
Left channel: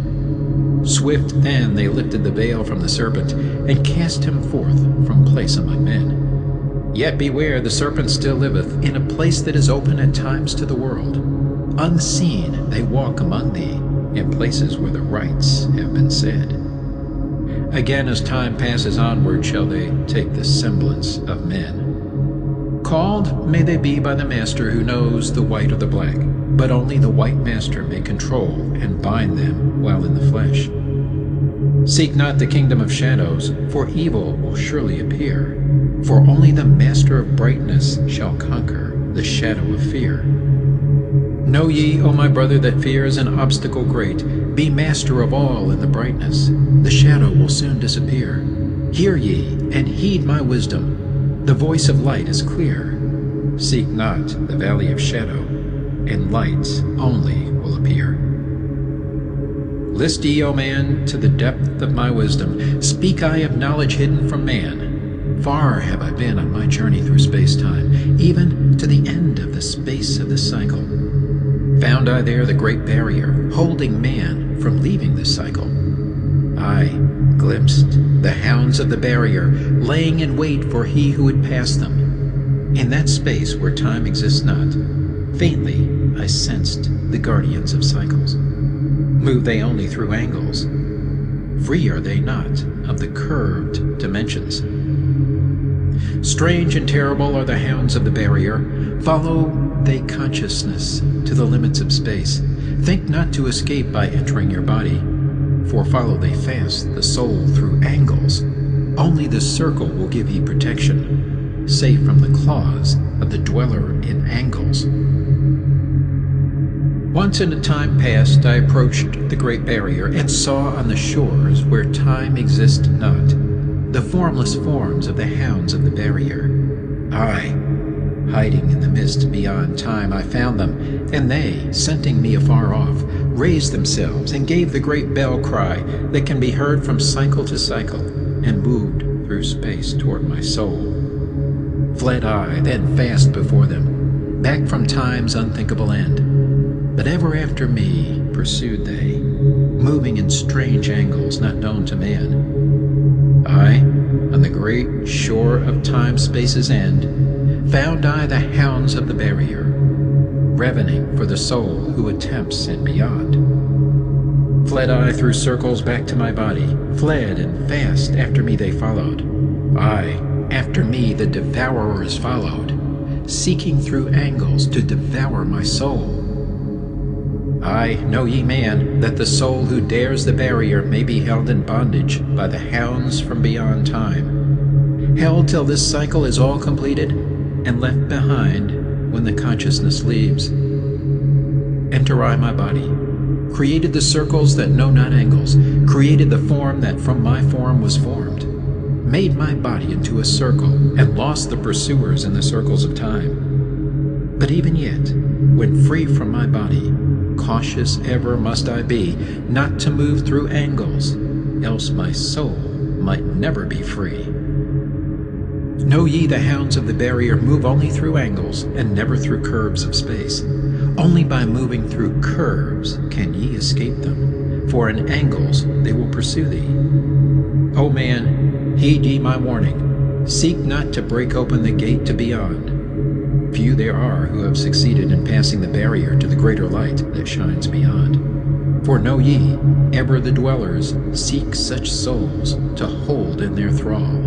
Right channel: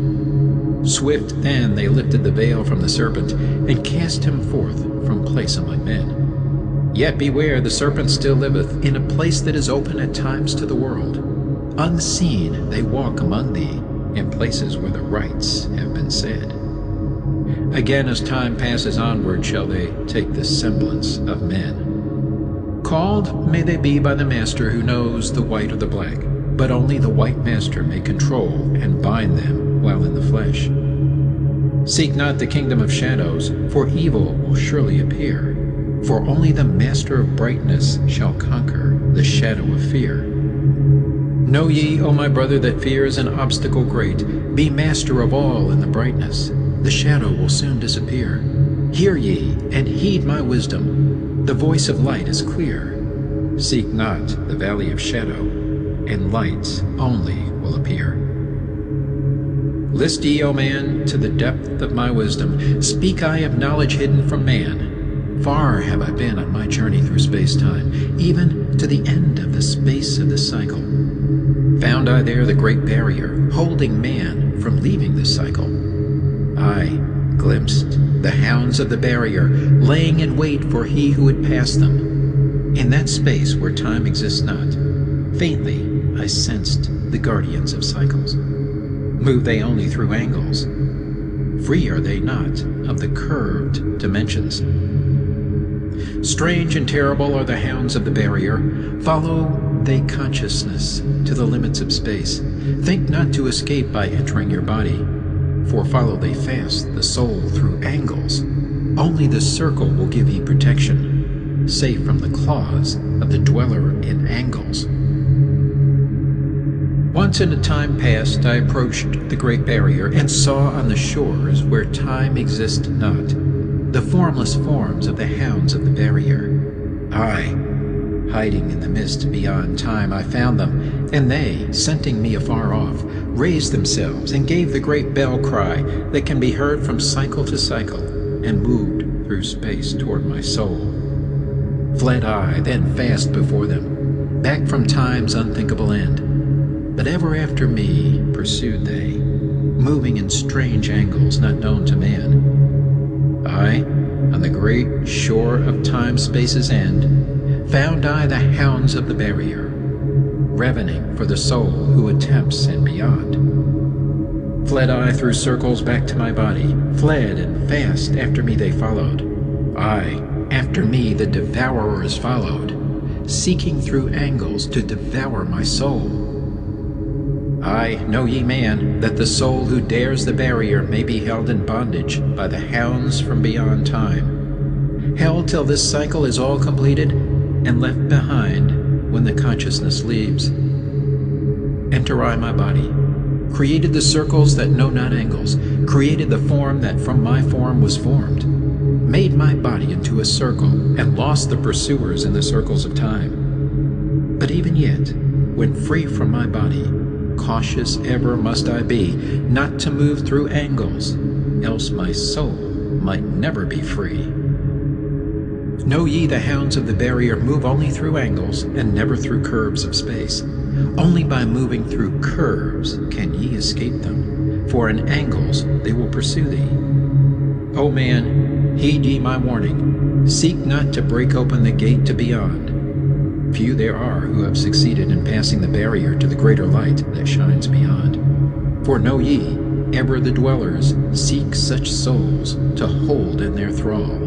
Swift then they lifted the veil from the serpent and cast him forth from place among men. Yet beware, the serpent still liveth in a place that is open at times to the world. Unseen they walk among thee in places where the rites have been said. Again, as time passes onward, shall they take the semblance of men. Called may they be by the master who knows the white or the black, but only the white master may control and bind them while in the flesh. Seek not the kingdom of shadows, for evil will surely appear, for only the master of brightness shall conquer the shadow of fear. Know ye, O my brother, that fear is an obstacle great. Be master of all in the brightness. The shadow will soon disappear. Hear ye, and heed my wisdom. The voice of light is clear. Seek not the valley of shadow, and light only will appear. List ye, O man, to the depth of my wisdom. Speak I of knowledge hidden from man. Far have I been on my journey through space-time, even to the end of the space of this cycle. Found I there the great barrier, holding man from leaving this cycle. I glimpsed the hounds of the barrier, laying in wait for he who would pass them. In that space where time exists not, faintly I sensed the guardians of cycles. Move they only through angles? Free are they not of the curved dimensions. Strange and terrible are the hounds of the barrier. Follow they consciousness to the limits of space. Think not to escape by entering your body, for follow they fast the soul through angles. Only the circle will give ye protection, safe from the claws of the dweller in angles. Once in a time past I approached the great barrier and saw on the shores where time exists not the formless forms of the hounds of the barrier. Aye, hiding in the mist beyond time I found them, and they, scenting me afar off, raised themselves and gave the great bell cry that can be heard from cycle to cycle, and moved through space toward my soul. Fled I then fast before them, back from time's unthinkable end. But ever after me pursued they, moving in strange angles not known to man. I, on the great shore of time-space's end, found I the hounds of the barrier, ravening for the soul who attempts and beyond. Fled I through circles back to my body, fled and fast after me they followed. Aye, after me the devourers followed, seeking through angles to devour my soul. Aye, know ye, man, that the soul who dares the barrier may be held in bondage by the hounds from beyond time, held till this cycle is all completed and left behind when the consciousness leaves. Enter I my body, created the circles that know not angles, created the form that from my form was formed, made my body into a circle, and lost the pursuers in the circles of time. But even yet, when free from my body, cautious ever must I be, not to move through angles, else my soul might never be free. Know ye the hounds of the barrier move only through angles, and never through curves of space. Only by moving through curves can ye escape them, for in angles they will pursue thee. O man, heed ye my warning, seek not to break open the gate to beyond. Few there are who have succeeded in passing the barrier to the greater light that shines beyond. For know ye, ever the dwellers seek such souls to hold in their thrall.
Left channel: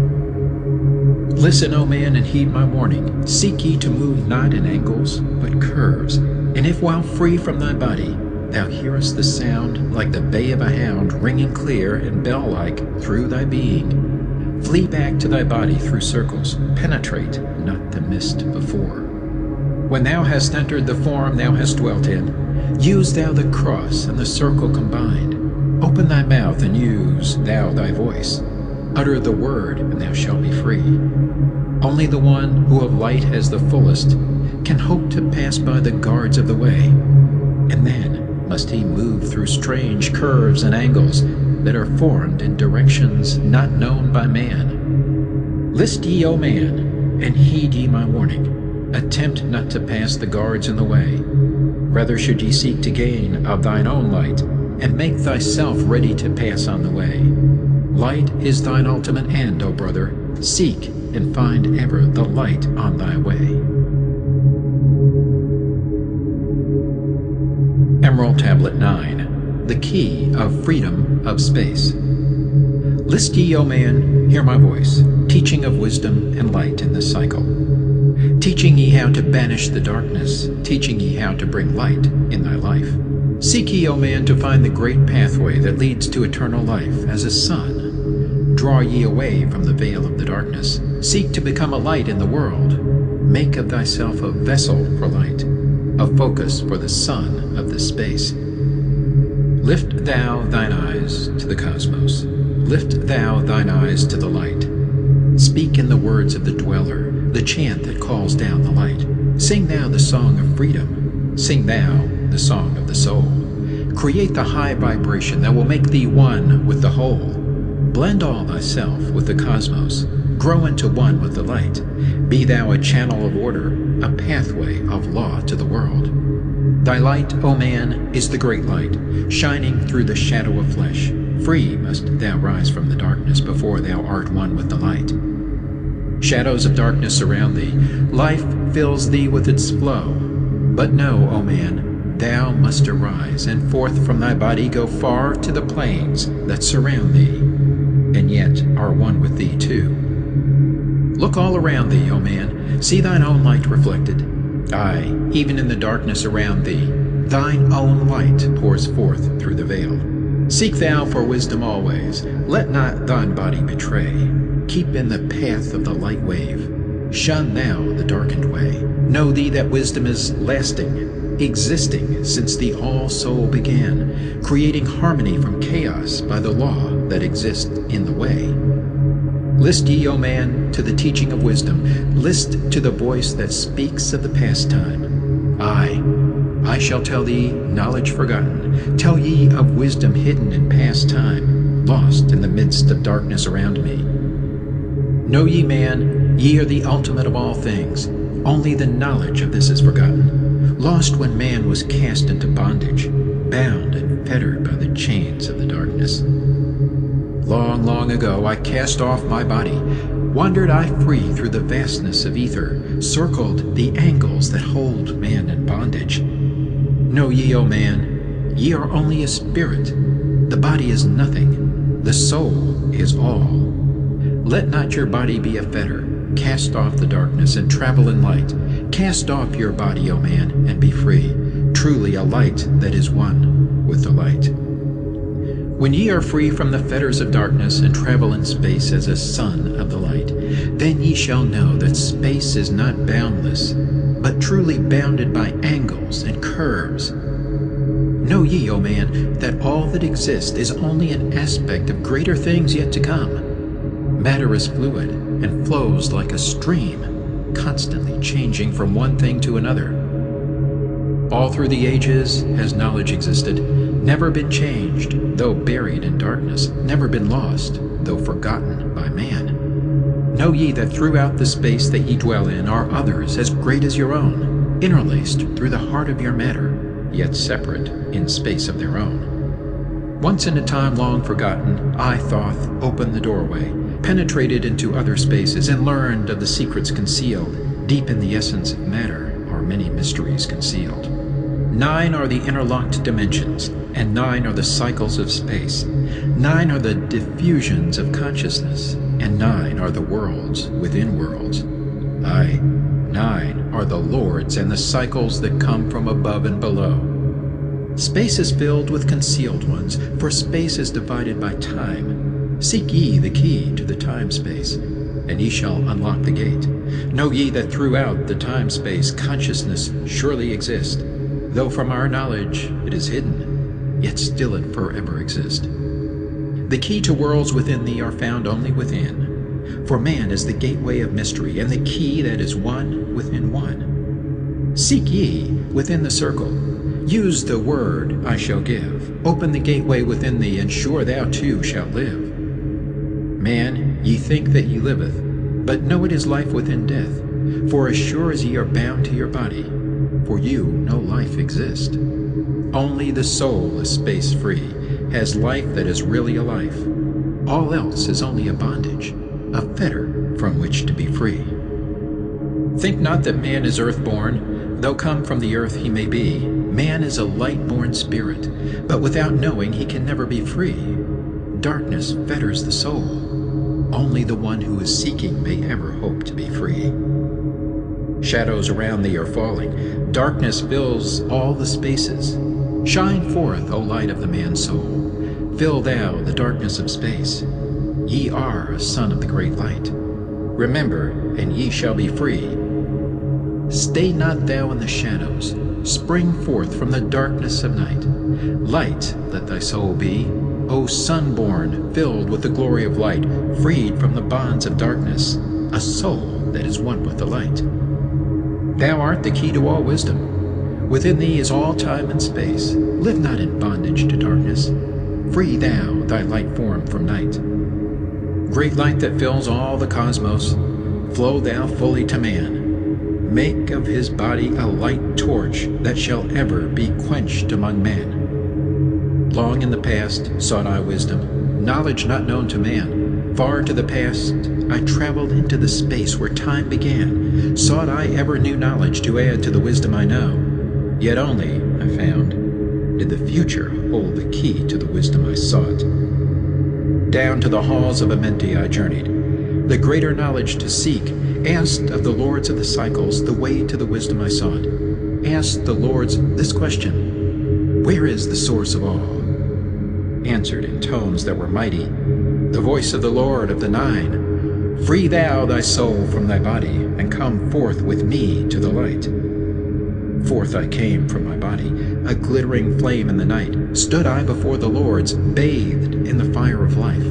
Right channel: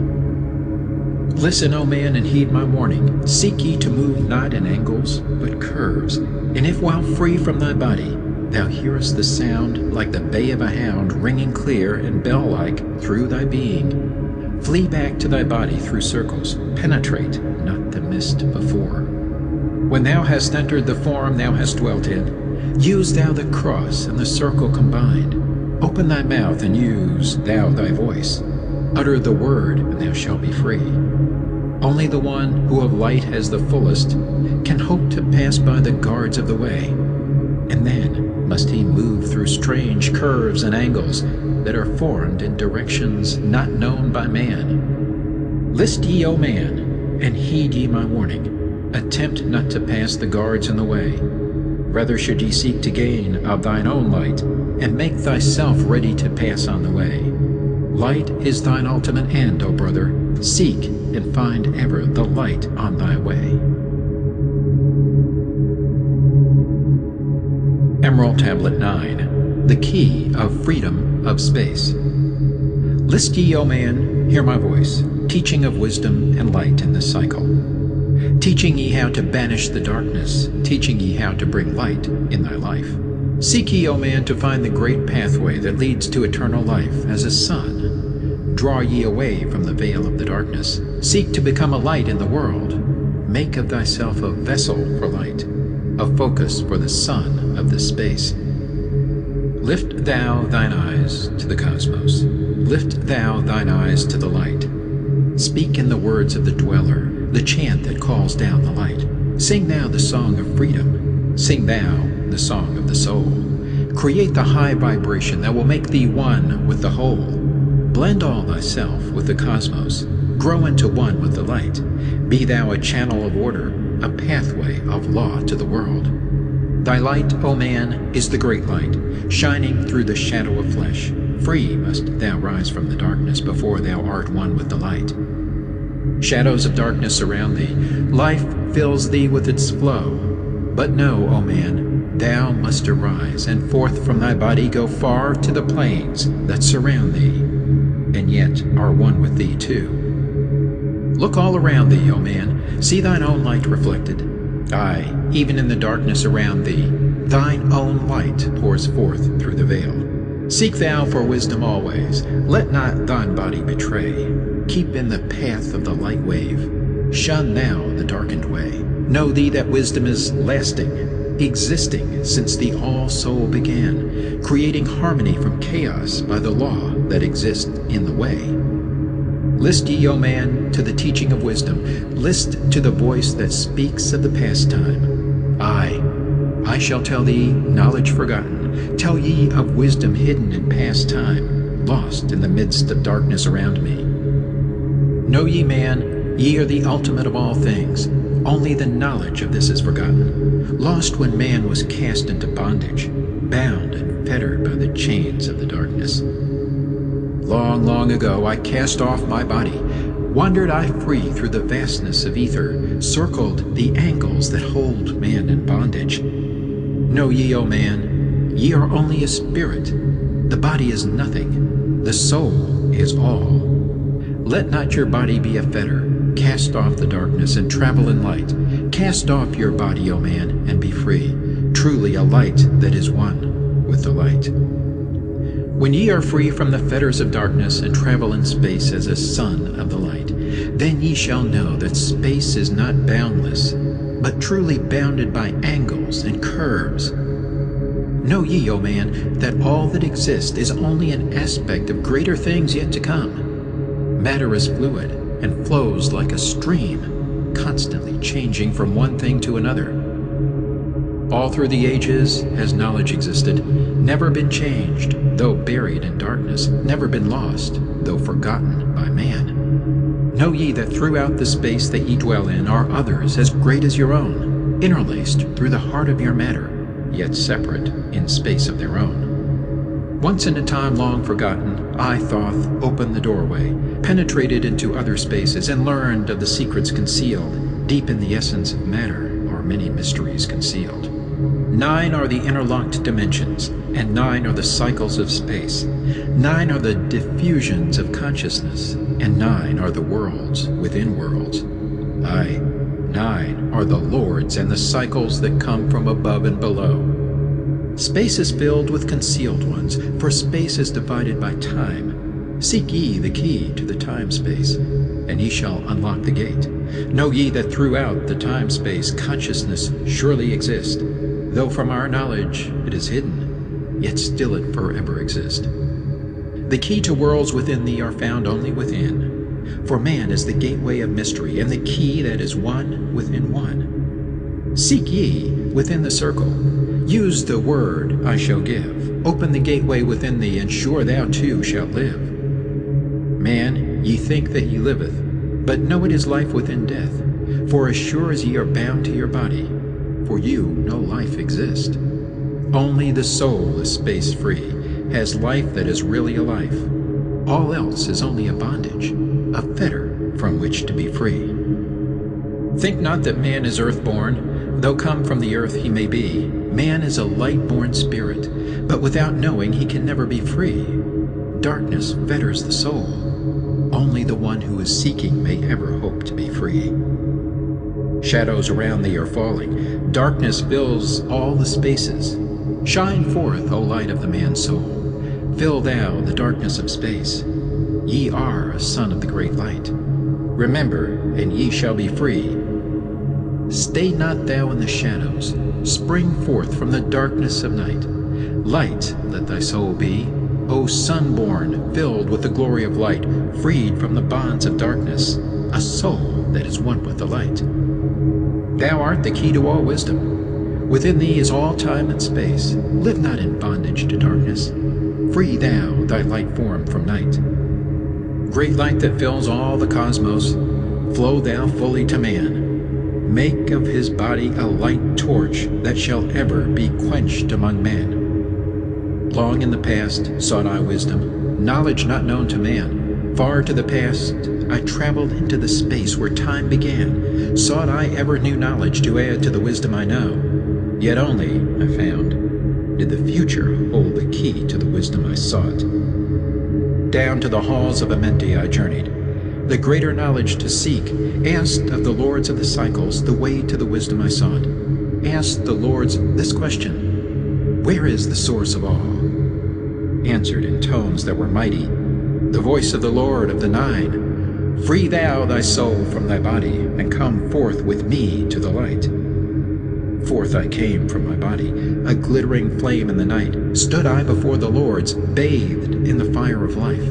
Listen, O man, and heed my warning. Seek ye to move not in angles, but curves. And if while free from thy body, thou hearest the sound like the bay of a hound ringing clear and bell-like through thy being, flee back to thy body through circles, penetrate not the mist before. When thou hast entered the form thou hast dwelt in, use thou the cross and the circle combined. Open thy mouth and use thou thy voice. Utter the word, and thou shalt be free. Only the one who of light has the fullest can hope to pass by the guards of the way, and then must he move through strange curves and angles that are formed in directions not known by man. List ye, O man, and heed ye my warning. Attempt not to pass the guards in the way. Rather should ye seek to gain of thine own light, and make thyself ready to pass on the way. Light is thine ultimate end, O brother. Seek and find ever the light on thy way. Emerald Tablet 9. The Key of Freedom of Space. List ye, O man, hear my voice, teaching of wisdom and light in this cycle. Teaching ye how to banish the darkness, teaching ye how to bring light in thy life. Seek ye, O man, to find the great pathway that leads to eternal life as a sun. Draw ye away from the veil of the darkness. Seek to become a light in the world. Make of thyself a vessel for light, a focus for the sun of this space. Lift thou thine eyes to the cosmos. Lift thou thine eyes to the light. Speak in the words of the dweller, the chant that calls down the light. Sing thou the song of freedom. Sing thou the song of the soul. Create the high vibration that will make thee one with the whole. Blend all thyself with the cosmos. Grow into one with the light. Be thou a channel of order, a pathway of law to the world. Thy light, O man, is the great light, shining through the shadow of flesh. Free must thou rise from the darkness before thou art one with the light. Shadows of darkness surround thee. Life fills thee with its flow. But know, O man, thou must arise, and forth from thy body go far to the plains that surround thee, and yet are one with thee too. Look all around thee, O man, see thine own light reflected. Aye, even in the darkness around thee, thine own light pours forth through the veil. Seek thou for wisdom always. Let not thine body betray. Keep in the path of the light wave. Shun thou the darkened way. Know thee that wisdom is lasting, existing since the all-soul began, creating harmony from chaos by the law that exists in the way. List ye, O man, to the teaching of wisdom. List to the voice that speaks of the past time. Aye, I shall tell thee knowledge forgotten, tell ye of wisdom hidden in past time, lost in the midst of darkness around me. Know ye, man, ye are the ultimate of all things. Only the knowledge of this is forgotten, lost when man was cast into bondage, bound and fettered by the chains of the darkness. Long, long ago I cast off my body, wandered I free through the vastness of ether, circled the angles that hold man in bondage. Know ye, O man, ye are only a spirit. The body is nothing, the soul is all. Let not your body be a fetter. Cast off the darkness and travel in light. Cast off your body, O man, and be free. truly a light that is one with the light. When ye are free from the fetters of darkness and travel in space as a son of the light, then ye shall know that space is not boundless, but truly bounded by angles and curves. Know ye, O man, that all that exists is only an aspect of greater things yet to come. Matter is fluid and flows like a stream, constantly changing from one thing to another. All through the ages has knowledge existed, never been changed, though buried in darkness, never been lost, though forgotten by man. Know ye that throughout the space that ye dwell in are others as great as your own, interlaced through the heart of your matter, yet separate in space of their own. Once in a time long forgotten, I, Thoth, opened the doorway, penetrated into other spaces, and learned of the secrets concealed. Deep in the essence of matter are many mysteries concealed. 9 are the interlocked dimensions, and 9 are the cycles of space. 9 are the diffusions of consciousness, and 9 are the worlds within worlds. Aye, 9 are the lords and the cycles that come from above and below. Space is filled with concealed ones, for space is divided by time. Seek ye the key to the time-space, and ye shall unlock the gate. Know ye that throughout the time-space consciousness surely exists, though from our knowledge it is hidden, yet still it forever exists. The key to worlds within thee are found only within, for man is the gateway of mystery, and the key that is one within one. Seek ye within the circle. Use the word I shall give. Open the gateway within thee, and sure thou too shalt live. Man, ye think that ye liveth, but know it is life within death. For as sure as ye are bound to your body, for you no life exists. Only the soul is space-free, has life that is really a life. All else is only a bondage, a fetter from which to be free. Think not that man is earth-born, though come from the earth he may be. Man is a light-born spirit, but without knowing he can never be free. Darkness fetters the soul. Only the one who is seeking may ever hope to be free. Shadows around thee are falling. Darkness fills all the spaces. Shine forth, O light of the man's soul. Fill thou the darkness of space. Ye are a son of the great light. Remember, and ye shall be free. Stay not thou in the shadows. Spring forth from the darkness of night. Light let thy soul be, O sun-born, filled with the glory of light, freed from the bonds of darkness, a soul that is one with the light. Thou art the key to all wisdom. Within thee is all time and space. Live not in bondage to darkness. Free thou thy light form from night. Great light that fills all the cosmos, flow thou fully to man. Make of his body a light torch that shall ever be quenched among men. Long in the past sought I wisdom, knowledge not known to man. Far to the past I traveled into the space where time began. Sought I ever new knowledge to add to the wisdom I know. Yet only, I found, did the future hold the key to the wisdom I sought. Down to the halls of Amenti I journeyed, the greater knowledge to seek, asked of the lords of the cycles the way to the wisdom I sought. Asked the lords this question: where is the source of all? Answered in tones that were mighty, the voice of the Lord of the Nine: free thou thy soul from thy body, and come forth with me to the light. Forth I came from my body, a glittering flame in the night. Stood I before the lords, bathed in the fire of life.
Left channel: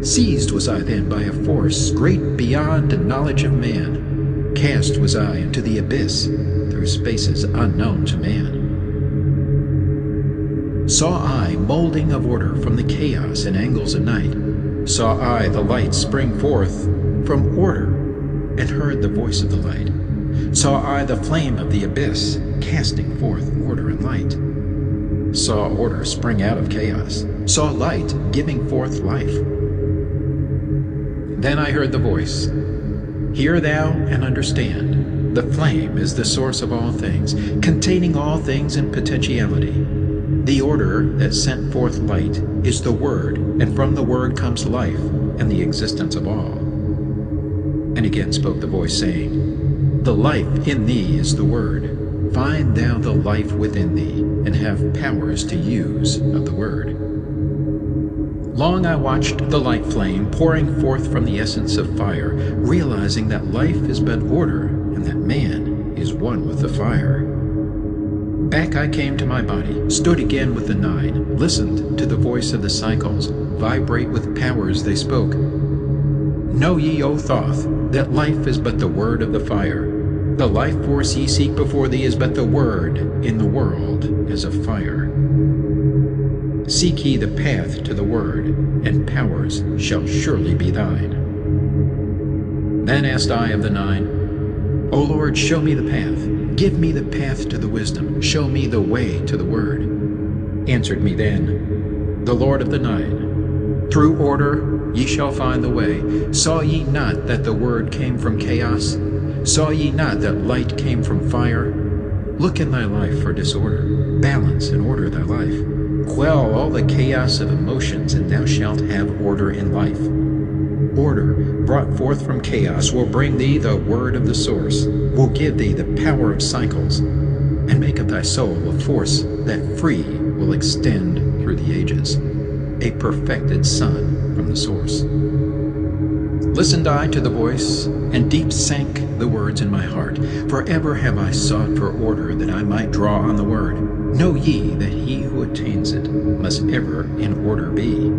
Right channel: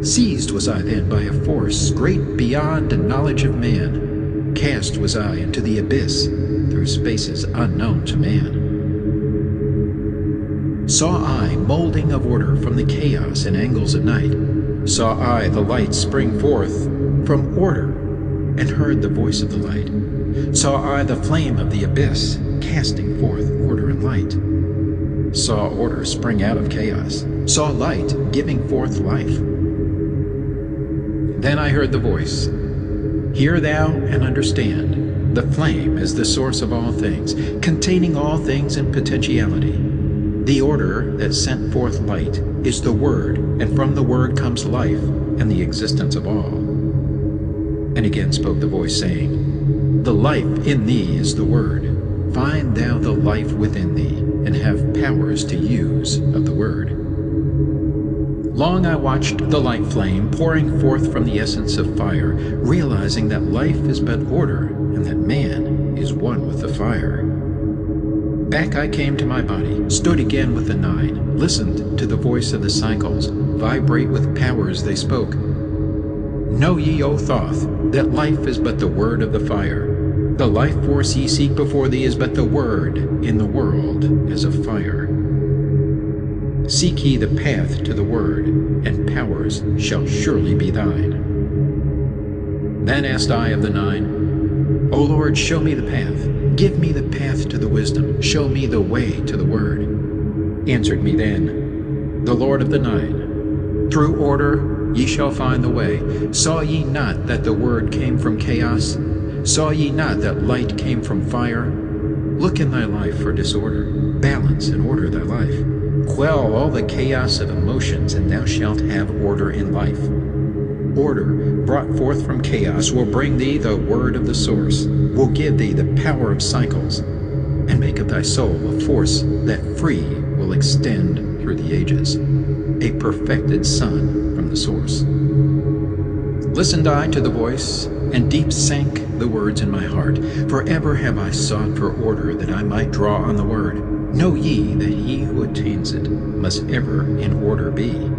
Seized was I then by a force great beyond knowledge of man. Cast was I into the abyss, through spaces unknown to man. Saw I molding of order from the chaos and angles of night. Saw I the light spring forth from order, and heard the voice of the light. Saw I the flame of the abyss, casting forth order and light. Saw order spring out of chaos. Saw light giving forth life. Then I heard the voice: hear thou and understand. The flame is the source of all things, containing all things in potentiality. The order that sent forth light is the Word, and from the Word comes life and the existence of all. And again spoke the voice, saying, the life in thee is the Word. find thou the life within thee, and have powers to use of the word. Long I watched the light flame pouring forth from the essence of fire, realizing that life is but order, and that man is one with the fire. Back I came to my body, stood again with the nine, listened to the voice of the cycles, vibrate with powers they spoke. Know ye, O Thoth, that life is but the word of the fire. The life force ye seek before thee is but the word in the world as of fire. Seek ye the path to the word, and powers shall surely be thine. Then asked I of the nine, O Lord, show me the path. Give me the path to the wisdom. Show me the way to the word. Answered me then the Lord of the nine, through order ye shall find the way. Saw ye not that the word came from chaos? Saw ye not that light came from fire? Look in thy life for disorder. Balance and order thy life. Quell all the chaos of emotions, and thou shalt have order in life. Order, brought forth from chaos, will bring thee the word of the source, will give thee the power of cycles, and make of thy soul a force that free will extend through the ages, a perfected sun from the source. Listened I to the voice, and deep sank the words in my heart. Forever have I sought for order, that I might draw on the word. Know ye that he who attains it must ever in order be,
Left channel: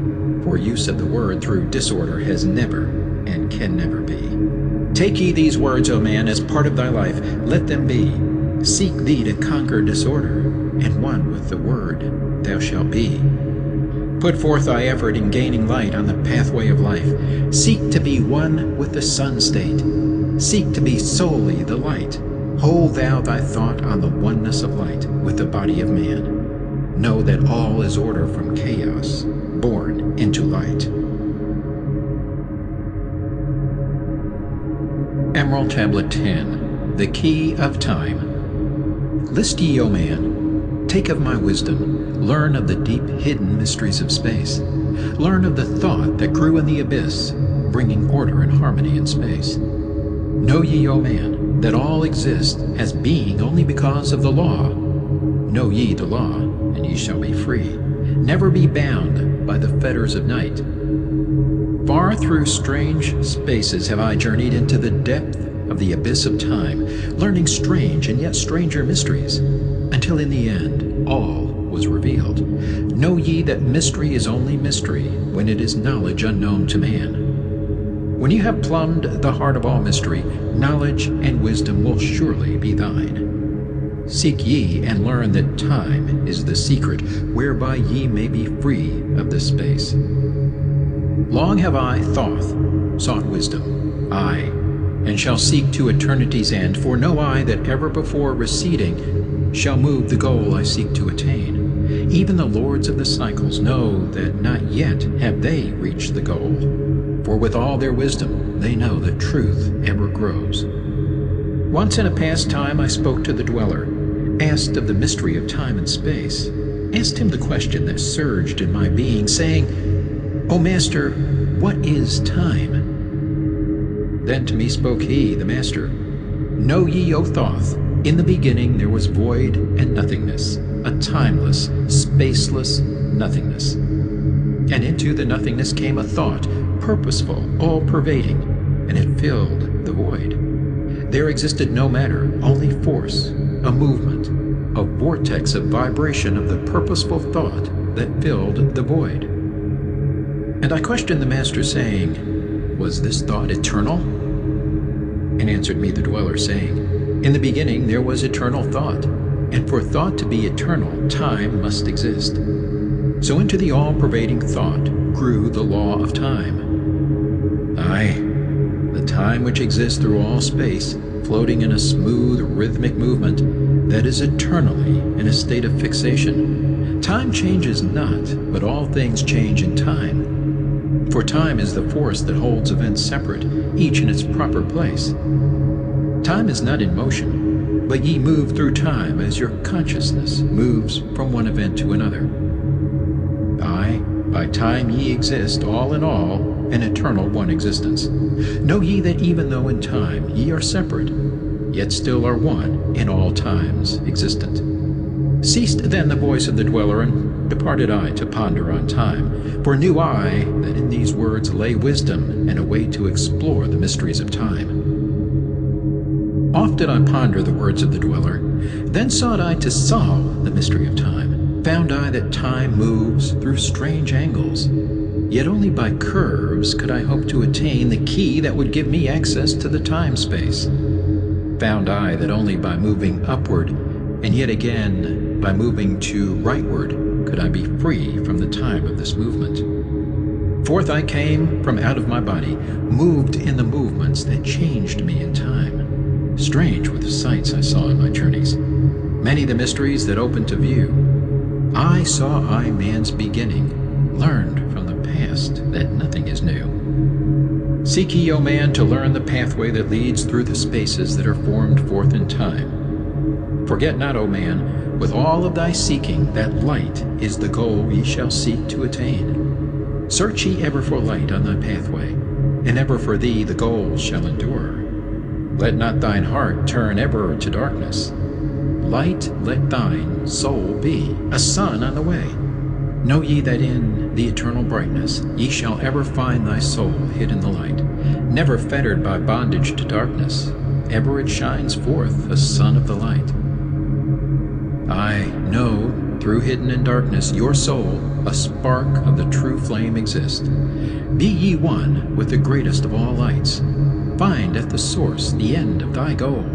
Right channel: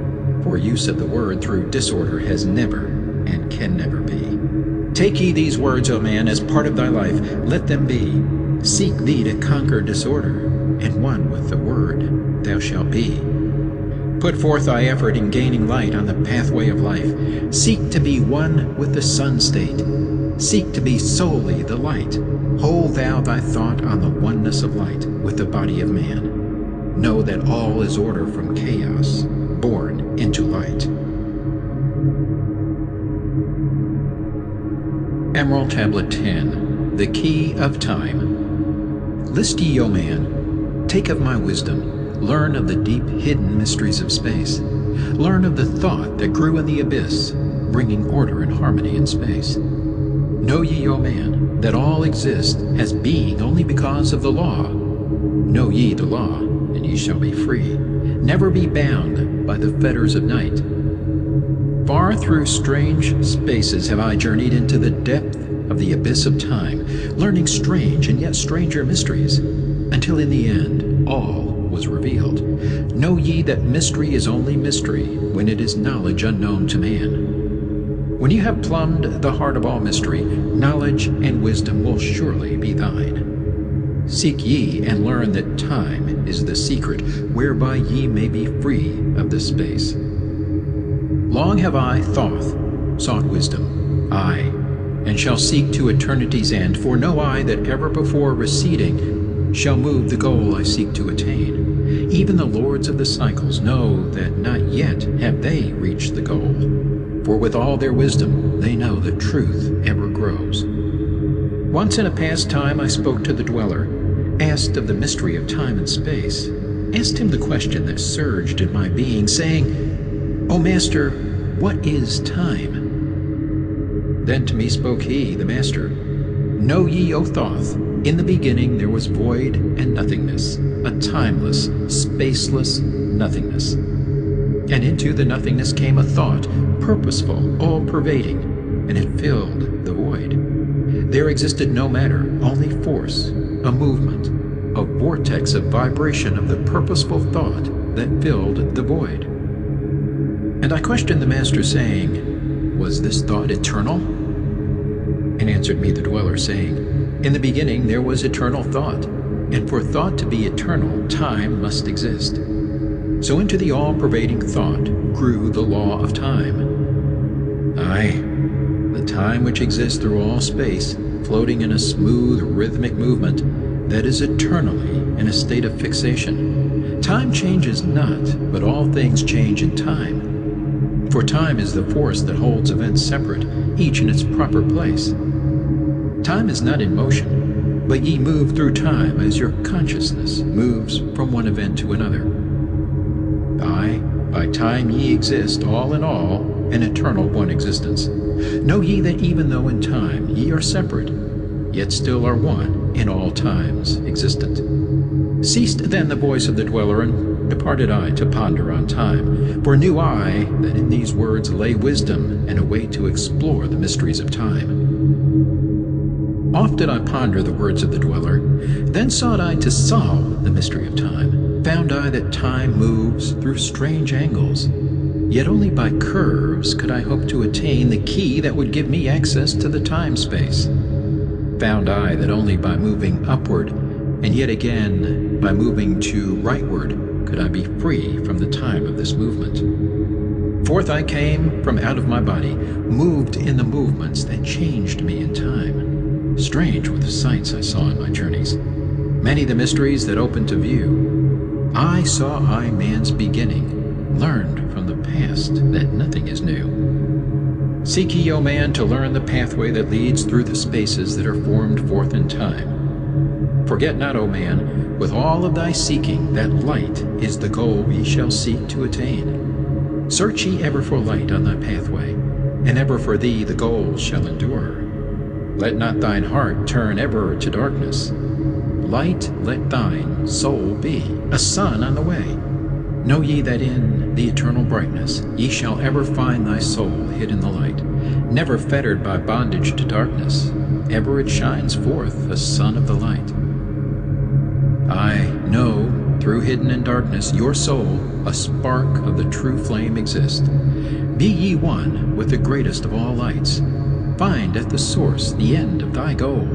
for use of the word through disorder has never and can never be. Take ye these words, O man, as part of thy life, let them be. Seek thee to conquer disorder, and one with the word thou shalt be. Put forth thy effort in gaining light on the pathway of life. Seek to be one with the sun state. Seek to be solely the light. Hold thou thy thought on the oneness of light with the body of man. Know that all is order from chaos, born into light. Emerald Tablet 10, The Key of Time. List ye, O man, take of my wisdom. Learn of the deep hidden mysteries of space. Learn of the thought that grew in the abyss, bringing order and harmony in space. Know ye, O man, that all exist as being only because of the law. Know ye the law, and ye shall be free. Never be bound by the fetters of night. Far through strange spaces have I journeyed into the depth of the abyss of time, learning strange and yet stranger mysteries, until in the end all was revealed. Know ye that mystery is only mystery when it is knowledge unknown to man. When you have plumbed the heart of all mystery, knowledge and wisdom will surely be thine. Seek ye and learn that time is the secret whereby ye may be free of this space. Long have I, Thoth, sought wisdom, aye, and shall seek to eternity's end, for no eye that ever before receding shall move the goal I seek to attain. Even the lords of the cycles know that not yet have they reached the goal, for with all their wisdom they know that truth ever grows. Once in a past time I spoke to the dweller, asked of the mystery of time and space, asked him the question that surged in my being, saying, O Master, what is time? Then to me spoke he, the Master, Know ye, O Thoth, in the beginning there was void and nothingness, a timeless, spaceless nothingness. And into the nothingness came a thought, purposeful, all-pervading, and it filled the void. There existed no matter, only force, a movement, a vortex of vibration of the purposeful thought that filled the void. And I questioned the Master, saying, Was this thought eternal? And answered me the dweller, saying, In the beginning there was eternal thought, and for thought to be eternal, time must exist. So into the all-pervading thought grew the law of time. Aye, the time which exists through all space, floating in a smooth, rhythmic movement that is eternally in a state of fixation. Time changes not, but all things change in time. For time is the force that holds events separate, each in its proper place. Time is not in motion, but ye move through time as your consciousness moves from one event to another. Aye, by time ye exist, all in all, an eternal one existence. Know ye that even though in time ye are separate, yet still are one, in all times existent. Ceased then the voice of the dweller, and departed I to ponder on time, for knew I that in these words lay wisdom and a way to explore the mysteries of time. Oft did I ponder the words of the dweller, then sought I to solve the mystery of time. Found I that time moves through strange angles, yet only by curves could I hope to attain the key that would give me access to the time-space. Found I that only by moving upward, and yet again by moving to rightward, could I be free from the time of this movement. Forth I came from out of my body, moved in the movements that changed me in time. Strange were the sights I saw in my journeys, many the mysteries that opened to view. I saw man's beginning, learned from the past that nothing is new. Seek ye, O man, to learn the pathway that leads through the spaces that are formed forth in time. Forget not, O man, with all of thy seeking, that light is the goal ye shall seek to attain. Search ye ever for light on thy pathway, and ever for thee the goal shall endure. Let not thine heart turn ever to darkness. Light let thine soul be, a sun on the way. Know ye that in the eternal brightness ye shall ever find thy soul hid in the light, never fettered by bondage to darkness. Ever it shines forth, a sun of the light. I know, through hidden in darkness, your soul, a spark of the true flame exists. Be ye one with the greatest of all lights. Find at the source the end of thy goal.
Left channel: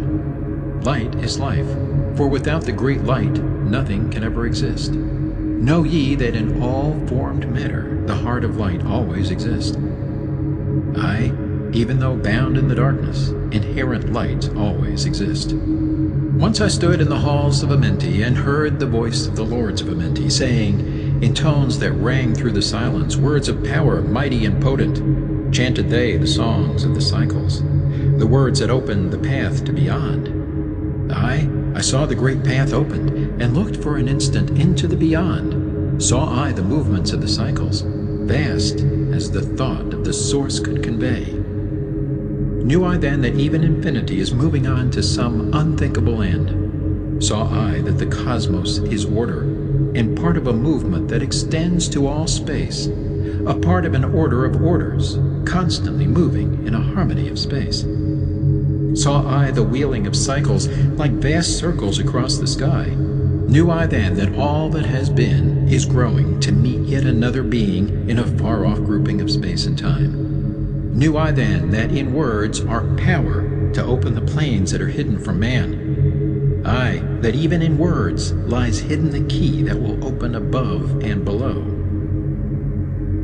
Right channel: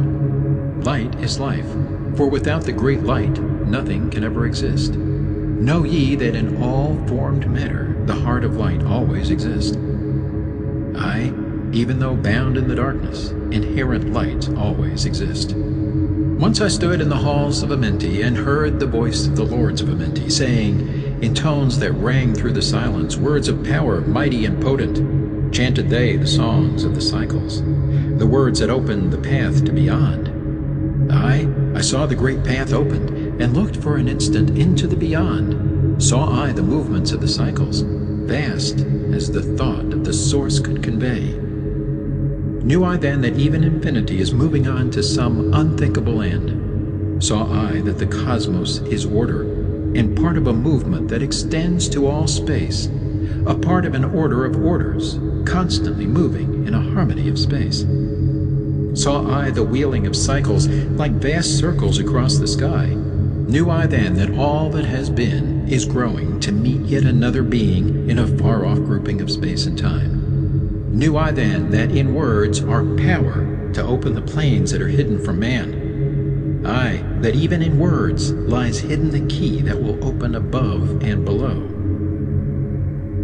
Light is life, for without the great light nothing can ever exist. Know ye that in all formed matter the heart of light always exists. Aye, even though bound in the darkness, inherent light always exists. Once I stood in the halls of Amenti and heard the voice of the lords of Amenti, saying, in tones that rang through the silence, words of power mighty and potent. Chanted they the songs of the cycles, the words that opened the path to beyond. I saw the great path opened, and looked for an instant into the beyond. Saw I the movements of the cycles, vast as the thought of the source could convey. Knew I then that even infinity is moving on to some unthinkable end. Saw I that the cosmos is order, and part of a movement that extends to all space, a part of an order of orders, constantly moving in a harmony of space. Saw I the wheeling of cycles like vast circles across the sky. Knew I then that all that has been is growing to meet yet another being in a far-off grouping of space and time. Knew I then that in words are power to open the planes that are hidden from man. Aye, that even in words lies hidden the key that will open above and below.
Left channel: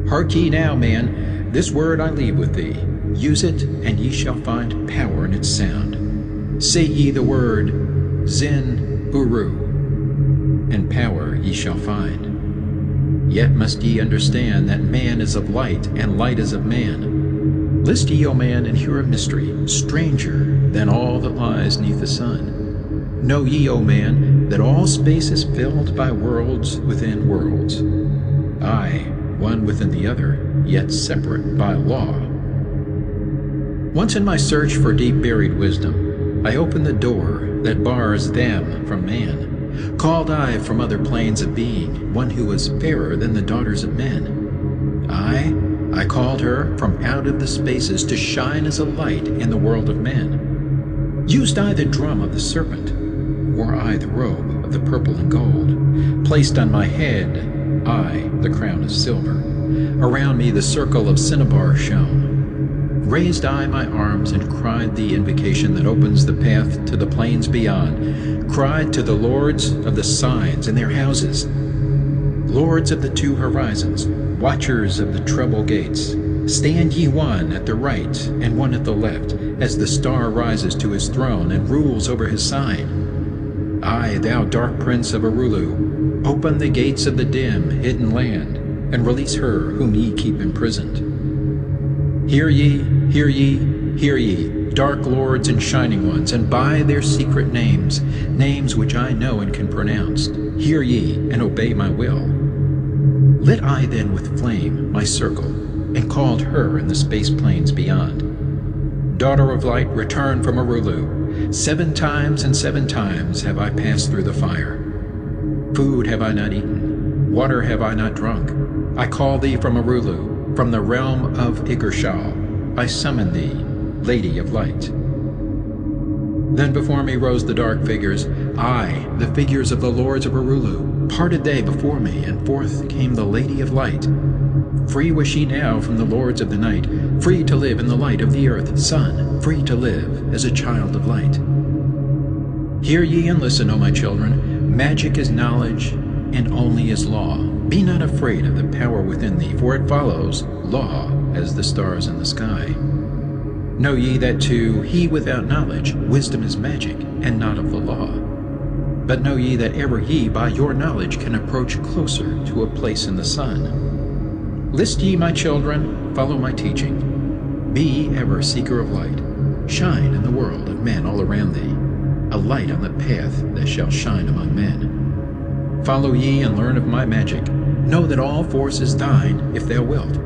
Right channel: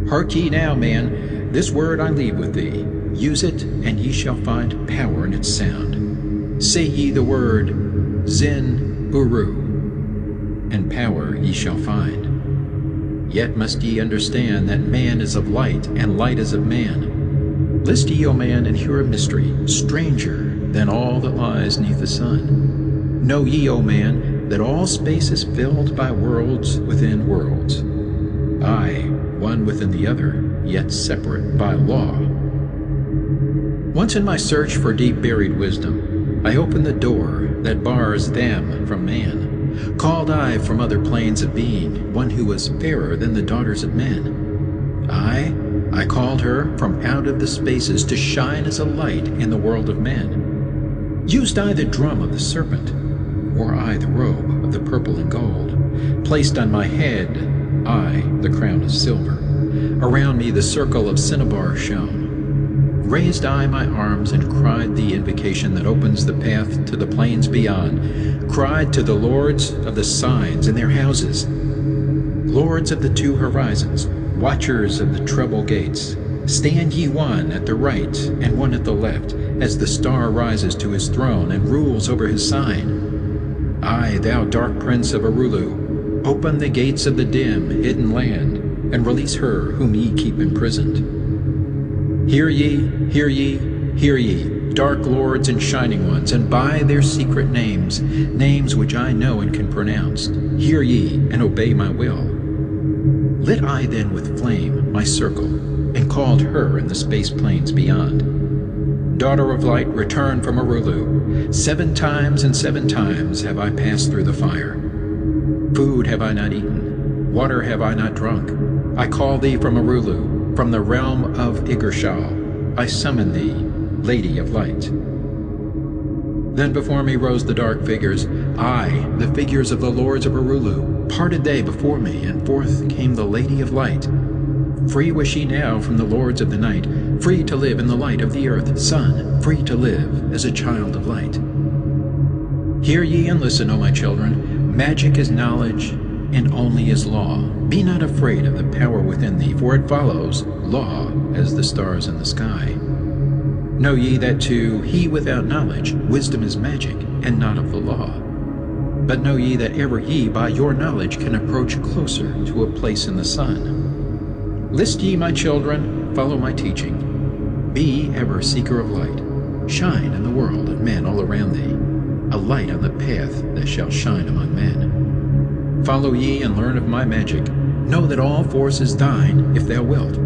Hark ye now, man, this word I leave with thee. Use it, and ye shall find power in its sound. Say ye the word Zin Uru, and power ye shall find. Yet must ye understand that man is of light, and light is of man. List ye, O man, and hear a mystery, stranger than all that lies neath the sun. Know ye, O man, that all space is filled by worlds within worlds. Aye, one within the other, yet separate by law. Once in my search for deep-buried wisdom, I opened the door that bars them from man. Called I from other planes of being one who was fairer than the daughters of men. I called her from out of the spaces to shine as a light in the world of men. Used I the drum of the serpent, wore I the robe of the purple and gold, placed on my head I the crown of silver. Around me the circle of cinnabar shone. Raised I my arms and cried the invocation that opens the path to the plains beyond, cried to the lords of the signs in their houses, lords of the two horizons, watchers of the treble gates, stand ye one at the right and one at the left, as the star rises to his throne and rules over his sign. Aye, thou dark prince of Arulu, open the gates of the dim, hidden land, and release her whom ye keep imprisoned. Hear ye, hear ye, hear ye, dark lords and shining ones, and by their secret names, names which I know and can pronounce, hear ye and obey my will. Lit I then with flame my circle, and called her in the space plains beyond. daughter of light, return from Arulu. 7 times and 7 times have I passed through the fire. Food have I not eaten, water have I not drunk. I call thee from Arulu, from the realm of Igershal. I summon thee, Lady of Light. Then before me rose the dark figures, aye, the figures of the lords of Arulu. Parted they before me, and forth came the Lady of Light. Free was she now from the lords of the night, free to live in the light of the earth, sun, free to live as a child of light. Hear ye and listen, O my children, magic is knowledge, and only is law. Be not afraid of the power within thee, for it follows law as the stars in the sky. Know ye that to he without knowledge wisdom is magic, and not of the law. But know ye that ever ye by your knowledge can approach closer to a place in the sun. List ye, my children, follow my teaching. Be ever seeker of light. Shine in the world of men all around thee, a light on the path that shall shine among men. Follow ye and learn of my magic. Know that all force is thine, if thou wilt.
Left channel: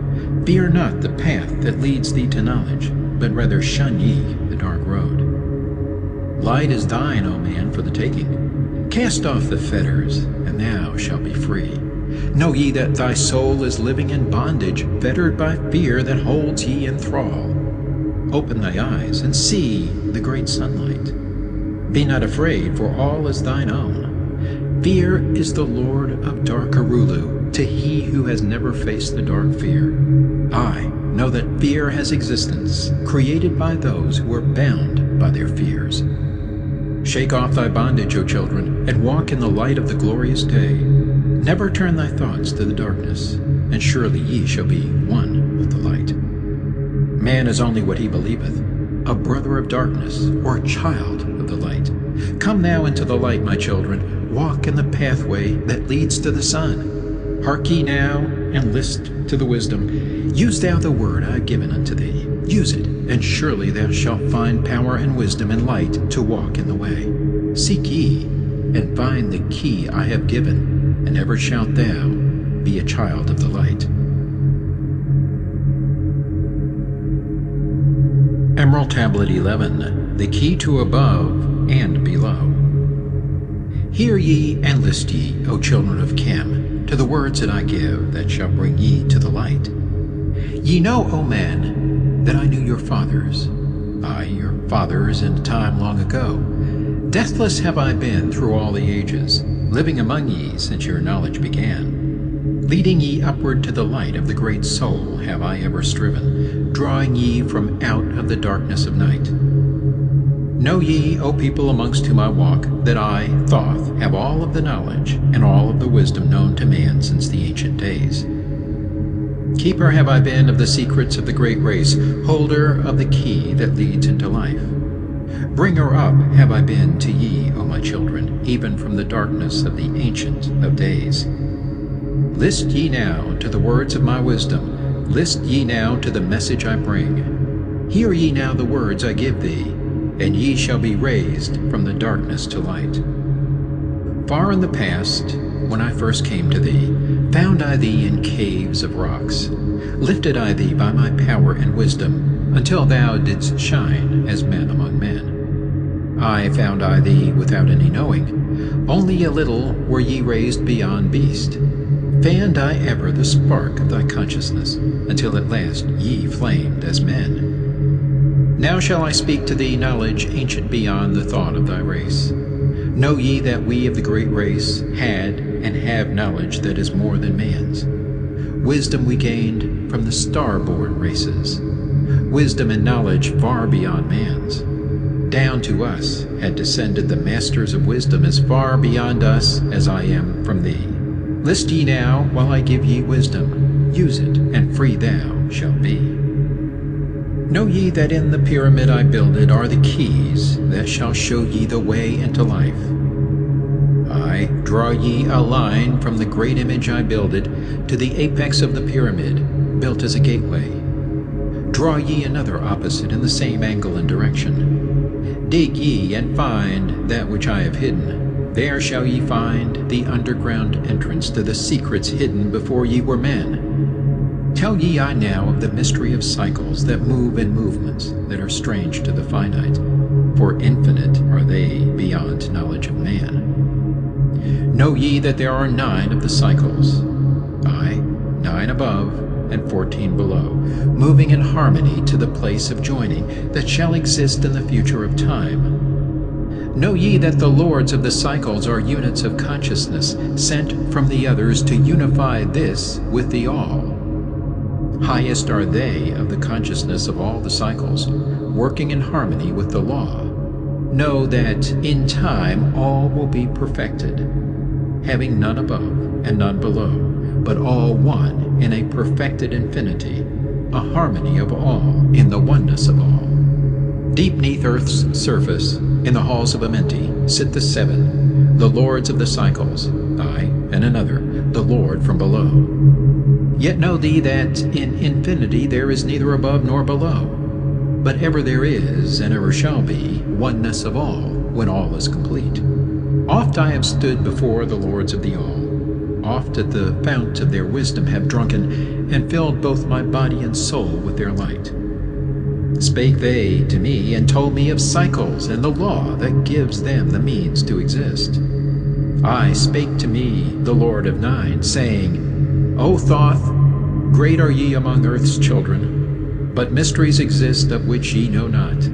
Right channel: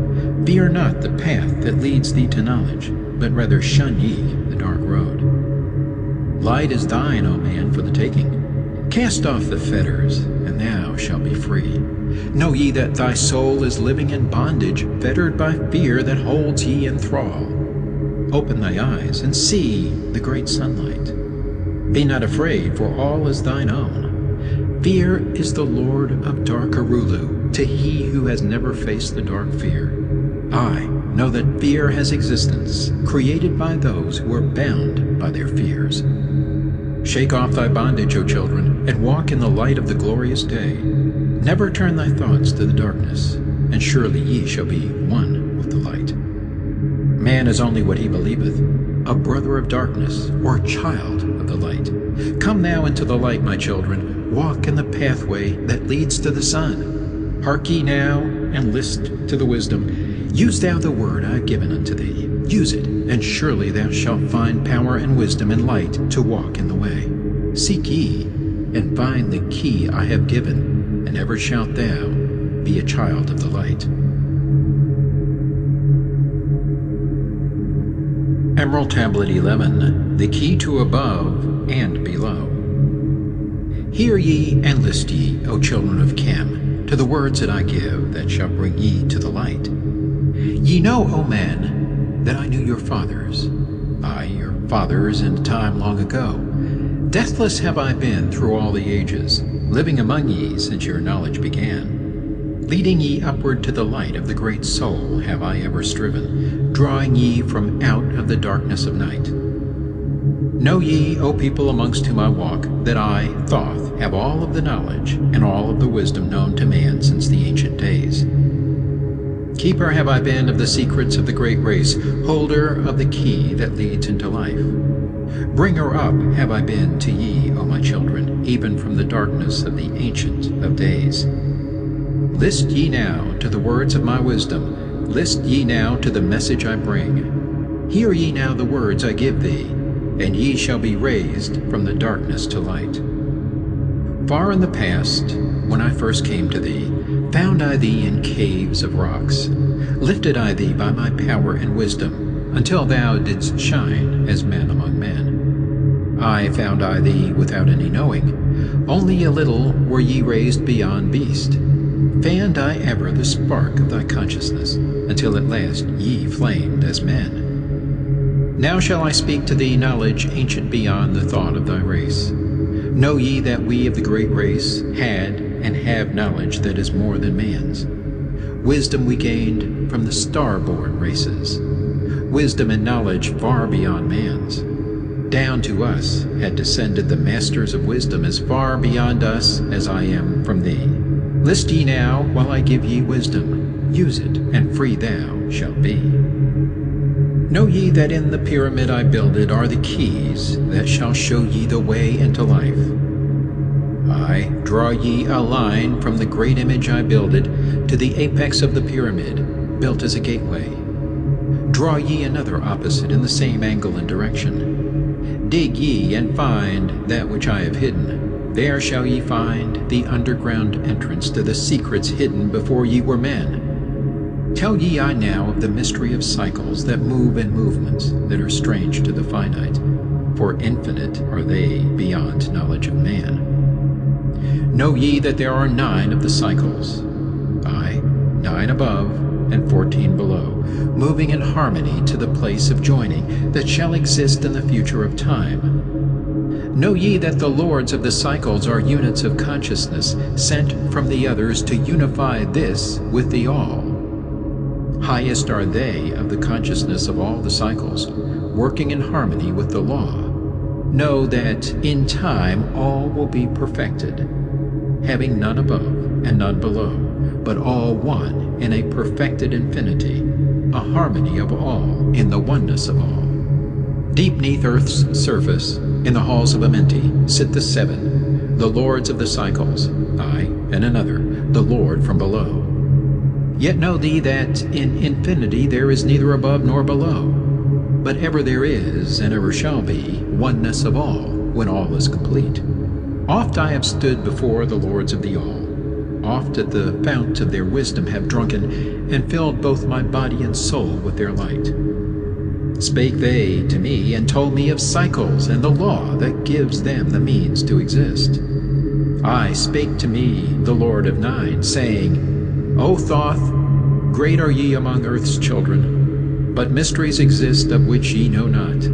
Fear not the path that leads thee to knowledge, but rather shun ye the dark road. Light is thine, O man, for the taking. Cast off the fetters, and thou shalt be free. Know ye that thy soul is living in bondage, fettered by fear that holds ye in thrall. Open thy eyes, and see the great sunlight. Be not afraid, for all is thine own. Fear is the lord of dark Arulu, to he who has never faced the dark fear. I know that fear has existence, created by those who are bound by their fears. Shake off thy bondage, O children, and walk in the light of the glorious day. Never turn thy thoughts to the darkness, and surely ye shall be one with the light. Man is only what he believeth, a brother of darkness, or a child of the light. Come now into the light, my children, walk in the pathway that leads to the sun. Hark ye now, and list to the wisdom. Use thou the word I have given unto thee. Use it, and surely thou shalt find power and wisdom and light to walk in the way. Seek ye, and find the key I have given, and ever shalt thou be a child of the light. Emerald Tablet 11, the key to above and below. Hear ye and list ye, O children of Chem, to the words that I give, that shall bring ye to the light. Ye know, O man, that I knew your fathers, aye, your fathers in time long ago. Deathless have I been through all the ages, living among ye since your knowledge began. Leading ye upward to the light of the great soul have I ever striven, drawing ye from out of the darkness of night. Know ye, O people amongst whom I walk, that I, Thoth, have all of the knowledge and all of the wisdom known to man since the ancient days. Keeper have I been of the secrets of the great race, holder of the key that leads into life. Bringer up have I been to ye, O my children, even from the darkness of the Ancient of Days. List ye now to the words of my wisdom, list ye now to the message I bring. Hear ye now the words I give thee, and ye shall be raised from the darkness to light. Far in the past, when I first came to thee, found I thee in caves of rocks. Lifted I thee by my power and wisdom, until thou didst shine as man among men. I found I thee without any knowing, only a little were ye raised beyond beast. Fanned I ever the spark of thy consciousness, until at last ye flamed as men. Now shall I speak to thee knowledge ancient beyond the thought of thy race. Know ye that we of the great race had and have knowledge that is more than man's. Wisdom we gained from the star-born races, wisdom and knowledge far beyond man's. Down to us had descended the masters of wisdom as far beyond us as I am from thee. List ye now while I give ye wisdom, use it, and free thou shalt be. Know ye that in the pyramid I builded are the keys that shall show ye the way into life. I draw ye a line from the great image I builded to the apex of the pyramid, built as a gateway. Draw ye another opposite in the same angle and direction. Dig ye and find that which I have hidden. There shall ye find the underground entrance to the secrets hidden before ye were men. Tell ye I now of the mystery of cycles that move in movements that are strange to the finite, for infinite are they beyond knowledge of man. Know ye that there are 9 of the cycles, aye, 9 above and 14 below, moving in harmony to the place of joining that shall exist in the future of time. Know ye that the lords of the cycles are units of consciousness, sent from the others to unify this with the all. Highest are they of the consciousness of all the cycles, working in harmony with the law. Know that in time all will be perfected, having none above and none below, but all one in a perfected infinity, a harmony of all in the oneness of all. Deep neath earth's surface, in the halls of Amenti, sit the 7, the lords of the cycles, I, and another, the Lord from below. Yet know thee that in infinity there is neither above nor below, but ever there is, and ever shall be, oneness of all, when all is complete. Oft I have stood before the lords of the all, oft at the fount of their wisdom have drunken, and filled both my body and soul with their light. Spake they to me, and told me of cycles and the law that gives them the means to exist. I spake to me, the Lord of 9, saying, O Thoth, great are ye among earth's children, but mysteries exist of which ye know not.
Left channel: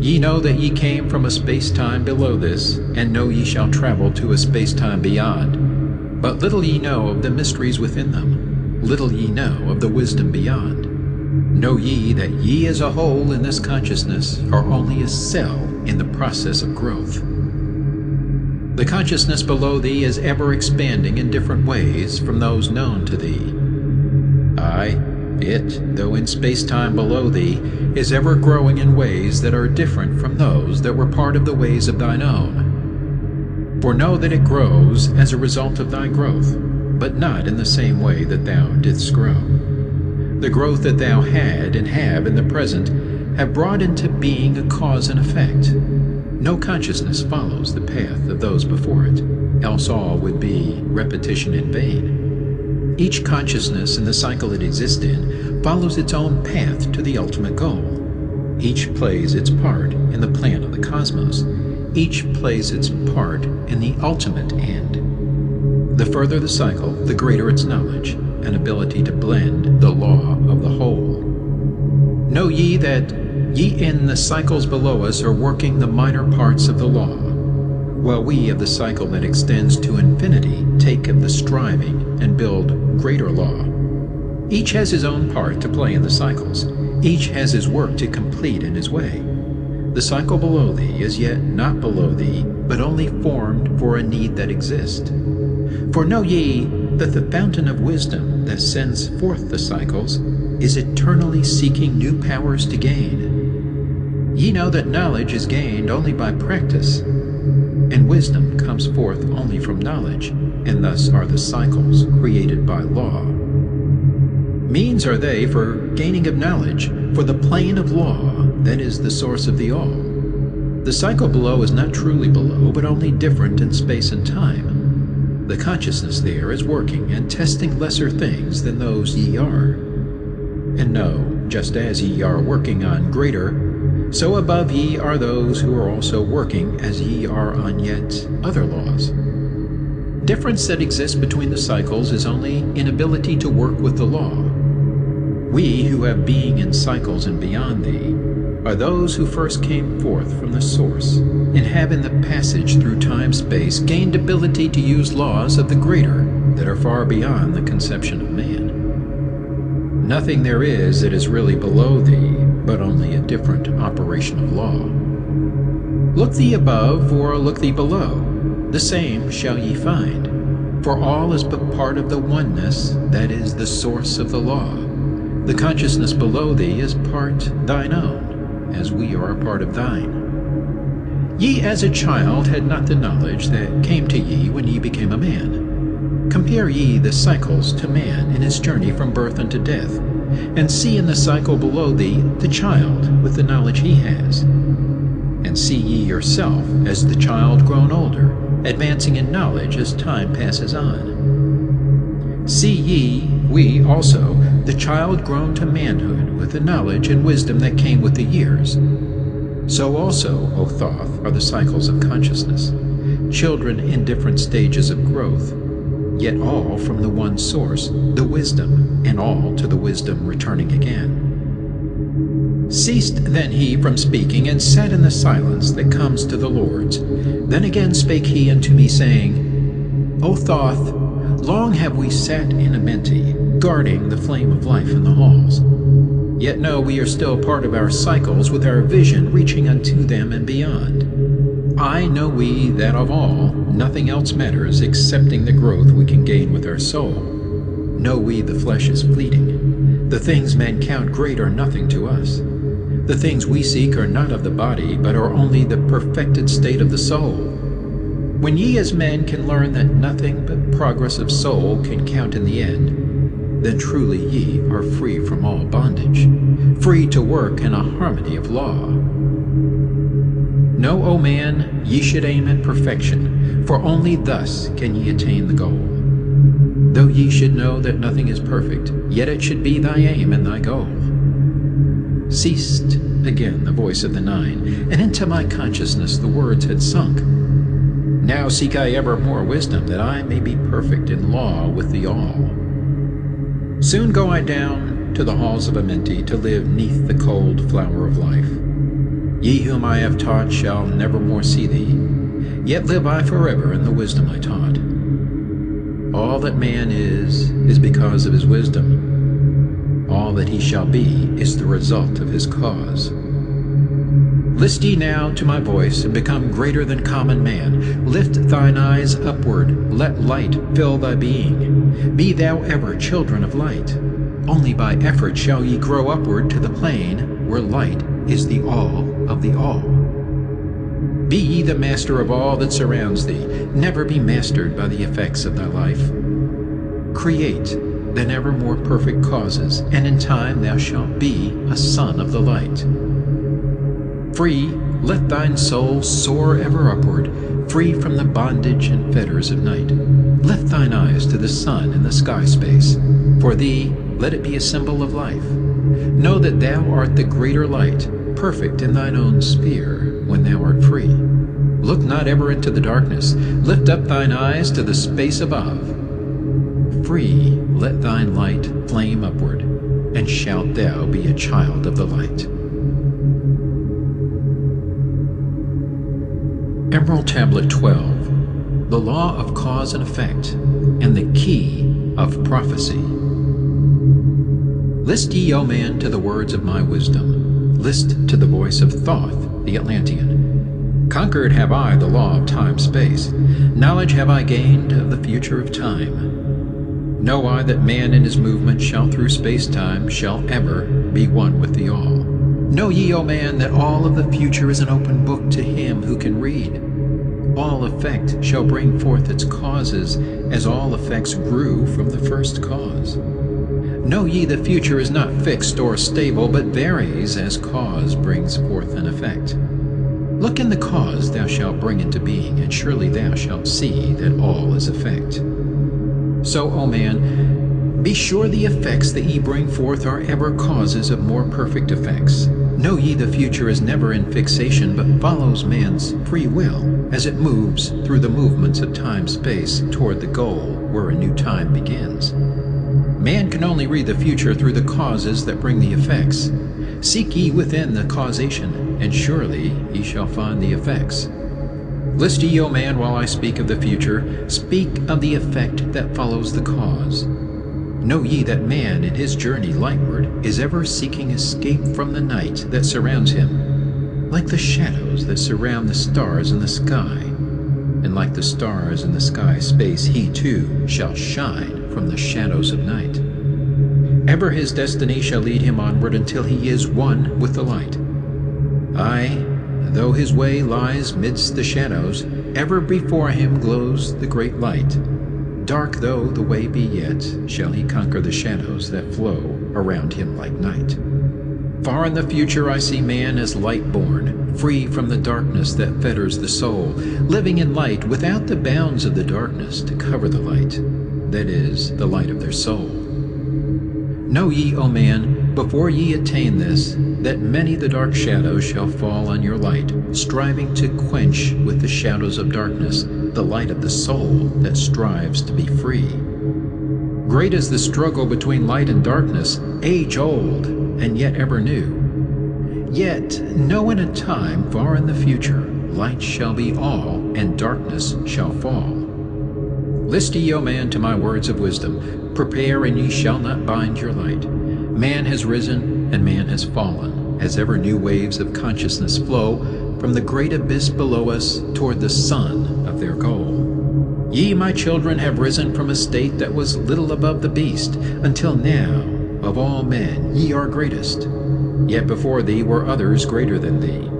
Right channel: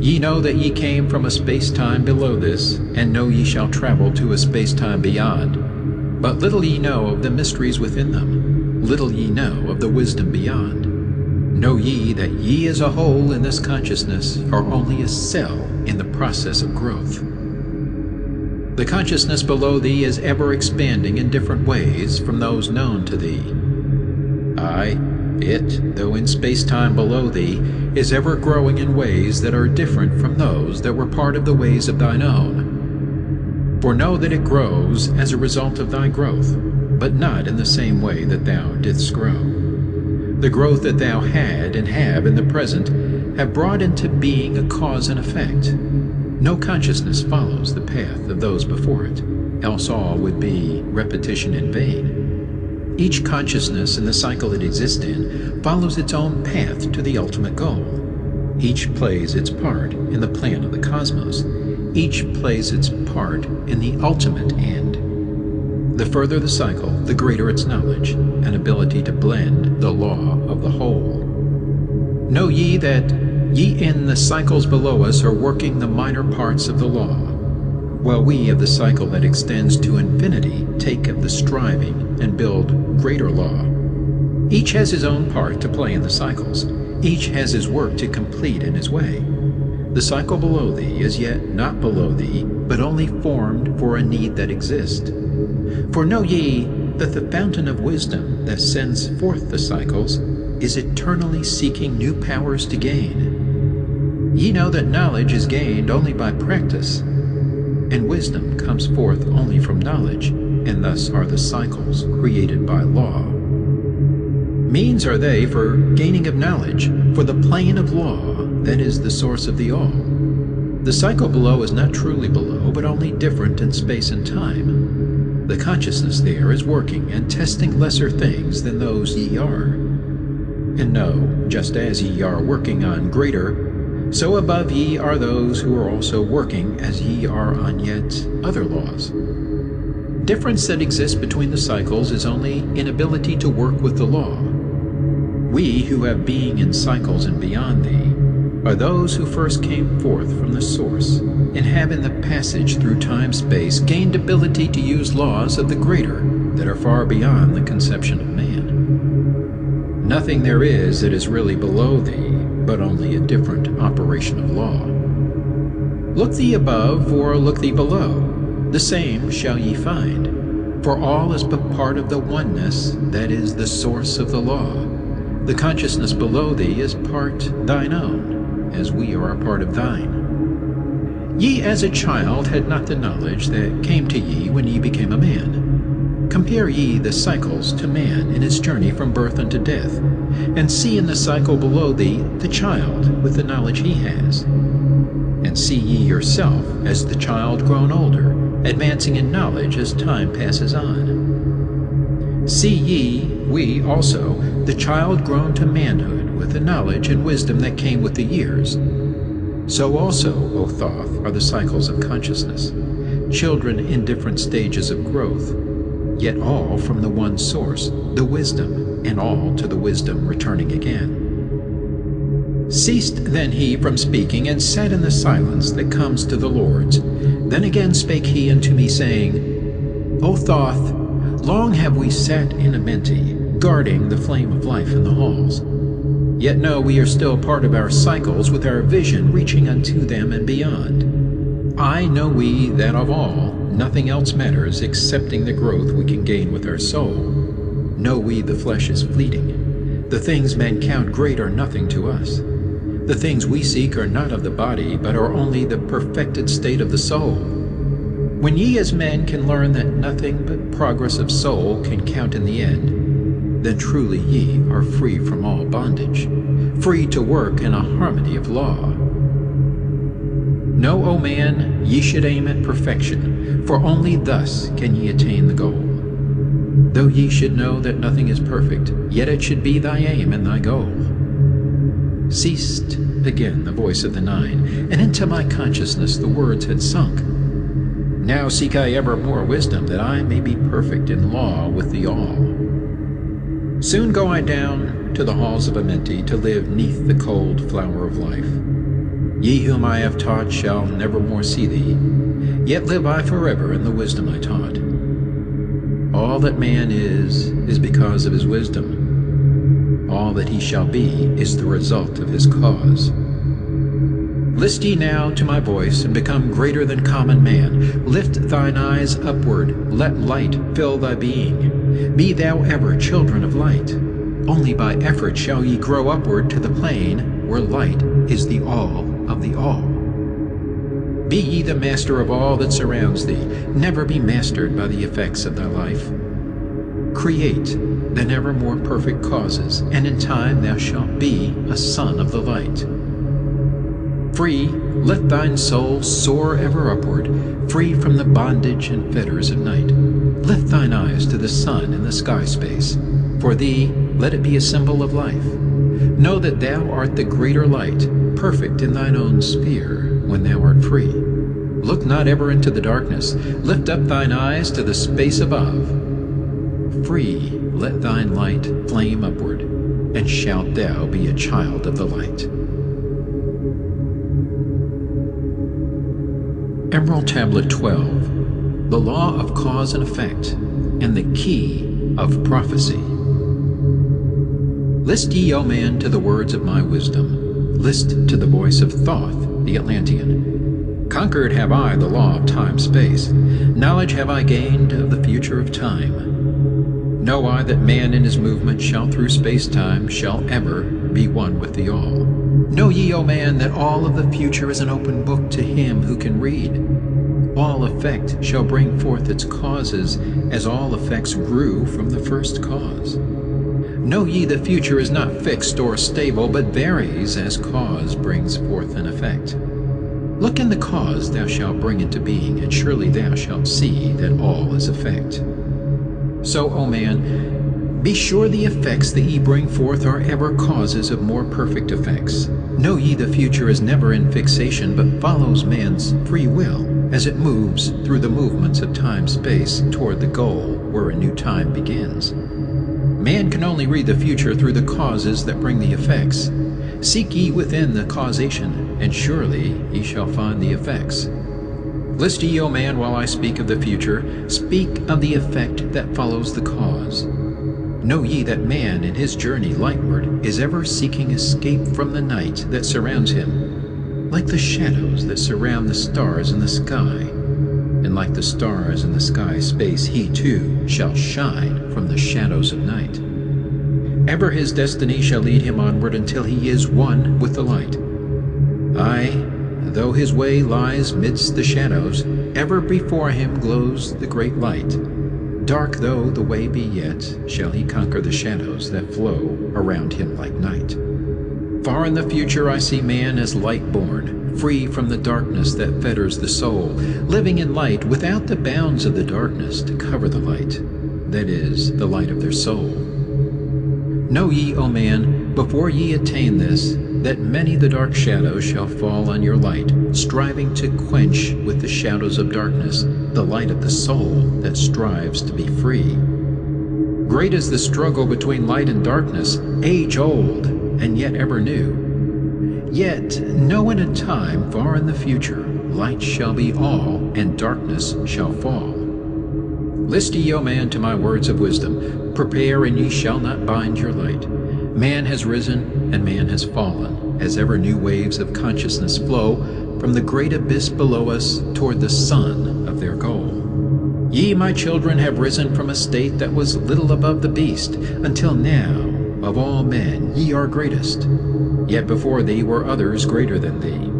Ye know that ye came from a space-time below this, and know ye shall travel to a space-time beyond. But little ye know of the mysteries within them, little ye know of the wisdom beyond. Know ye that ye as a whole in this consciousness are only a cell in the process of growth. The consciousness below thee is ever expanding in different ways from those known to thee. Aye, it, though in space-time below thee, is ever growing in ways that are different from those that were part of the ways of thine own. For know that it grows as a result of thy growth, but not in the same way that thou didst grow. The growth that thou had and have in the present have brought into being a cause and effect. No consciousness follows the path of those before it, else all would be repetition in vain. Each consciousness in the cycle it exists in follows its own path to the ultimate goal. Each plays its part in the plan of the cosmos. Each plays its part in the ultimate end. The further the cycle, the greater its knowledge and ability to blend the law of the whole. Know ye that ye in the cycles below us are working the minor parts of the law, while we of the cycle that extends to infinity take of the striving and build greater law. Each has his own part to play in the cycles. Each has his work to complete in his way. The cycle below thee is yet not below thee, but only formed for a need that exists. For know ye that the fountain of wisdom that sends forth the cycles is eternally seeking new powers to gain. Ye know that knowledge is gained only by practice, and wisdom comes forth only from knowledge, and thus are the cycles created by law. Means are they for gaining of knowledge, for the plane of law that is the source of the all. The cycle below is not truly below, but only different in space and time. The consciousness there is working and testing lesser things than those ye are. And know, just as ye are working on greater, so above ye are those who are also working as ye are on yet other laws. Difference that exists between the cycles is only inability to work with the law. We who have being in cycles and beyond thee are those who first came forth from the source, and have in the passage through time-space gained ability to use laws of the greater that are far beyond the conception of man. Nothing there is that is really below thee, but only a different operation of law. Look thee above, or look thee below, the same shall ye find, for all is but part of the oneness that is the source of the law. The consciousness below thee is part thine own, as we are a part of thine. Ye as a child had not the knowledge that came to ye when ye became a man. Compare ye the cycles to man in his journey from birth unto death, and see in the cycle below thee the child with the knowledge he has. And see ye yourself as the child grown older, advancing in knowledge as time passes on. See ye, we also, the child grown to manhood, with the knowledge and wisdom that came with the years. So also, O Thoth, are the cycles of consciousness, children in different stages of growth, yet all from the one source, the wisdom, and all to the wisdom returning again. Ceased then he from speaking, and sat in the silence that comes to the Lord's. Then again spake he unto me, saying, O Thoth, long have we sat in Amenti, guarding the flame of life in the halls. Yet know we are still part of our cycles, with our vision reaching unto them and beyond. I know we that of all, nothing else matters excepting the growth we can gain with our soul. Know we the flesh is fleeting. The things men count great are nothing to us. The things we seek are not of the body, but are only the perfected state of the soul. When ye as men can learn that nothing but progress of soul can count in the end, then truly ye are free from all bondage, free to work in a harmony of law. Know, O man, ye should aim at perfection, for only thus can ye attain the goal. Though ye should know that nothing is perfect, yet it should be thy aim and thy goal. Ceased again the voice of the nine, and into my consciousness the words had sunk. Now seek I ever more wisdom, that I may be perfect in law with the all. Soon go I down to the halls of Amenti, to live neath the cold flower of life. Ye whom I have taught shall never more see thee, yet live I forever in the wisdom I taught. All that man is because of his wisdom. All that he shall be is the result of his cause. List ye now to my voice, and become greater than common man. Lift thine eyes upward, let light fill thy being. Be thou ever children of light. Only by effort shall ye grow upward to the plane where light is the all of the all. Be ye the master of all that surrounds thee. Never be mastered by the effects of thy life. Create then ever more perfect causes, and in time thou shalt be a son of the light. Free, let thine soul soar ever upward, free from the bondage and fetters of night. Lift thine eyes to the sun and the sky space. For thee, let it be a symbol of life. Know that thou art the greater light, perfect in thine own sphere, when thou art free. Look not ever into the darkness. Lift up thine eyes to the space above. Free, let thine light flame upward, and shalt thou be a child of the light. Emerald Tablet 12. The Law of Cause and Effect, and the Key of Prophecy. List ye, O man, to the words of my wisdom. List to the voice of Thoth, the Atlantean. Conquered have I the law of time-space. Knowledge have I gained of the future of time. Know I that man in his movement shall through space-time shall ever be one with the all. Know ye, O man, that all of the future is an open book to him who can read. All effect shall bring forth its causes, as all effects grew from the first cause. Know ye the future is not fixed or stable, but varies as cause brings forth an effect. Look in the cause thou shalt bring into being, and surely thou shalt see that all is effect. So, O man, be sure the effects that ye bring forth are ever causes of more perfect effects. Know ye the future is never in fixation, but follows man's free will, as it moves through the movements of time-space toward the goal where a new time begins. Man can only read the future through the causes that bring the effects. Seek ye within the causation, and surely ye shall find the effects. List ye, O man, while I speak of the future, speak of the effect that follows the cause. Know ye that man in his journey lightward is ever seeking escape from the night that surrounds him, like the shadows that surround the stars in the sky. And like the stars in the sky space, he too shall shine from the shadows of night. Ever his destiny shall lead him onward until he is one with the light. Aye, though his way lies midst the shadows, ever before him glows the great light. Dark though the way be yet, shall he conquer the shadows that flow around him like night. Far in the future I see man as light-born, free from the darkness that fetters the soul, living in light without the bounds of the darkness to cover the light. that is, the light of their soul. Know ye, O man, before ye attain this, that many the dark shadows shall fall on your light, striving to quench with the shadows of darkness the light of the soul that strives to be free. Great is the struggle between light and darkness, age-old and yet ever new. Yet know in a time far in the future, light shall be all, and darkness shall fall. List ye, O man, to my words of wisdom. Prepare, and ye shall not bind your light. Man has risen, and man has fallen, as ever new waves of consciousness flow from the great abyss below us toward the sun of their goal. Ye, my children, have risen from a state that was little above the beast, until now, of all men, ye are greatest. Yet before thee were others greater than thee.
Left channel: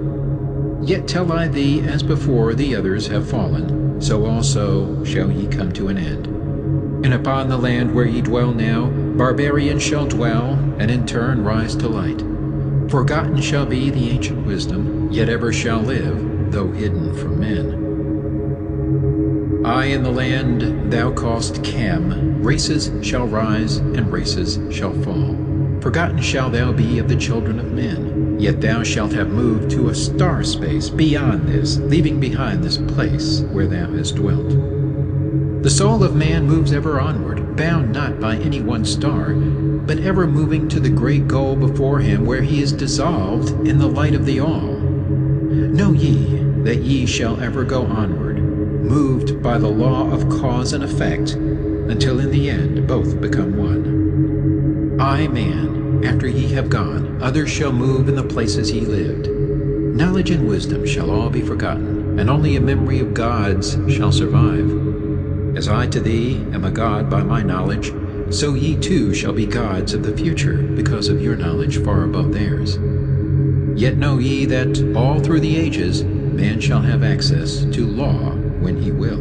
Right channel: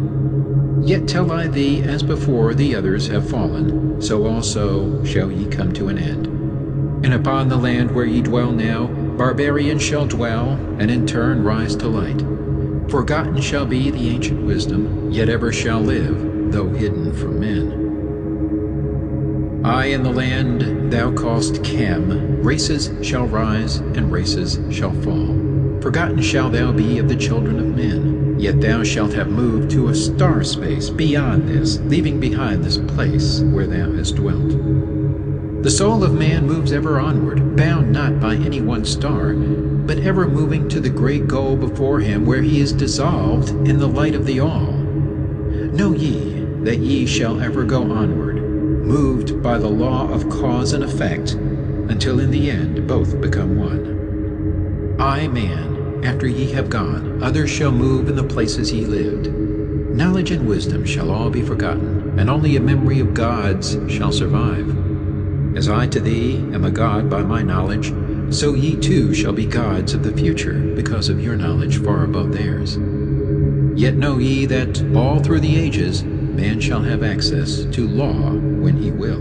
Yet tell I thee, as before the others have fallen, so also shall ye come to an end. And upon the land where ye dwell now, barbarians shall dwell, and in turn rise to light. Forgotten shall be the ancient wisdom, yet ever shall live, though hidden from men. I in the land thou callest Cam, races shall rise, and races shall fall. Forgotten shall thou be of the children of men, yet thou shalt have moved to a star space beyond this, leaving behind this place where thou hast dwelt. The soul of man moves ever onward, bound not by any one star, but ever moving to the great goal before him, where he is dissolved in the light of the all. Know ye that ye shall ever go onward, moved by the law of cause and effect, until in the end both become one. I, man, after ye have gone, others shall move in the places ye lived. Knowledge and wisdom shall all be forgotten, and only a memory of gods shall survive. As I to thee am a god by my knowledge, so ye too shall be gods of the future, because of your knowledge far above theirs. Yet know ye that all through the ages man shall have access to law when he will.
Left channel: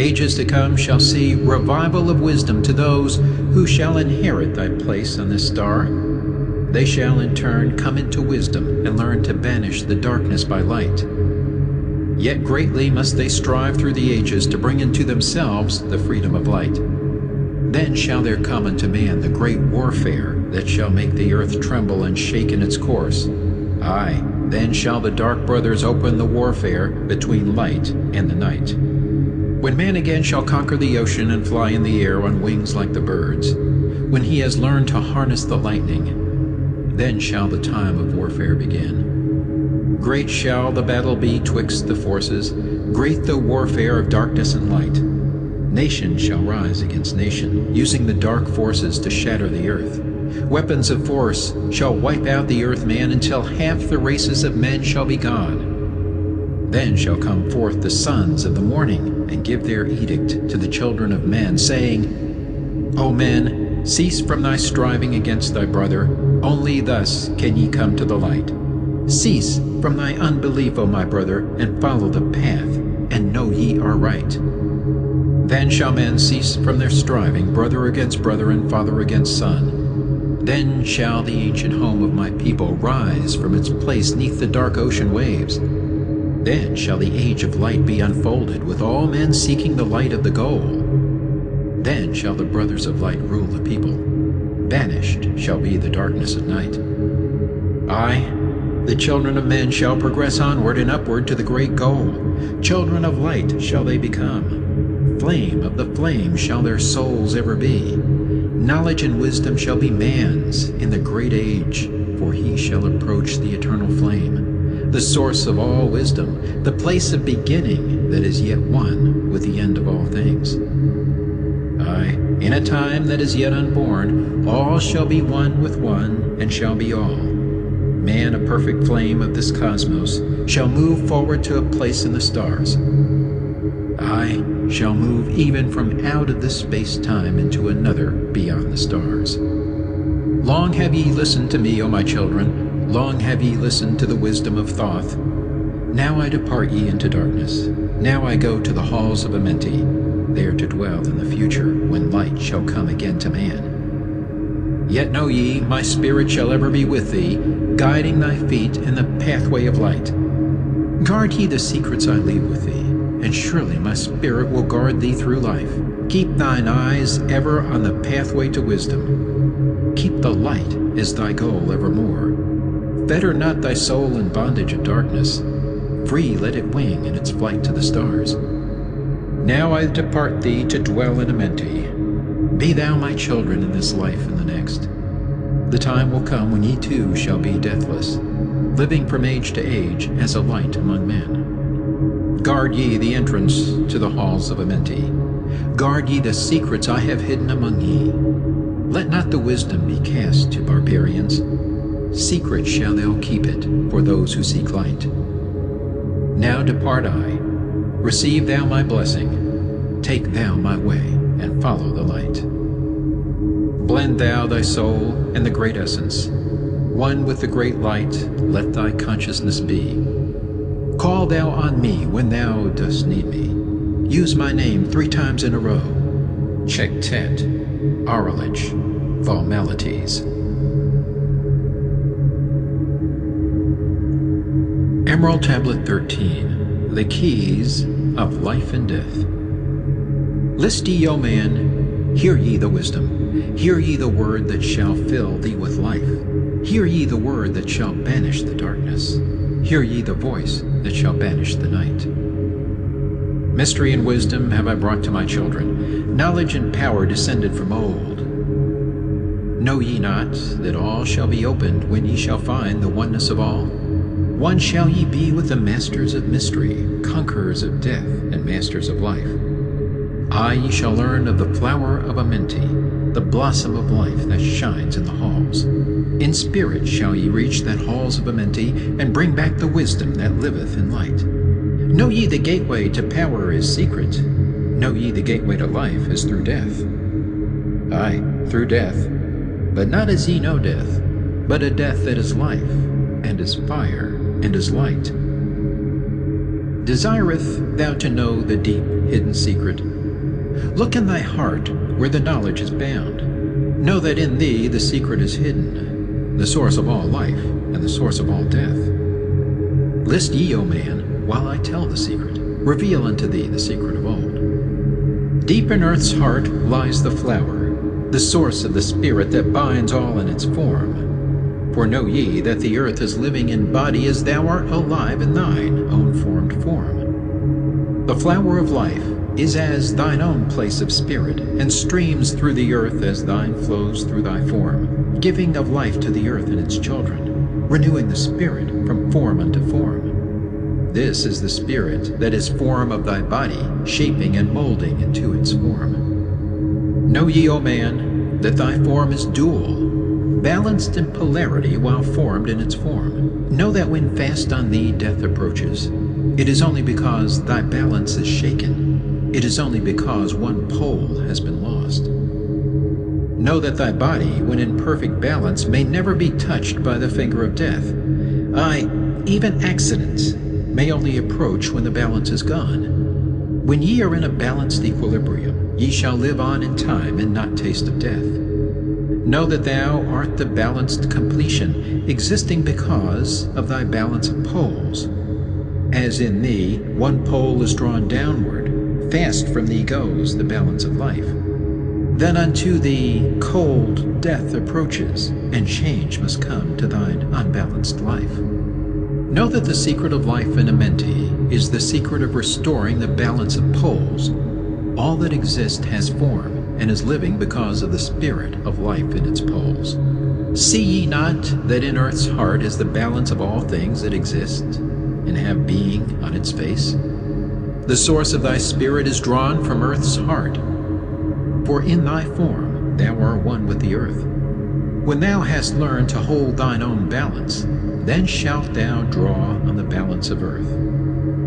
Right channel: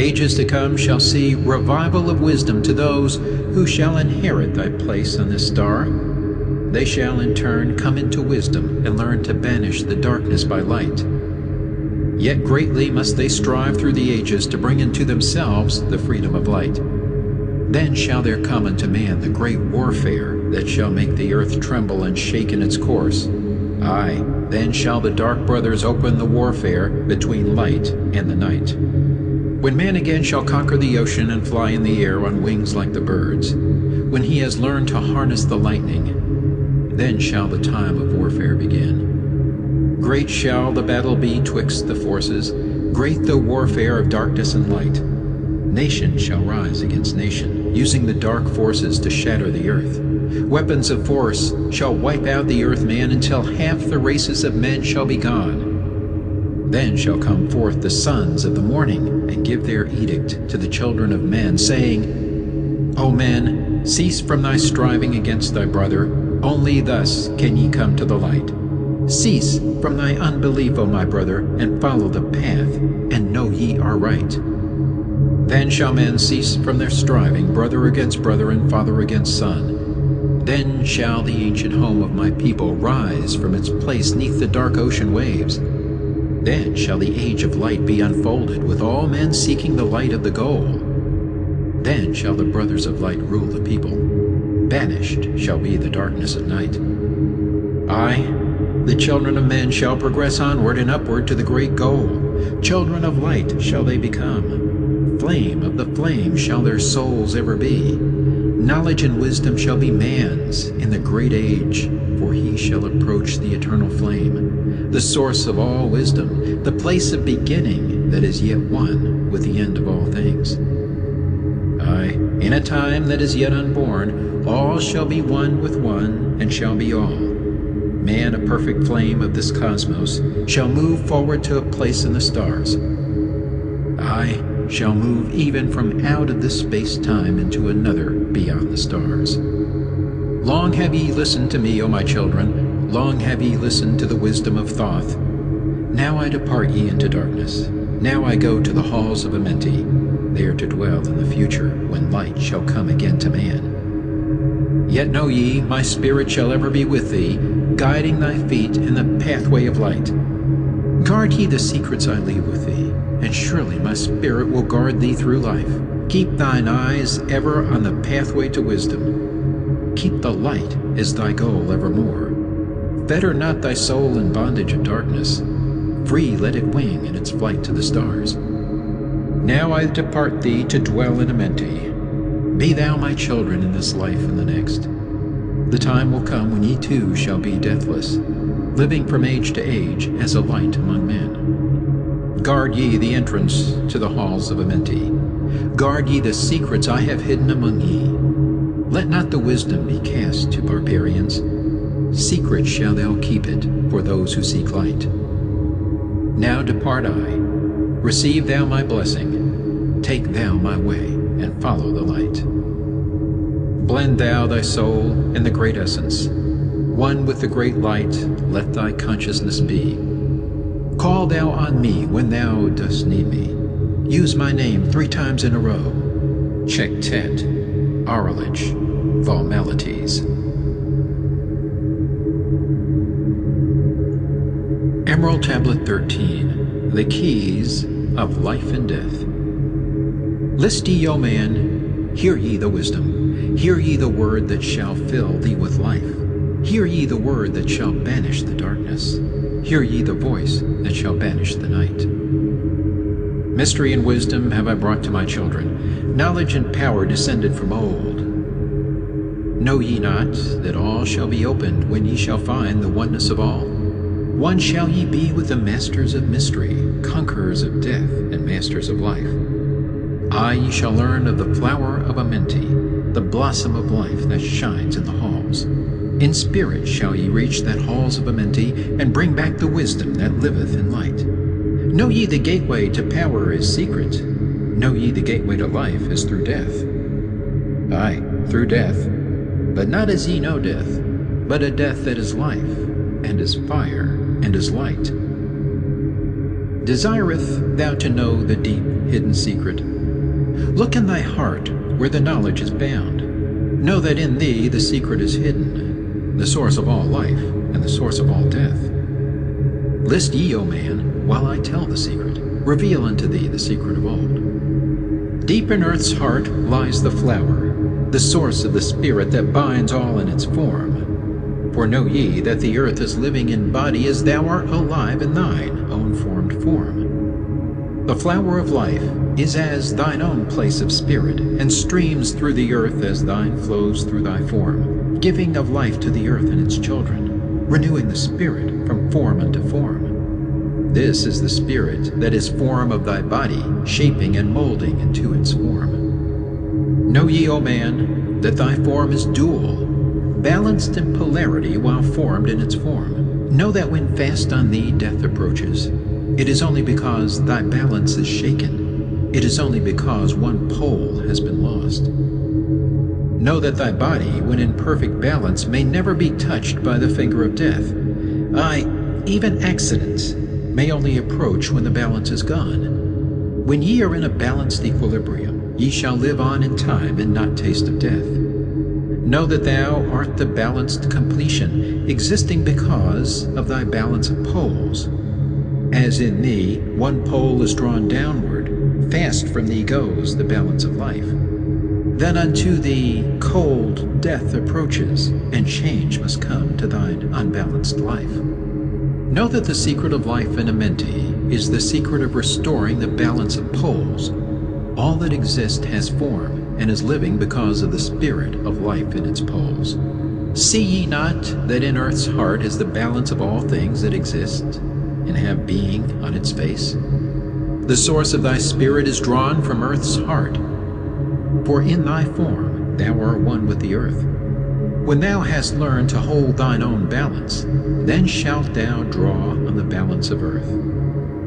Ages to come shall see revival of wisdom to those who shall inherit thy place on this star. They shall in turn come into wisdom and learn to banish the darkness by light. Yet greatly must they strive through the ages to bring into themselves the freedom of light. Then shall there come unto man the great warfare that shall make the earth tremble and shake in its course. Aye, then shall the dark brothers open the warfare between light and the night. When man again shall conquer the ocean and fly in the air on wings like the birds, when he has learned to harness the lightning, then shall the time of warfare begin. Great shall the battle be twixt the forces, great the warfare of darkness and light. Nation shall rise against nation, using the dark forces to shatter the earth. Weapons of force shall wipe out the earth man until half the races of men shall be gone. Then shall come forth the sons of the morning, and give their edict to the children of men, saying, O men, cease from thy striving against thy brother, only thus can ye come to the light. Cease from thy unbelief, O my brother, and follow the path, and know ye are right. Then shall men cease from their striving, brother against brother, and father against son. Then shall the ancient home of my people rise from its place neath the dark ocean waves. Then shall the age of light be unfolded, with all men seeking the light of the goal. Then shall the brothers of light rule the people. Banished shall be the darkness of night. Aye, the children of men shall progress onward and upward to the great goal. Children of light shall they become. Flame of the flame shall their souls ever be. Knowledge and wisdom shall be man's in the great age, for he shall approach the eternal flame, the source of all wisdom, the place of beginning that is yet one with the end of all things. Aye, in a time that is yet unborn, all shall be one with one, and shall be all. Man, a perfect flame of this cosmos, shall move forward to a place in the stars. I shall move even from out of this space-time into another beyond the stars. Long have ye listened to me, O my children, long have ye listened to the wisdom of Thoth. Now I depart ye into darkness. Now I go to the halls of Amenti, there to dwell in the future, when light shall come again to man. Yet know ye, my spirit shall ever be with thee, guiding thy feet in the pathway of light. Guard ye the secrets I leave with thee, and surely my spirit will guard thee through life. Keep thine eyes ever on the pathway to wisdom. Keep the light as thy goal evermore. Fetter not thy soul in bondage of darkness. Free let it wing in its flight to the stars. Now I depart thee to dwell in Amenti. Be thou my children in this life and the next. The time will come when ye too shall be deathless, living from age to age as a light among men. Guard ye the entrance to the halls of Amenti. Guard ye the secrets I have hidden among ye. Let not the wisdom be cast to barbarians. Secret shall thou keep it for those who seek light. Now depart I. Receive thou my blessing. Take thou my way, and follow the light. Blend thou thy soul in the great essence. One with the great light, let thy consciousness be. Call thou on me when thou dost need me. Use my name 3 times in a row. Chektet, Aralich, Valmalites. Emerald Tablet 13, The Keys of Life and Death. List ye, O man, hear ye the wisdom. Hear ye the word that shall fill thee with life. Hear ye the word that shall banish the darkness. Hear ye the voice that shall banish the night. Mystery and wisdom have I brought to my children, knowledge and power descended from old. Know ye not that all shall be opened when ye shall find the oneness of all? One shall ye be with the masters of mystery, conquerors of death, and masters of life. Aye, ye shall learn of the flower of Amenti, the blossom of life that shines in the halls. In spirit shall ye reach that halls of Amenti, and bring back the wisdom that liveth in light. Know ye the gateway to power is secret. Know ye the gateway to life is through death. Aye, through death, but not as ye know death, but a death that is life, and is fire, and is light. Desireth thou to know the deep hidden secret? Look in thy heart where the knowledge is bound. Know that in thee the secret is hidden, the source of all life, and the source of all death. List ye, O man, while I tell the secret, reveal unto thee the secret of old. Deep in earth's heart lies the flower, the source of the spirit that binds all in its form. For know ye that the earth is living in body as thou art alive in thine own formed form. The flower of life is as thine own place of spirit, and streams through the earth as thine flows through thy form, giving of life to the earth and its children, renewing the spirit from form unto form. This is the spirit that is form of thy body, shaping and molding into its form. Know ye, O man, that thy form is dual, balanced in polarity while formed in its form. Know that when fast on thee death approaches, it is only because thy balance is shaken. It is only because one pole has been lost. Know that thy body, when in perfect balance, may never be touched by the finger of death. Aye, even accidents may only approach when the balance is gone. When ye are in a balanced equilibrium, ye shall live on in time and not taste of death. Know that thou art the balanced completion, existing because of thy balance of poles. As in thee one pole is drawn downward, fast from thee goes the balance of life. Then unto thee cold death approaches, and change must come to thine unbalanced life. Know that the secret of life in Amenti is the secret of restoring the balance of poles. All that exists has form, and is living because of the spirit of life in its poles. See ye not that in earth's heart is the balance of all things that exist and have being on its face? The source of thy spirit is drawn from earth's heart, for in thy form thou art one with the earth. When thou hast learned to hold thine own balance, then shalt thou draw on the balance of earth.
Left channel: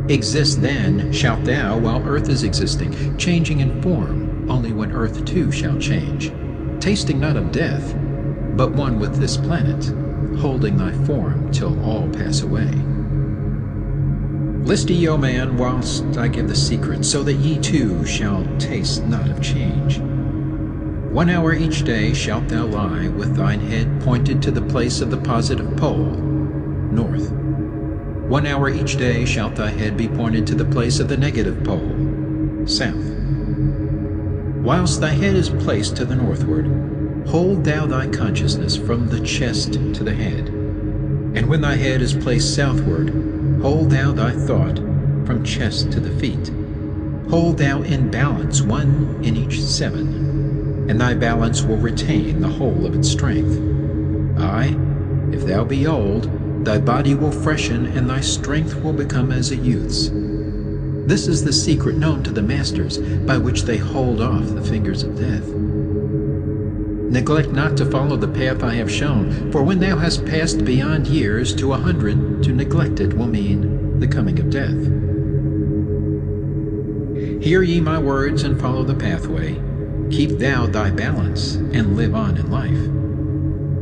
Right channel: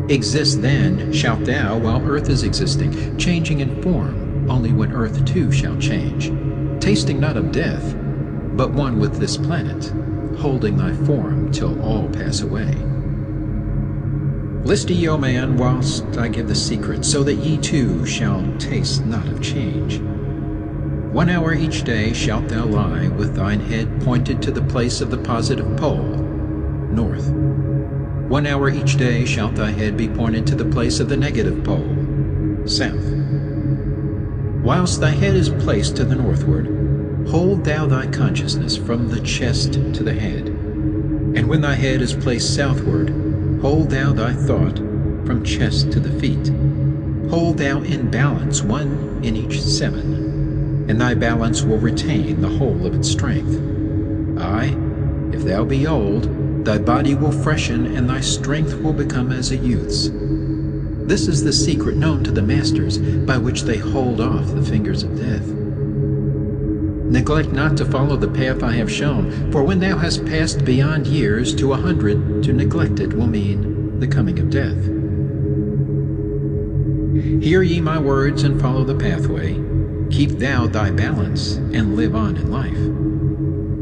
Exist then shalt thou while earth is existing, changing in form, only when earth too shall change, tasting not of death, but one with this planet, holding thy form till all pass away. List ye, O man, whilst I give the secret, so that ye too shall taste not of change. 1 hour each day shalt thou lie with thine head pointed to the place of the positive pole, north. 1 hour each day shalt thy head be pointed to the place of the negative pole, south. Whilst thy head is placed to the northward, hold thou thy consciousness from the chest to the head. And when thy head is placed southward, hold thou thy thought from chest to the feet. Hold thou in balance 1 in each 7, and thy balance will retain the whole of its strength. Aye, if thou be old, thy body will freshen, and thy strength will become as a youth's. This is the secret known to the masters, by which they hold off the fingers of death. Neglect not to follow the path I have shown, for when thou hast passed beyond years to 100, to neglect it will mean the coming of death. Hear ye my words and follow the pathway. Keep thou thy balance and live on in life.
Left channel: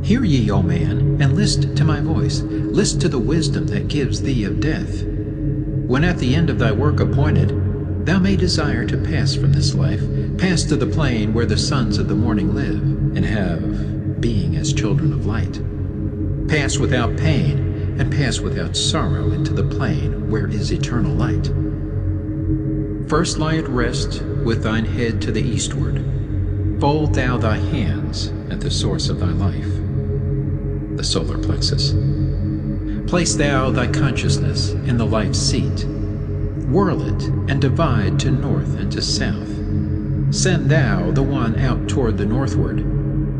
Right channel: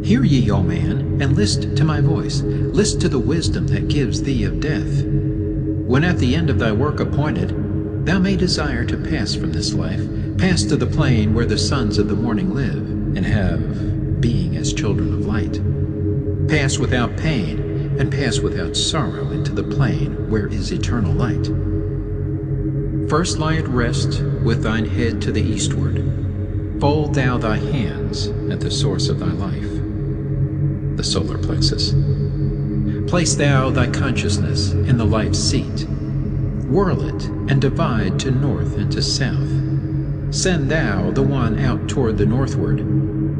Hear ye, O man, and list to my voice. List to the wisdom that gives thee of death. When at the end of thy work appointed, thou may desire to pass from this life, pass to the plane where the sons of the morning live, and have being as children of light. Pass without pain, and pass without sorrow into the plane where is eternal light. First lie at rest with thine head to the eastward. Fold thou thy hands at the source of thy life, the solar plexus. Place thou thy consciousness in the life seat. Whirl it and divide to north and to south. Send thou the one out toward the northward.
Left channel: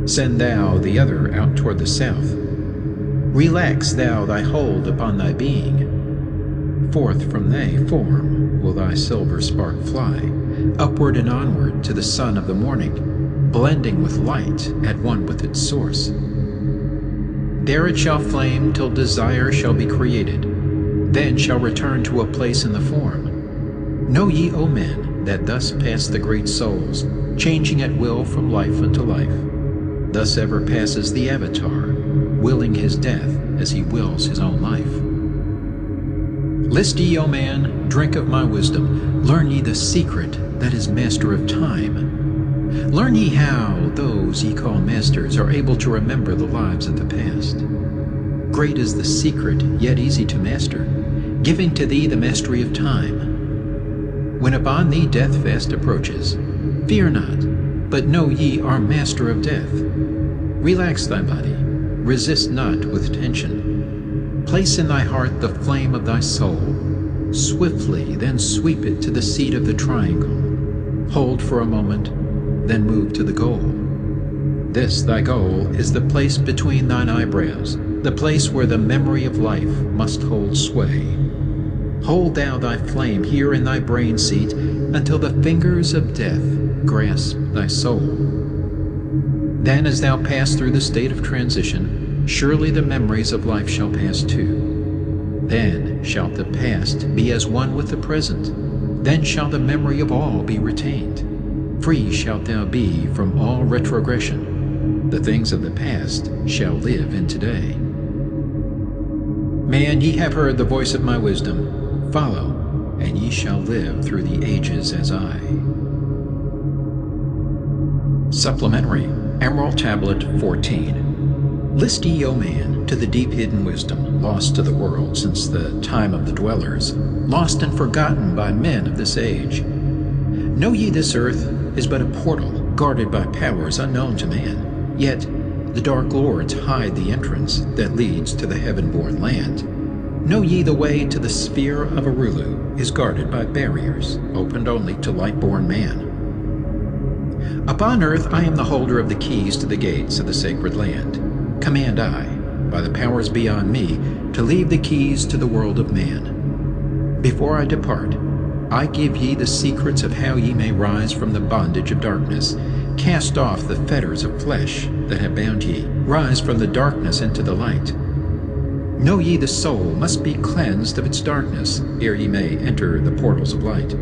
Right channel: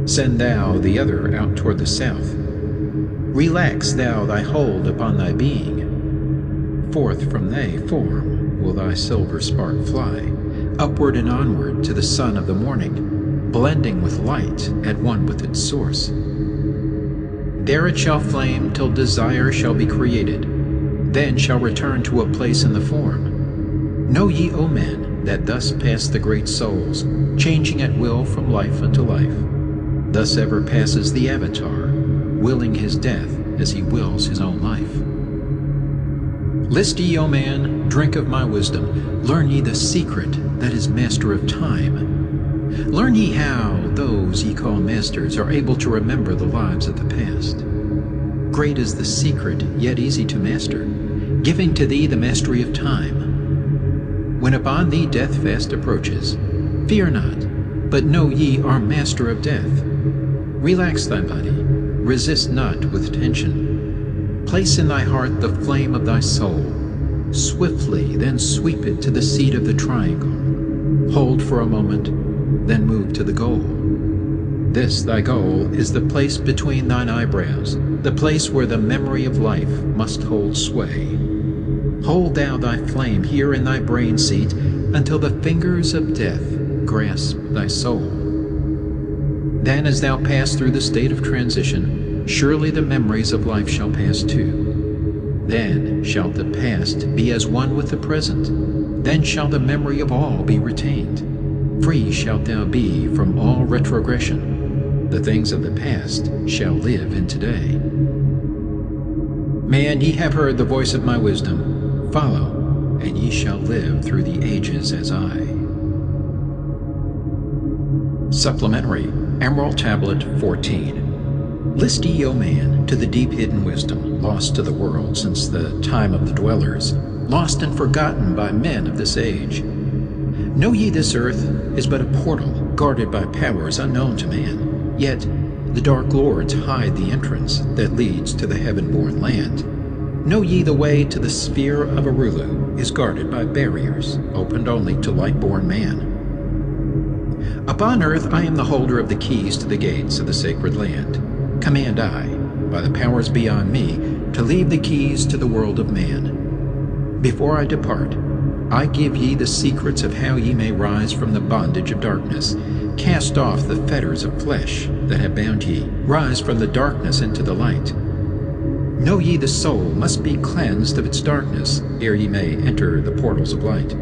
Send thou the other out toward the south. Relax thou thy hold upon thy being. Forth from thy form will thy silver spark fly, upward and onward to the sun of the morning, blending with light at one with its source. There it shall flame till desire shall be created, then shall return to a place in the form. Know ye, O men, that thus pass the great souls, changing at will from life unto life. Thus ever passes the Avatar, willing his death as he wills his own life. List ye, O man, drink of my wisdom, learn ye the secret that is master of time. Learn ye how those ye call masters are able to remember the lives of the past. Great is the secret, yet easy to master, giving to thee the mastery of time. When upon thee death fast approaches, fear not, but know ye are master of death. Relax thy body, resist not with tension. Place in thy heart the flame of thy soul. Swiftly then sweep it to the seat of the triangle. Hold for a moment, then move to the goal. This thy goal is the place between thine eyebrows, the place where the memory of life must hold sway. Hold thou thy flame here in thy brain seat until the fingers of death grasp thy soul. Then as thou pass through the state of transition, surely the memories of life shall pass too. Then shall the past be as one with the present. Then shall the memory of all be retained. Free shalt thou be from all retrogression. The things of the past shall live in today. Man, ye have heard the voice of my wisdom. Follow, and ye shall live through the ages as I. Supplementary, Emerald Tablet 14. List ye, O man, to the deep hidden wisdom, lost to the world since the time of the dwellers, lost and forgotten by men of this age. Know ye this earth is but a portal guarded by powers unknown to man, yet the dark lords hide the entrance that leads to the heaven-born land. Know ye the way to the sphere of Arulu is guarded by barriers opened only to light-born man. Upon earth I am the holder of the keys to the gates of the sacred land. Command I, by the powers beyond me, to leave the keys to the world of man. Before I depart, I give ye the secrets of how ye may rise from the bondage of darkness, cast off the fetters of flesh that have bound ye, rise from the darkness into the light. Know ye the soul must be cleansed of its darkness, ere ye may enter the portals of light.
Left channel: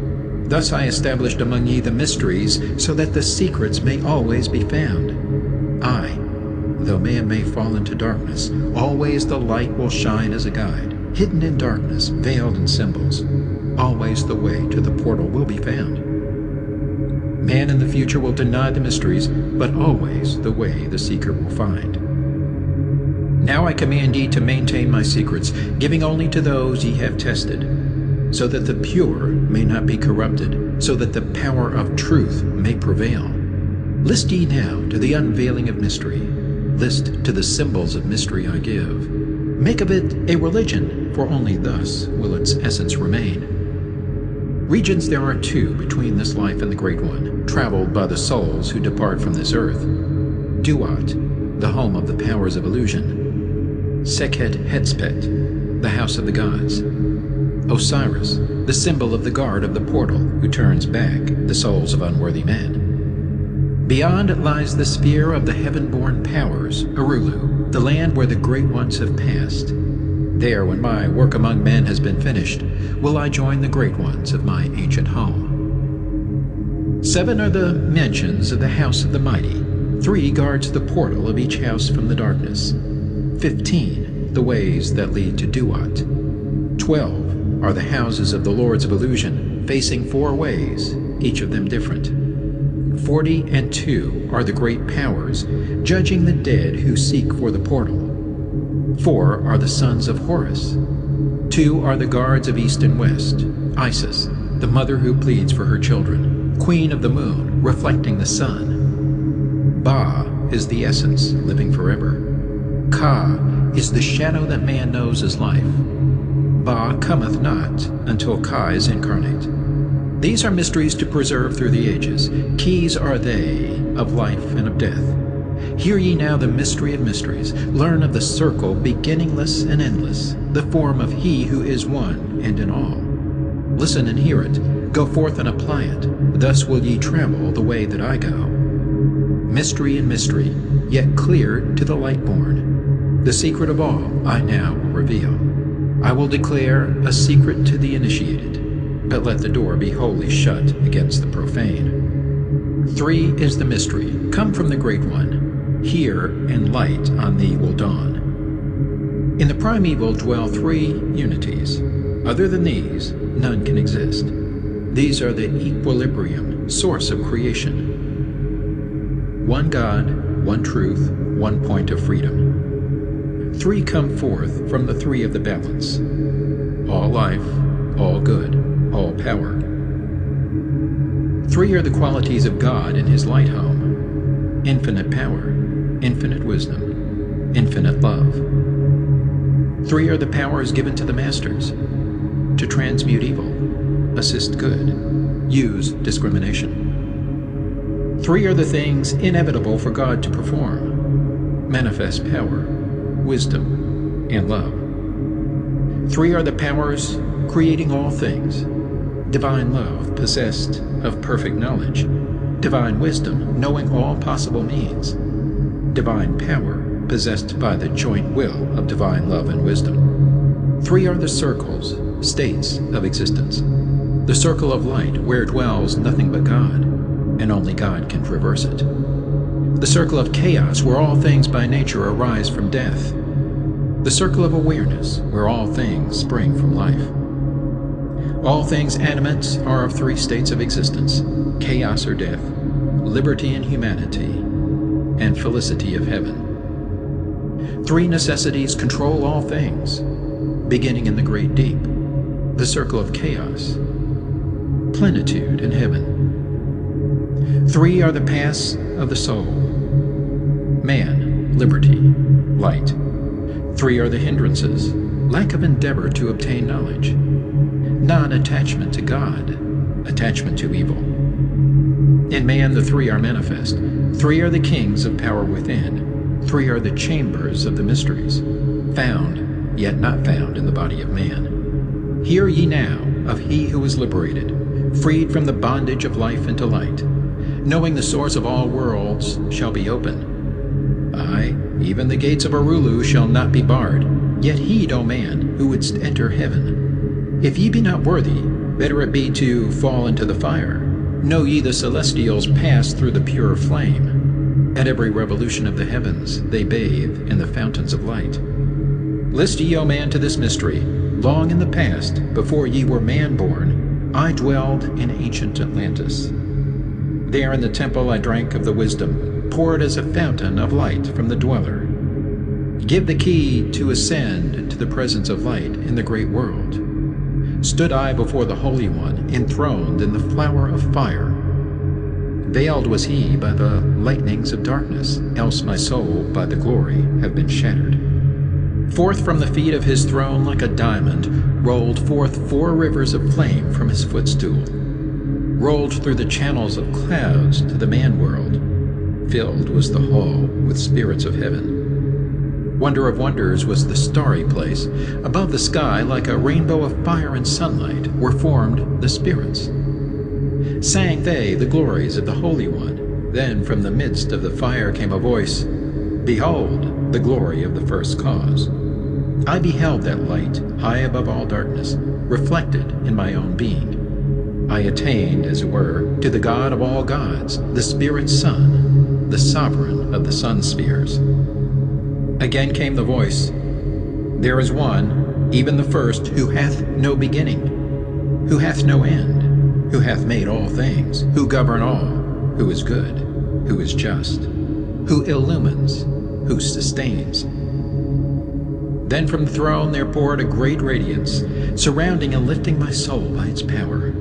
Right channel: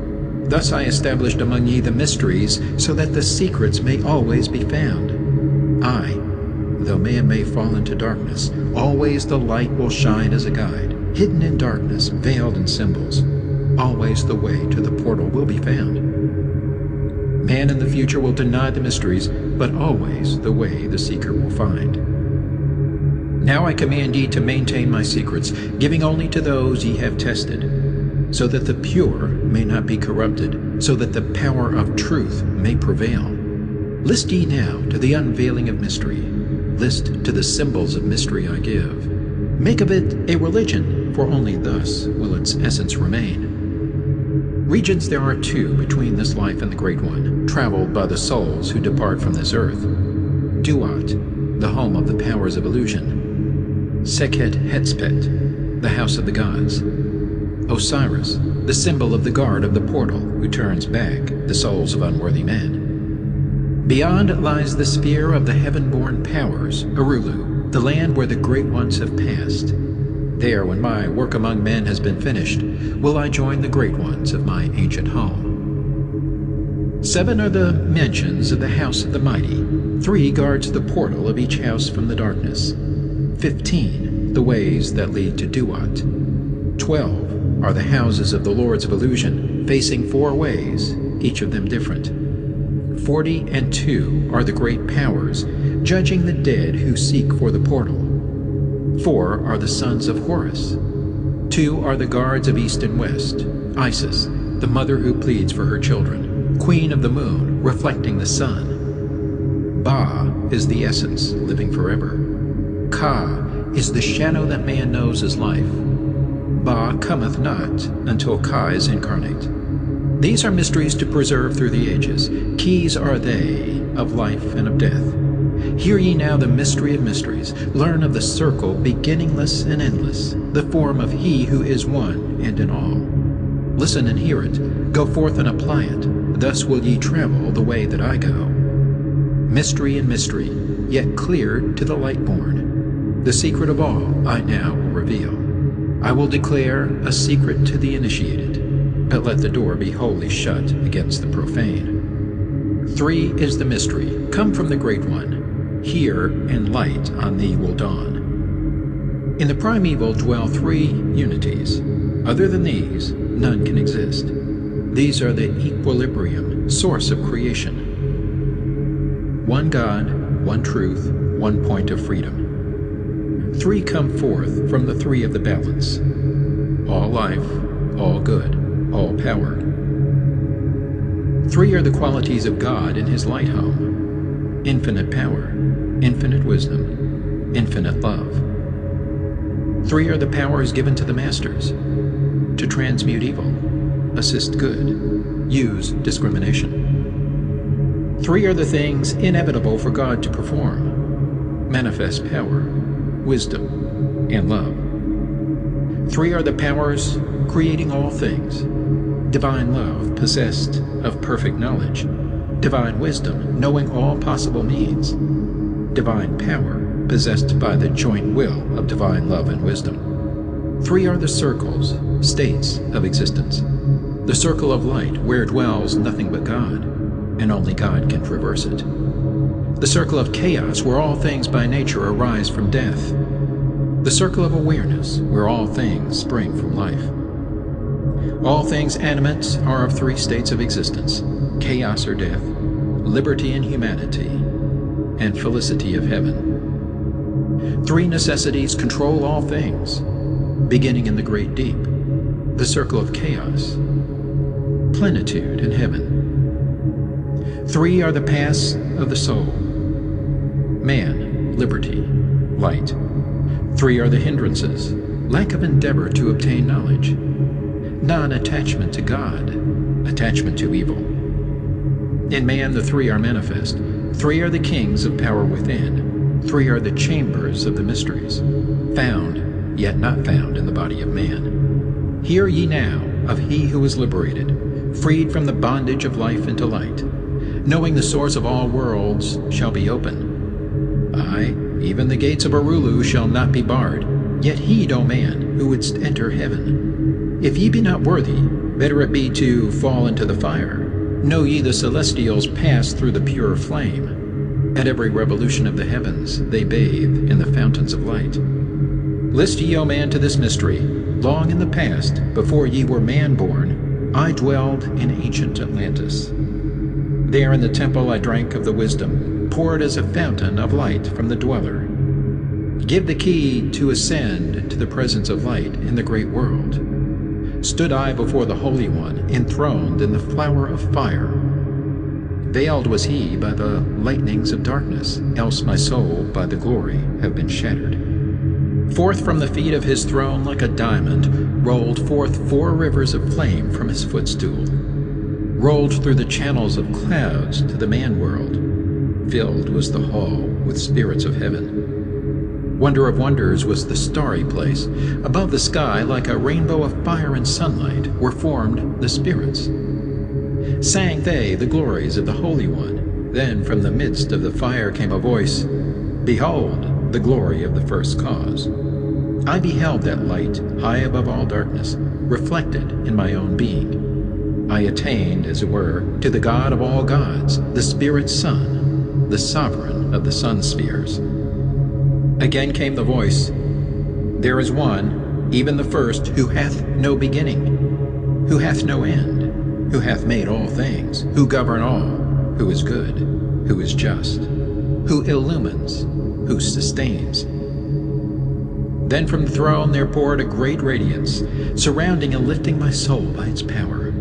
Thus I established among ye the mysteries, so that the secrets may always be found. Aye, though man may fall into darkness, always the light will shine as a guide, hidden in darkness, veiled in symbols. Always the way to the portal will be found. Man in the future will deny the mysteries, but always the way the seeker will find. Now I command ye to maintain my secrets, giving only to those ye have tested. so that the pure may not be corrupted, so that the power of truth may prevail. List ye now to the unveiling of mystery. List to the symbols of mystery I give. Make of it a religion, for only thus will its essence remain. Regions there are two between this life and the Great One, traveled by the souls who depart from this earth. Duat, the home of the powers of illusion. Sekhet Hetspet, the house of the gods. Osiris, the symbol of the guard of the portal who turns back the souls of unworthy men. Beyond lies the sphere of the heaven-born powers, Arulu, the land where the great ones have passed. There, when my work among men has been finished, will I join the great ones of my ancient home. 7 are the mansions of the house of the mighty. 3 guards the portal of each house from the darkness. 15, the ways that lead to Duat. 12 are the houses of the lords of illusion, facing 4 ways, each of them different. 42 are the great powers, judging the dead who seek for the portal. 4 are the sons of Horus. 2 are the guards of east and west. Isis, the mother who pleads for her children, queen of the moon, reflecting the sun. Ba is the essence, living forever. Ka is the shadow that man knows as life. Ba cometh not until Ka is incarnate. These are mysteries to preserve through the ages. Keys are they of life and of death. Hear ye now the mystery of mysteries. Learn of the circle beginningless and endless, the form of He who is one and in all. Listen and hear it. Go forth and apply it. Thus will ye travel the way that I go. Mystery and mystery, yet clear to the light-born. The secret of all I now will reveal. I will declare a secret to the initiated, but let the door be wholly shut against the profane. 3 is the mystery, come from the Great One. Hear, and light on thee will dawn. In the primeval dwell 3 unities. Other than these, none can exist. These are the equilibrium, source of creation. 1 God, 1 truth, 1 point of freedom. 3 come forth from the 3 of the balance. All life, all good, all power. 3 are the qualities of God in His light home. Infinite power, infinite wisdom, infinite love. 3 are the powers given to the masters. To transmute evil, assist good, use discrimination. 3 are the things inevitable for God to perform. Manifest power, wisdom, and love. 3 are the powers creating all things. Divine love possessed of perfect knowledge. Divine wisdom knowing all possible means. Divine power possessed by the joint will of divine love and wisdom. 3 are the circles, states of existence. The circle of light where dwells nothing but God, and only God can traverse it. The circle of chaos where all things by nature arise from death. The circle of awareness where all things spring from life. All things animate are of 3 states of existence: chaos or death, liberty and humanity, and felicity of heaven. 3 necessities control all things, beginning in the great deep, the circle of chaos, plenitude in heaven. 3 are the paths of the soul: man, liberty, light. 3 are the hindrances: lack of endeavor to obtain knowledge, non-attachment to God, attachment to evil. In man the 3 are manifest. 3 are the kings of power within. 3 are the chambers of the mysteries, found, yet not found in the body of man. Hear ye now of He who is liberated, freed from the bondage of life into light, knowing the source of all worlds shall be open. Aye, even the gates of Arulu shall not be barred, yet heed, O man, who wouldst enter heaven. If ye be not worthy, better it be to fall into the fire. Know ye the celestials pass through the pure flame. At every revolution of the heavens they bathe in the fountains of light. List ye, O man, to this mystery. Long in the past, before ye were man-born, I dwelled in ancient Atlantis. There in the temple I drank of the wisdom, poured as a fountain of light from the dweller. Give the key to ascend to the presence of light in the great world. stood I before the Holy One, enthroned in the flower of fire. Veiled was he by the lightnings of darkness, else my soul by the glory have been shattered. Forth from the feet of his throne like a diamond rolled forth 4 rivers of flame from his footstool, rolled through the channels of clouds to the man-world. Filled was the hall with spirits of heaven. Wonder of wonders was the starry place. Above the sky, like a rainbow of fire and sunlight, were formed the spirits. Sang they the glories of the Holy One. Then from the midst of the fire came a voice, "Behold, the glory of the first cause." I beheld that light, high above all darkness, reflected in my own being. I attained, as it were, to the God of all gods, the Spirit's Son, the sovereign of the sun spheres. Again came the voice, "There is one, even the first, who hath no beginning, who hath no end, who hath made all things, who govern all, who is good, who is just, who illumines, who sustains." Then from the throne there poured a great radiance, surrounding and lifting my soul by its power.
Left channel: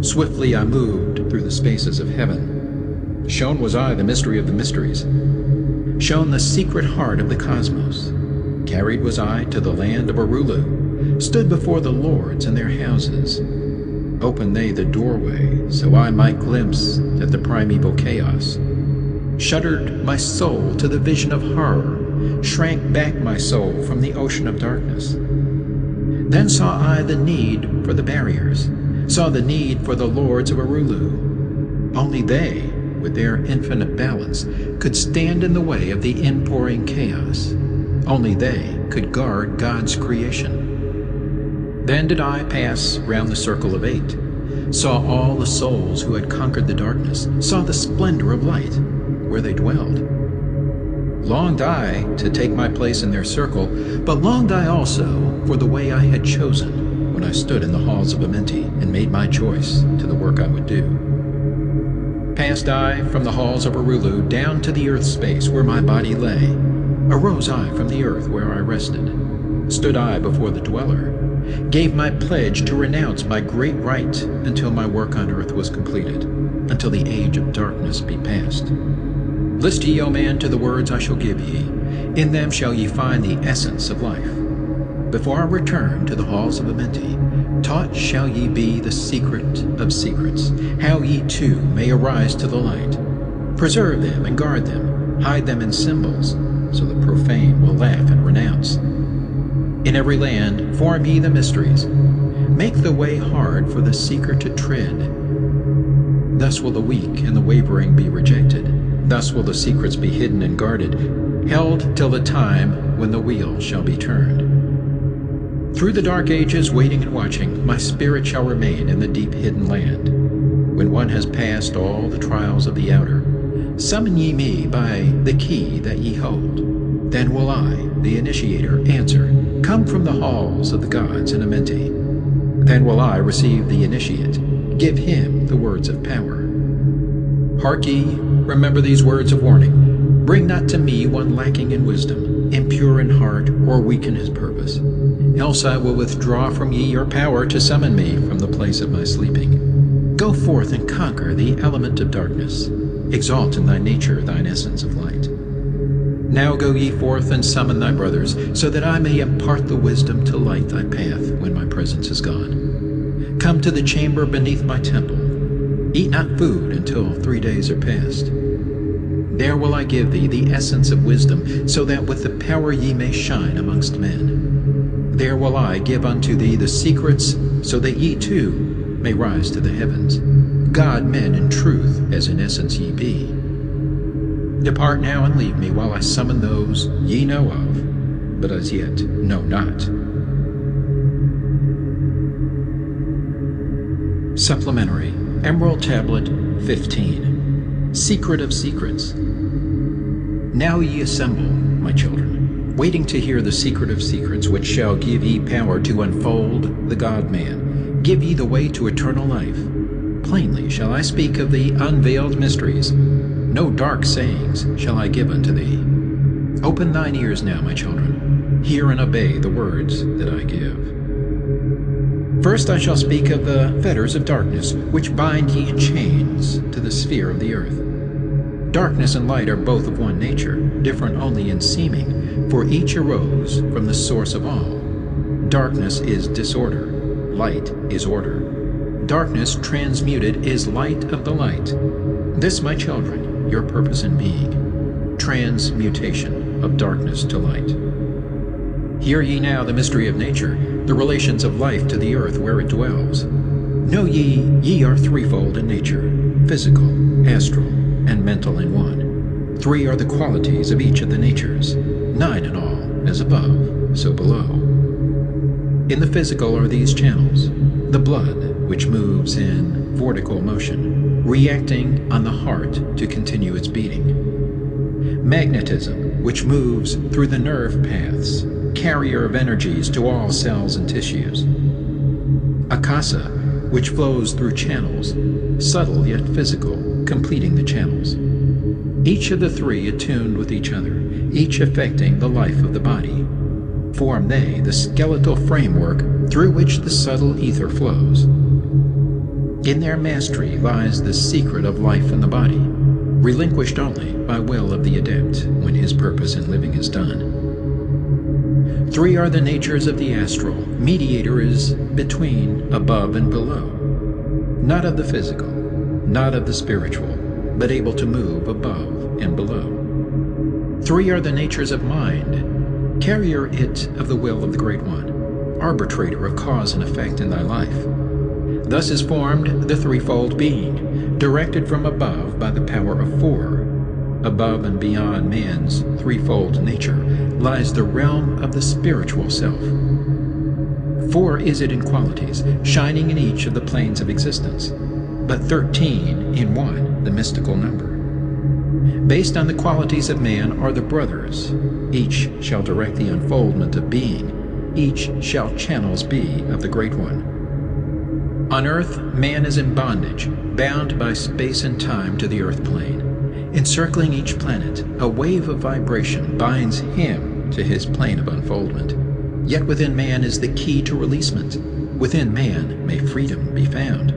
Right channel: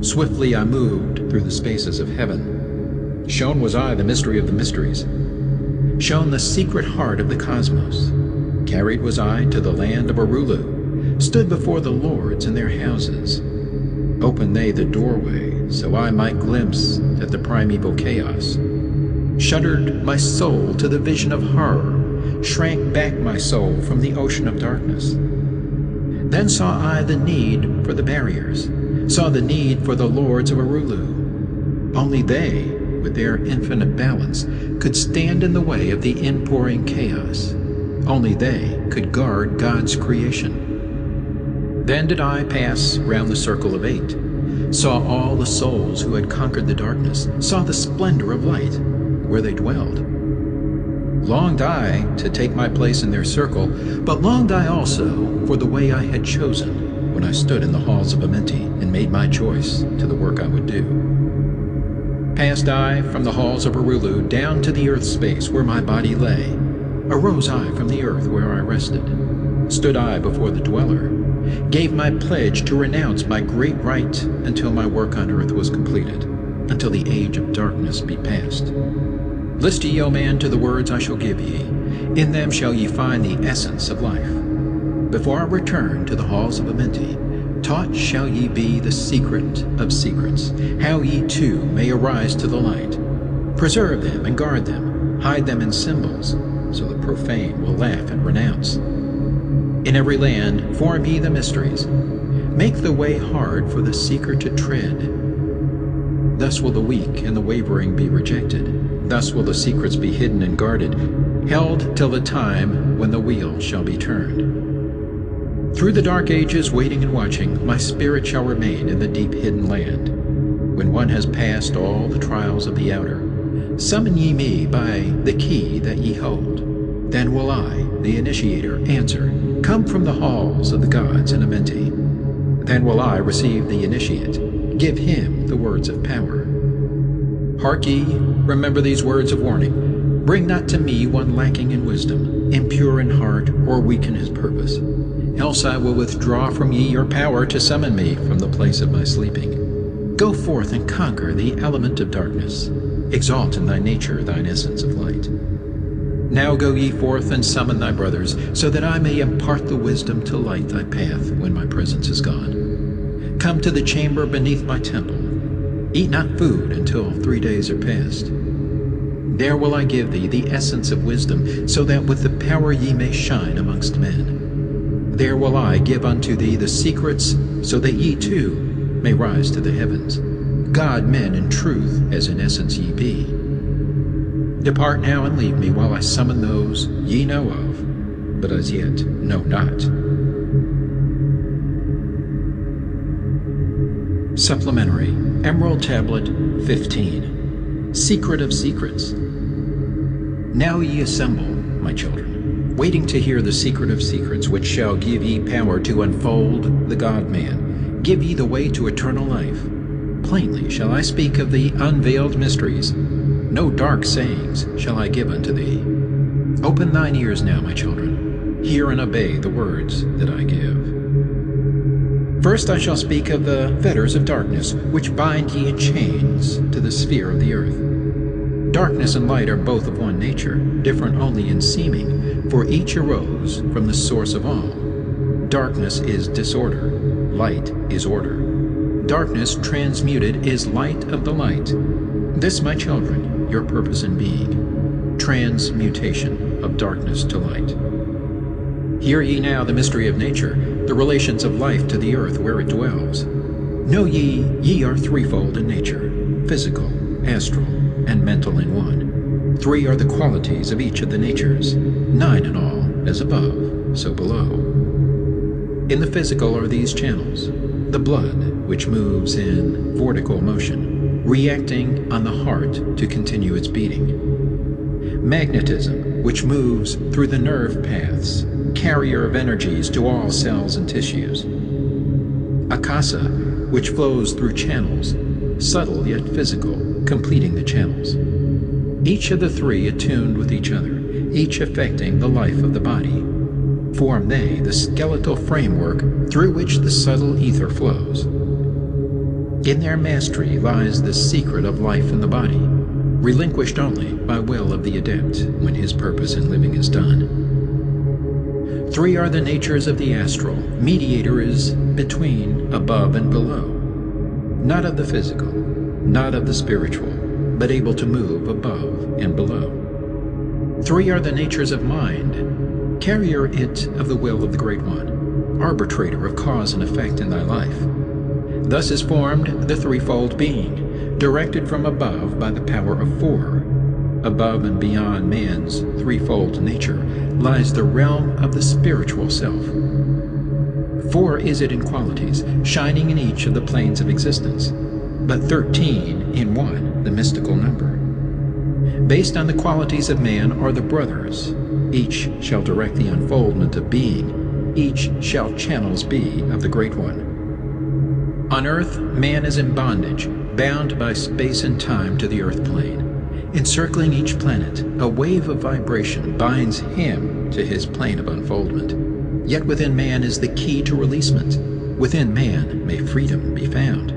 Swiftly I moved through the spaces of heaven. Shown was I the mystery of the mysteries, shown the secret heart of the cosmos. Carried was I to the land of Arulu, stood before the lords in their houses. Opened they the doorway, so I might glimpse at the primeval chaos. Shuddered my soul to the vision of horror, shrank back my soul from the ocean of darkness. Then saw I the need for the barriers, saw the need for the lords of Arulu. Only they, with their infinite balance, could stand in the way of the inpouring chaos. Only they could guard God's creation. Then did I pass round the circle of 8, saw all the souls who had conquered the darkness, saw the splendor of light where they dwelled. Longed I to take my place in their circle, but longed I also for the way I had chosen when I stood in the halls of Amenti and made my choice to the work I would do. Passed I from the halls of Arulu down to the earth space where my body lay. Arose I from the earth where I rested. Stood I before the dweller. Gave my pledge to renounce my great right until my work on earth was completed, until the age of darkness be past. List ye, O man, to the words I shall give ye. In them shall ye find the essence of life. Before I return to the halls of Amenti, taught shall ye be the secret of secrets, how ye too may arise to the light. Preserve them and guard them, hide them in symbols, so the profane will laugh and renounce. In every land form ye the mysteries. Make the way hard for the seeker to tread. Thus will the weak and the wavering be rejected. Thus will the secrets be hidden and guarded, held till the time when the wheel shall be turned. Through the dark ages, waiting and watching, my spirit shall remain in the deep hidden land. When one has passed all the trials of the outer, summon ye me by the key that ye hold. Then will I, the initiator, answer, "Come from the halls of the gods in Amenti." Then will I receive the initiate, give him the words of power. Hark ye, remember these words of warning. Bring not to me one lacking in wisdom, impure in heart, or weak in his purpose. Else I will withdraw from ye your power to summon me from the place of my sleeping. Go forth and conquer the element of darkness. Exalt in thy nature thine essence of light. Now go ye forth and summon thy brothers, so that I may impart the wisdom to light thy path when my presence is gone. Come to the chamber beneath my temple. Eat not food until 3 days are past. There will I give thee the essence of wisdom, so that with the power ye may shine amongst men. There will I give unto thee the secrets, so that ye too may rise to the heavens. God men in truth, as in essence ye be. Depart now and leave me while I summon those ye know of, but as yet know not. Supplementary Emerald Tablet 15. Secret of Secrets. Now ye assemble, my children, waiting to hear the secret of secrets, which shall give ye power to unfold the God-man, give ye the way to eternal life. Plainly shall I speak of the unveiled mysteries. No dark sayings shall I give unto thee. Open thine ears now, my children. Hear and obey the words that I give. First I shall speak of the fetters of darkness, which bind ye in chains to the sphere of the earth. Darkness and light are both of one nature, different only in seeming, for each arose from the source of all. Darkness is disorder, light is order. Darkness transmuted is light of the light. This, my children, your purpose in being, transmutation of darkness to light. Hear ye now the mystery of nature, the relations of life to the earth where it dwells. Know ye are threefold in nature, physical, astral, and mental in one. Three are the qualities of each of the natures, 9 in all, as above, so below. In the physical are these channels: the blood, which moves in vortical motion, reacting on the heart to continue its beating. Magnetism, which moves through the nerve paths, carrier of energies to all cells and tissues. Akasa, which flows through channels, subtle yet physical, completing the channels. Each of the three attuned with each other, each affecting the life of the body. Form they the skeletal framework through which the subtle ether flows. In their mastery lies the secret of life in the body, relinquished only by will of the adept when his purpose in living is done. Three are the natures of the astral. Mediator is between, above, and below. Not of the physical, not of the spiritual, but able to move above and below. Three are the natures of mind. Carrier it of the will of the Great One, arbitrator of cause and effect in thy life. Thus is formed the threefold being, directed from above by the power of four. Above and beyond man's threefold nature lies the realm of the spiritual self. Four is it in qualities, shining in each of the planes of existence, but 13 in one, the mystical number. Based on the qualities of man are the brothers. Each shall direct the unfoldment of being. Each shall channels be of the Great One. On earth, man is in bondage, bound by space and time to the earth plane. Encircling each planet, a wave of vibration binds him to his plane of unfoldment. Yet within man is the key to releasement. Within man may freedom be found.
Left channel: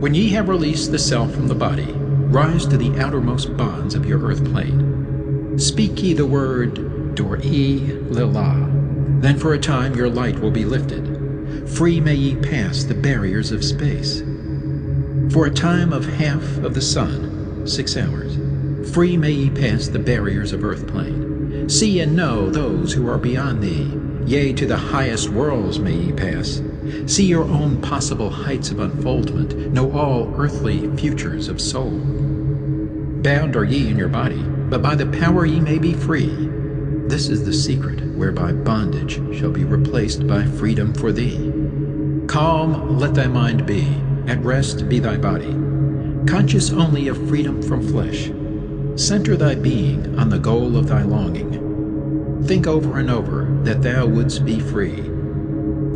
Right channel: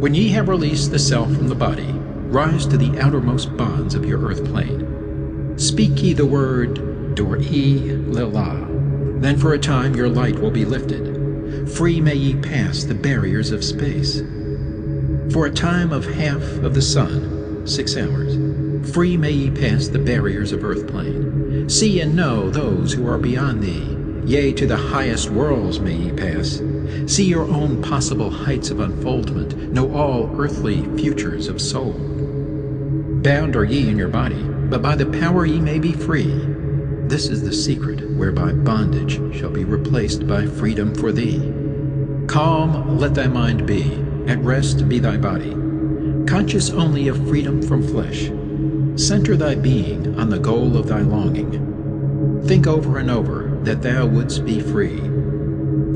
When ye have released the self from the body, rise to the outermost bonds of your earth plane. Speak ye the word Dor-e Lila. Then for a time your light will be lifted. Free may ye pass the barriers of space. For a time of half of the sun, 6 hours, free may ye pass the barriers of earth plane. See and know those who are beyond thee. Yea, to the highest worlds may ye pass. See your own possible heights of unfoldment. Know all earthly futures of soul. Bound are ye in your body, but by the power ye may be free. This is the secret whereby bondage shall be replaced by freedom for thee. Calm let thy mind be, at rest be thy body. Conscious only of freedom from flesh. Center thy being on the goal of thy longing. Think over and over that thou wouldst be free.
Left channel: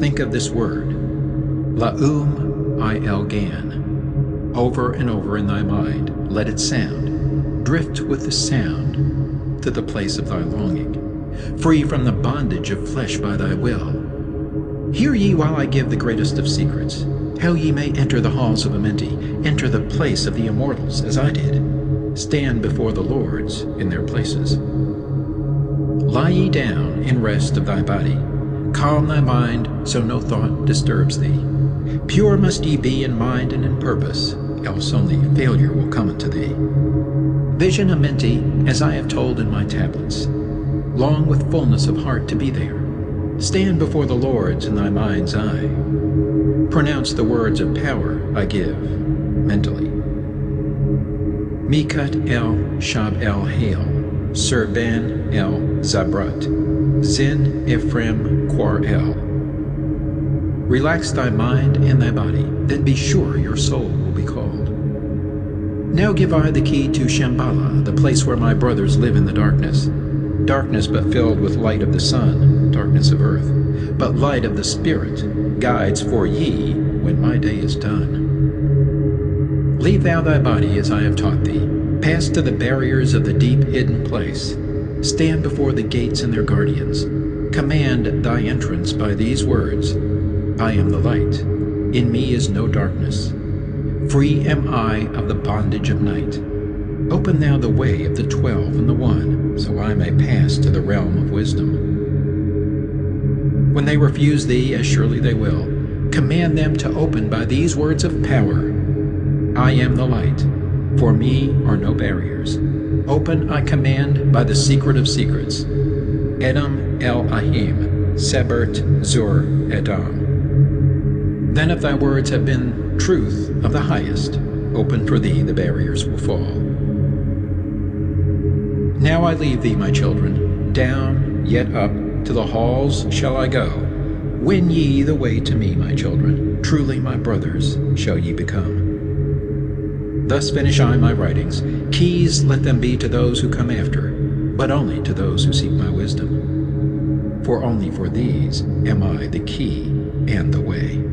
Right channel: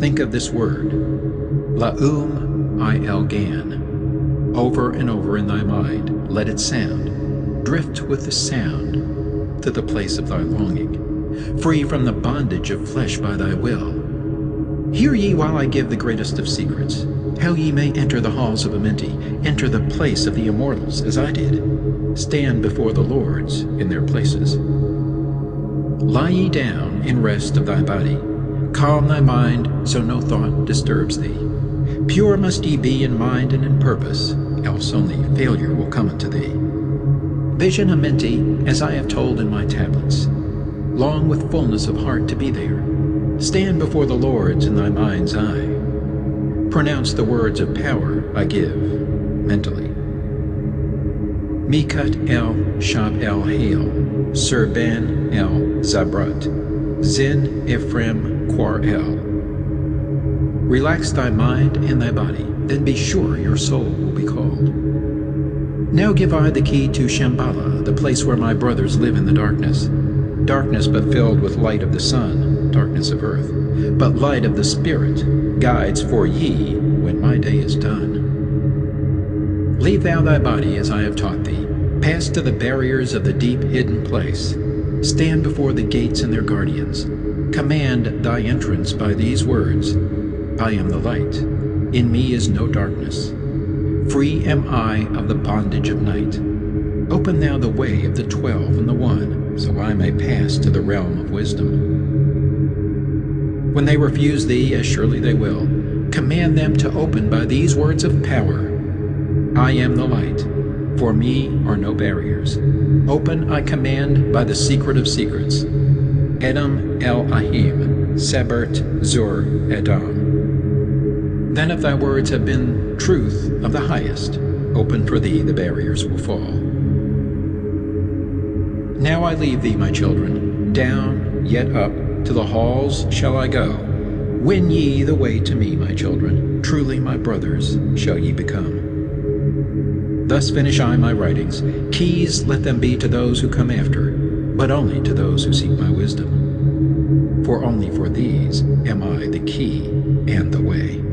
Think of this word, La'um I-El-Gan. Over and over in thy mind, let it sound. Drift with the sound to the place of thy longing, free from the bondage of flesh by thy will. Hear ye while I give the greatest of secrets, how ye may enter the halls of Amenti, enter the place of the immortals, as I did. Stand before the lords in their places. Lie ye down in rest of thy body. Calm thy mind, so no thought disturbs thee. Pure must ye be in mind and in purpose, else only failure will come unto thee. Vision Amenti, as I have told in my tablets. Long with fullness of heart to be there. Stand before the lords in thy mind's eye. Pronounce the words of power I give, mentally. Mikut el Shab el Hail, Sir Ben el Zabrat, Zin Ephraim Quar el. Relax thy mind and thy body, then be sure your soul will be called. Now give I the key to Shambhala, the place where my brothers live in the darkness. Darkness but filled with light of the sun, darkness of earth, but light of the Spirit, guides for ye when my day is done. Leave thou thy body as I have taught thee. Pass to the barriers of the deep hidden place. Stand before the gates and their guardians. Command thy entrance by these words. I am the light. In me is no darkness. Free am I of the bondage of night. Open thou the way of the 12 and the 1, so I may pass to the realm of wisdom. When they refuse thee, as surely they will, command them to open by these words of power. I am the light. For me are no barriers. Open I command by the secret of secrets. Edom El Ahim, Sebert Zur Edom. Then if thy words have been truth of the highest, open for thee the barriers will fall. Now I leave thee, my children, down, yet up, to the halls shall I go. Win ye the way to me, my children, truly my brothers shall ye become. Thus finish I my writings. Keys let them be to those who come after, but only to those who seek my wisdom. For only for these am I the key and the way.